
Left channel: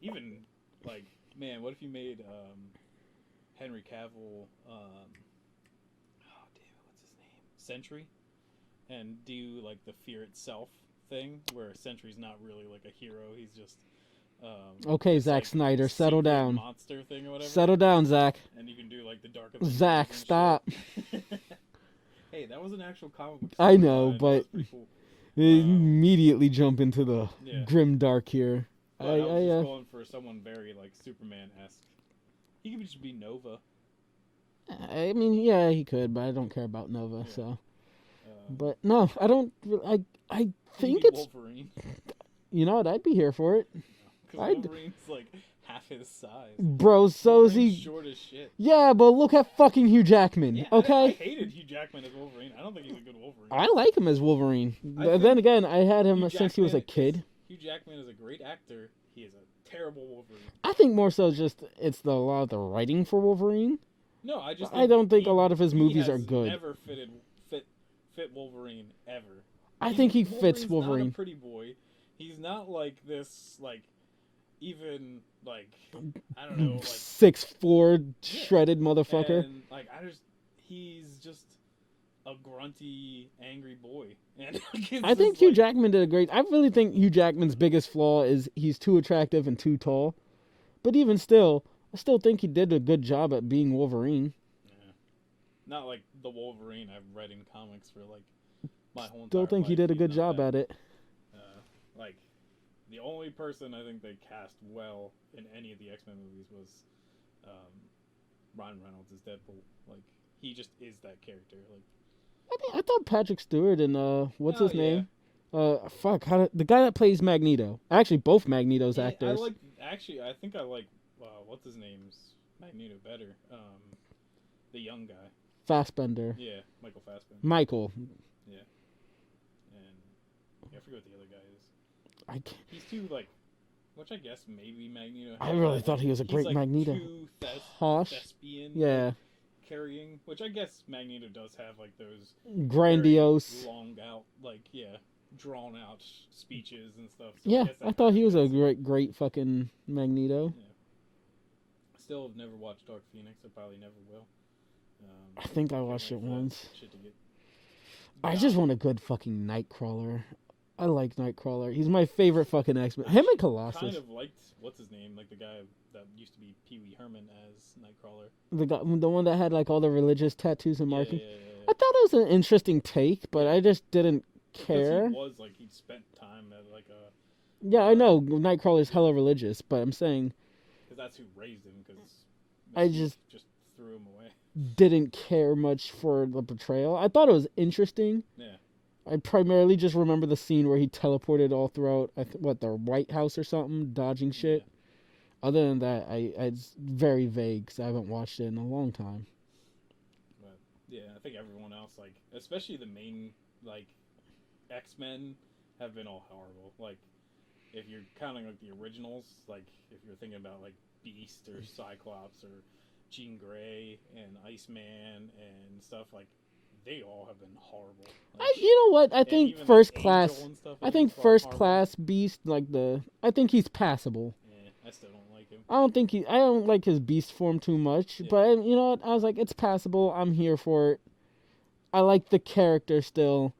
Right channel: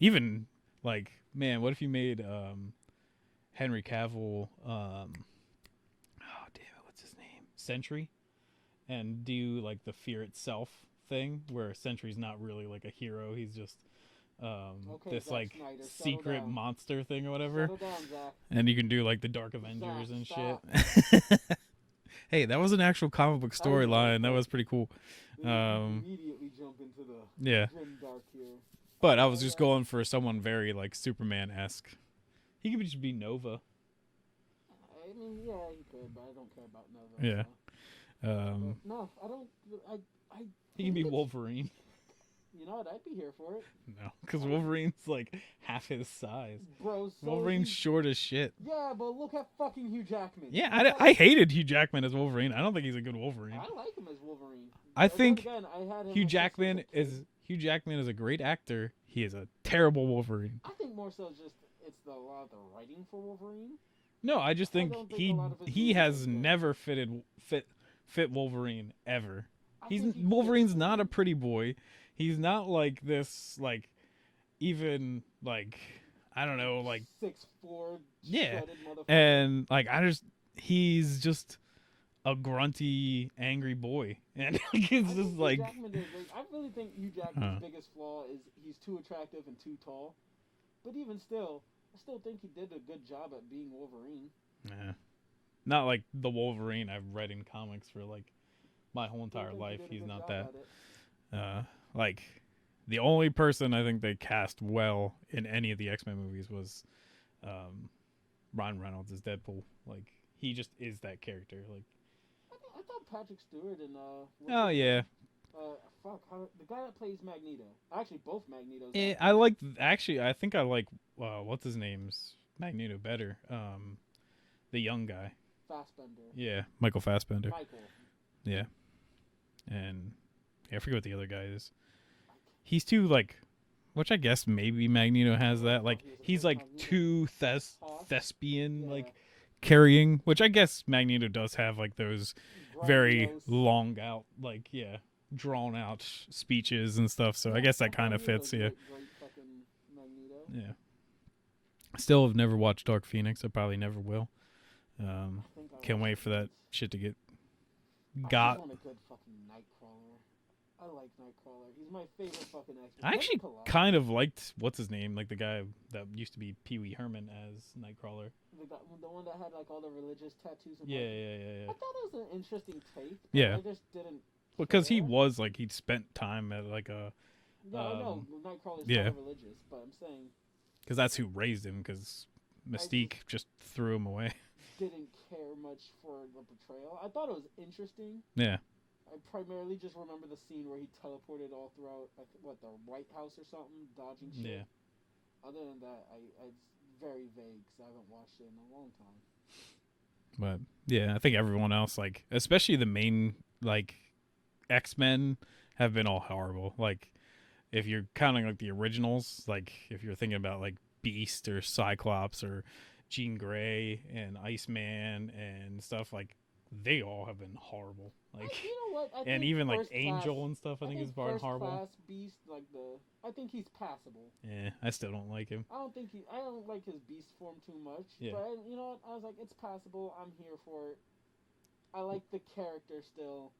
Even, like, man, what if you made Henry Cavill, oh, damn it, what's his name? Sentry? And do, like, the Fear Itself thing, where Sentry's not really, like, a hero. He's just, okay, this, Zack like, Snyder, settle down. Monster thing or whatever. Settle down, Zach. And you can do, like, the Dark Avengers. Zach, stop. Hey, that was an actual comic book storyline. That was pretty cool. Immediately jump into the grim dark here. But I was just going for someone very, like, Superman-esque. He could just be Nova. I mean, yeah, he could, but I don't care about Nova, so. But, no, I don't. I think it's... Wolverine. You know what? I'd be here for it. No, because Wolverine's, like, half his size. Bro, so is he... short as shit. Yeah, but look at fucking Hugh Jackman. Yeah, okay? I hated Hugh Jackman as Wolverine. I don't think he's a good Wolverine. I like him as Wolverine. Then again, I had him since he was a kid. Hugh Jackman is a great actor. He is a terrible Wolverine. I think more so just it's a lot of the writing for Wolverine. No, I don't think a lot of his movies are good. He has never fit Wolverine ever. I think he Wolverine's fits Wolverine. Not a pretty boy. He's not like this, like, even, like, I don't know, like 6'4" shredded motherfucker. And, like, he's just a grunty, angry boy. And I think Hugh Jackman did a great... I really think Hugh Jackman's biggest flaw is he's too attractive and too tall. But even still, I still think he did a good job at being Wolverine. Yeah. Not like the Wolverine I've read in comics for, like, my whole entire life. Still think he did a good job at it. Like, the only person I think they cast well in any of the X-Men movies was Ryan Reynolds as Deadpool. Like, he just is that character. Like, I thought Patrick Stewart and what's his name? The guy that plays Magneto. Actually, both Magneto's actors. I think I like what's his name's Magneto better. The young guy. Fassbender. Yeah, Michael Fassbender. Michael. Yeah. And I forget what the other guy is. I can't. He's too like, which I guess maybe Magneto has really that. thought Like he was a he's great like Magneto. too Harsh. thespian. Yeah. Like, carrying, which I guess Magneto does have like those Grandiose. very long out, like drawn out speeches and stuff. So yeah, I guess that I kind thought of he was fits. a great fucking Magneto. Yeah. Still have never watched Dark Phoenix. I probably never will. I think I can't watched wait it for once. that shit to get. I just want a good fucking Nightcrawler. I like Nightcrawler. He's my favorite fucking X-Men. Him and Colossus. Kind of liked what's his name, like the guy that used to be Pee Wee Herman as Nightcrawler. The one that had like all the religious tattoos and markings. Yeah. I thought it was an interesting take, but I just didn't care. Because he was like he'd spent time at like a. Yeah, I know Nightcrawler's hella religious, but I'm saying. Because that's who raised him. Because Mystique just threw him away. Didn't care much for the portrayal. I thought it was interesting. Yeah. I primarily just remember the scene where he teleported all throughout, the White House or something, dodging shit. Yeah. Other than that, it's very vague because I haven't watched it in a long time. But yeah, I think everyone else, like especially the main like X-Men, have been all horrible. Like if you're counting like the originals, like if you're thinking about like Beast or Cyclops or Jean Grey and Iceman and stuff, like they all have been horrible. Like, you know what? I think even, First like, Class. Angel and stuff, I think First Class Beast, like I think he's passable. Yeah, I still don't like him. I don't like his Beast form too much, but you know what? I was like, it's passable. I'm here for it. I like the character still.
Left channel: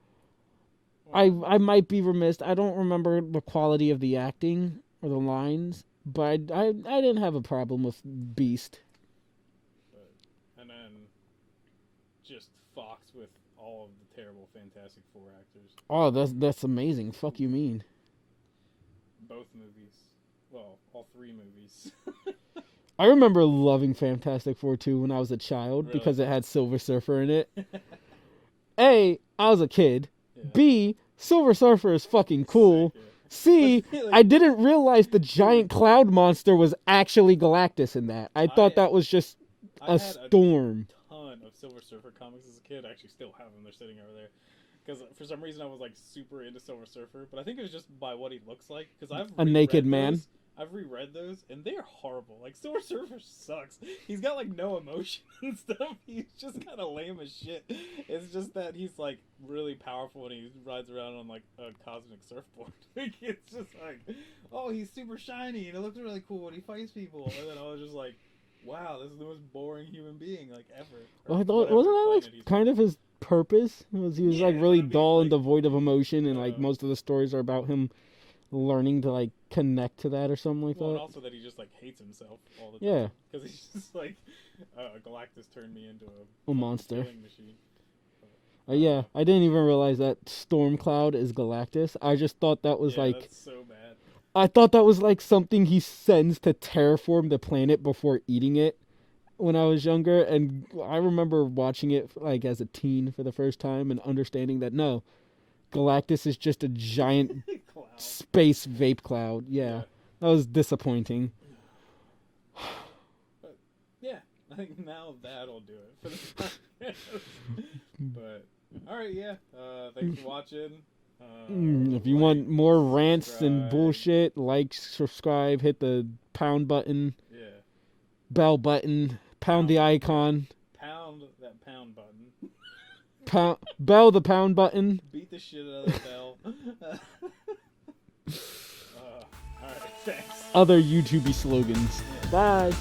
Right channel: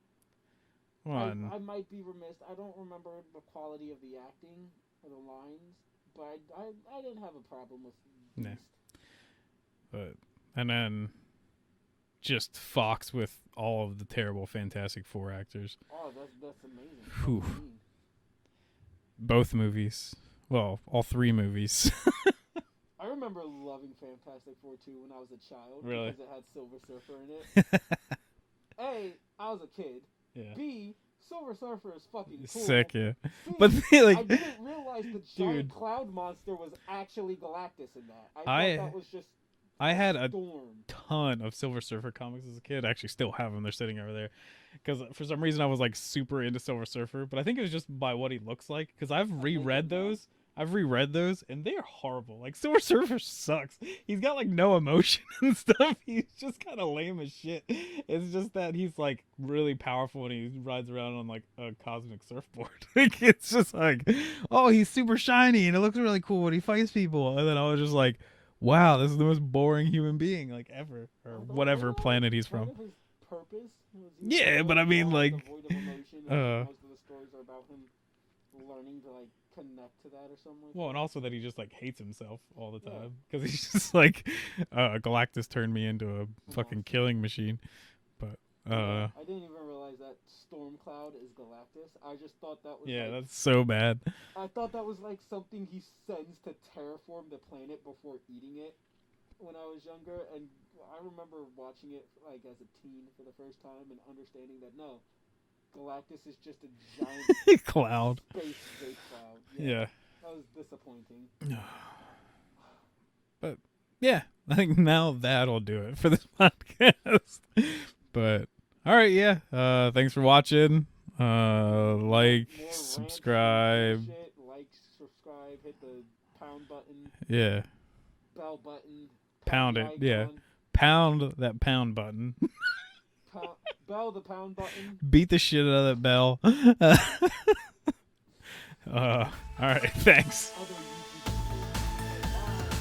Well, I might be remiss. I don't remember the quality of the acting or the lines, but I didn't have a problem with Beast. But and then just Fox with all of the terrible Fantastic Four actors. Oh, that's amazing. Fuck you mean? Both movies. Well, all three movies. I remember loving Fantastic Four 2 when I was a child Really? because it had Silver Surfer in it. A, I was a kid. Yeah. B, Silver Surfer is fucking cool. Sick, yeah. C, I didn't realize the giant cloud monster was actually Galactus in that. I thought that was just I had storm. A ton of Silver Surfer comics as a kid. I actually still have them. They're sitting over there. Because for some reason I was like super into Silver Surfer, but I think it was just by what he looks like. Because I've reread those. I've reread those, and they're horrible. Like Silver Surfer sucks. He's got like no emotion and stuff. He's just kind of lame as shit. It's just that he's like really powerful when he rides around on like a cosmic surfboard. Like it's just like, oh, he's super shiny and it looks really cool when he fights people. And then I was just like, wow, this is the most boring human being like ever. Or whatever planet he's kind from. of his purpose was he was like really dull and devoid of emotion, and like most of the stories are about him learning to like connect to that or something like that. And also that he just like hates himself all the time. Yeah, because he's just like Galactus turned me into a fucking monster. Killing machine. But yeah, I didn't even realize that Stormcloud is Galactus. I just thought that was like that's so bad. I thought that was like something he sends to terraform the planet before eating it when I was younger, and I remember watching it like as a teen for the first time and understanding that no, Galactus is just a giant cloud, space vape cloud. Yeah, that was disappointing. But yeah, I think now that'll do it for the podcast. But all right, yeah. Thanks for watching. If you want more rants and bullshit, like, subscribe, hit the pound button. Yeah. Bell button. Pound the icon. Yeah. Pound that pound button. Bell the pound button. Beat the shit out of that bell. All right, thanks. Other YouTube slogans. Bye.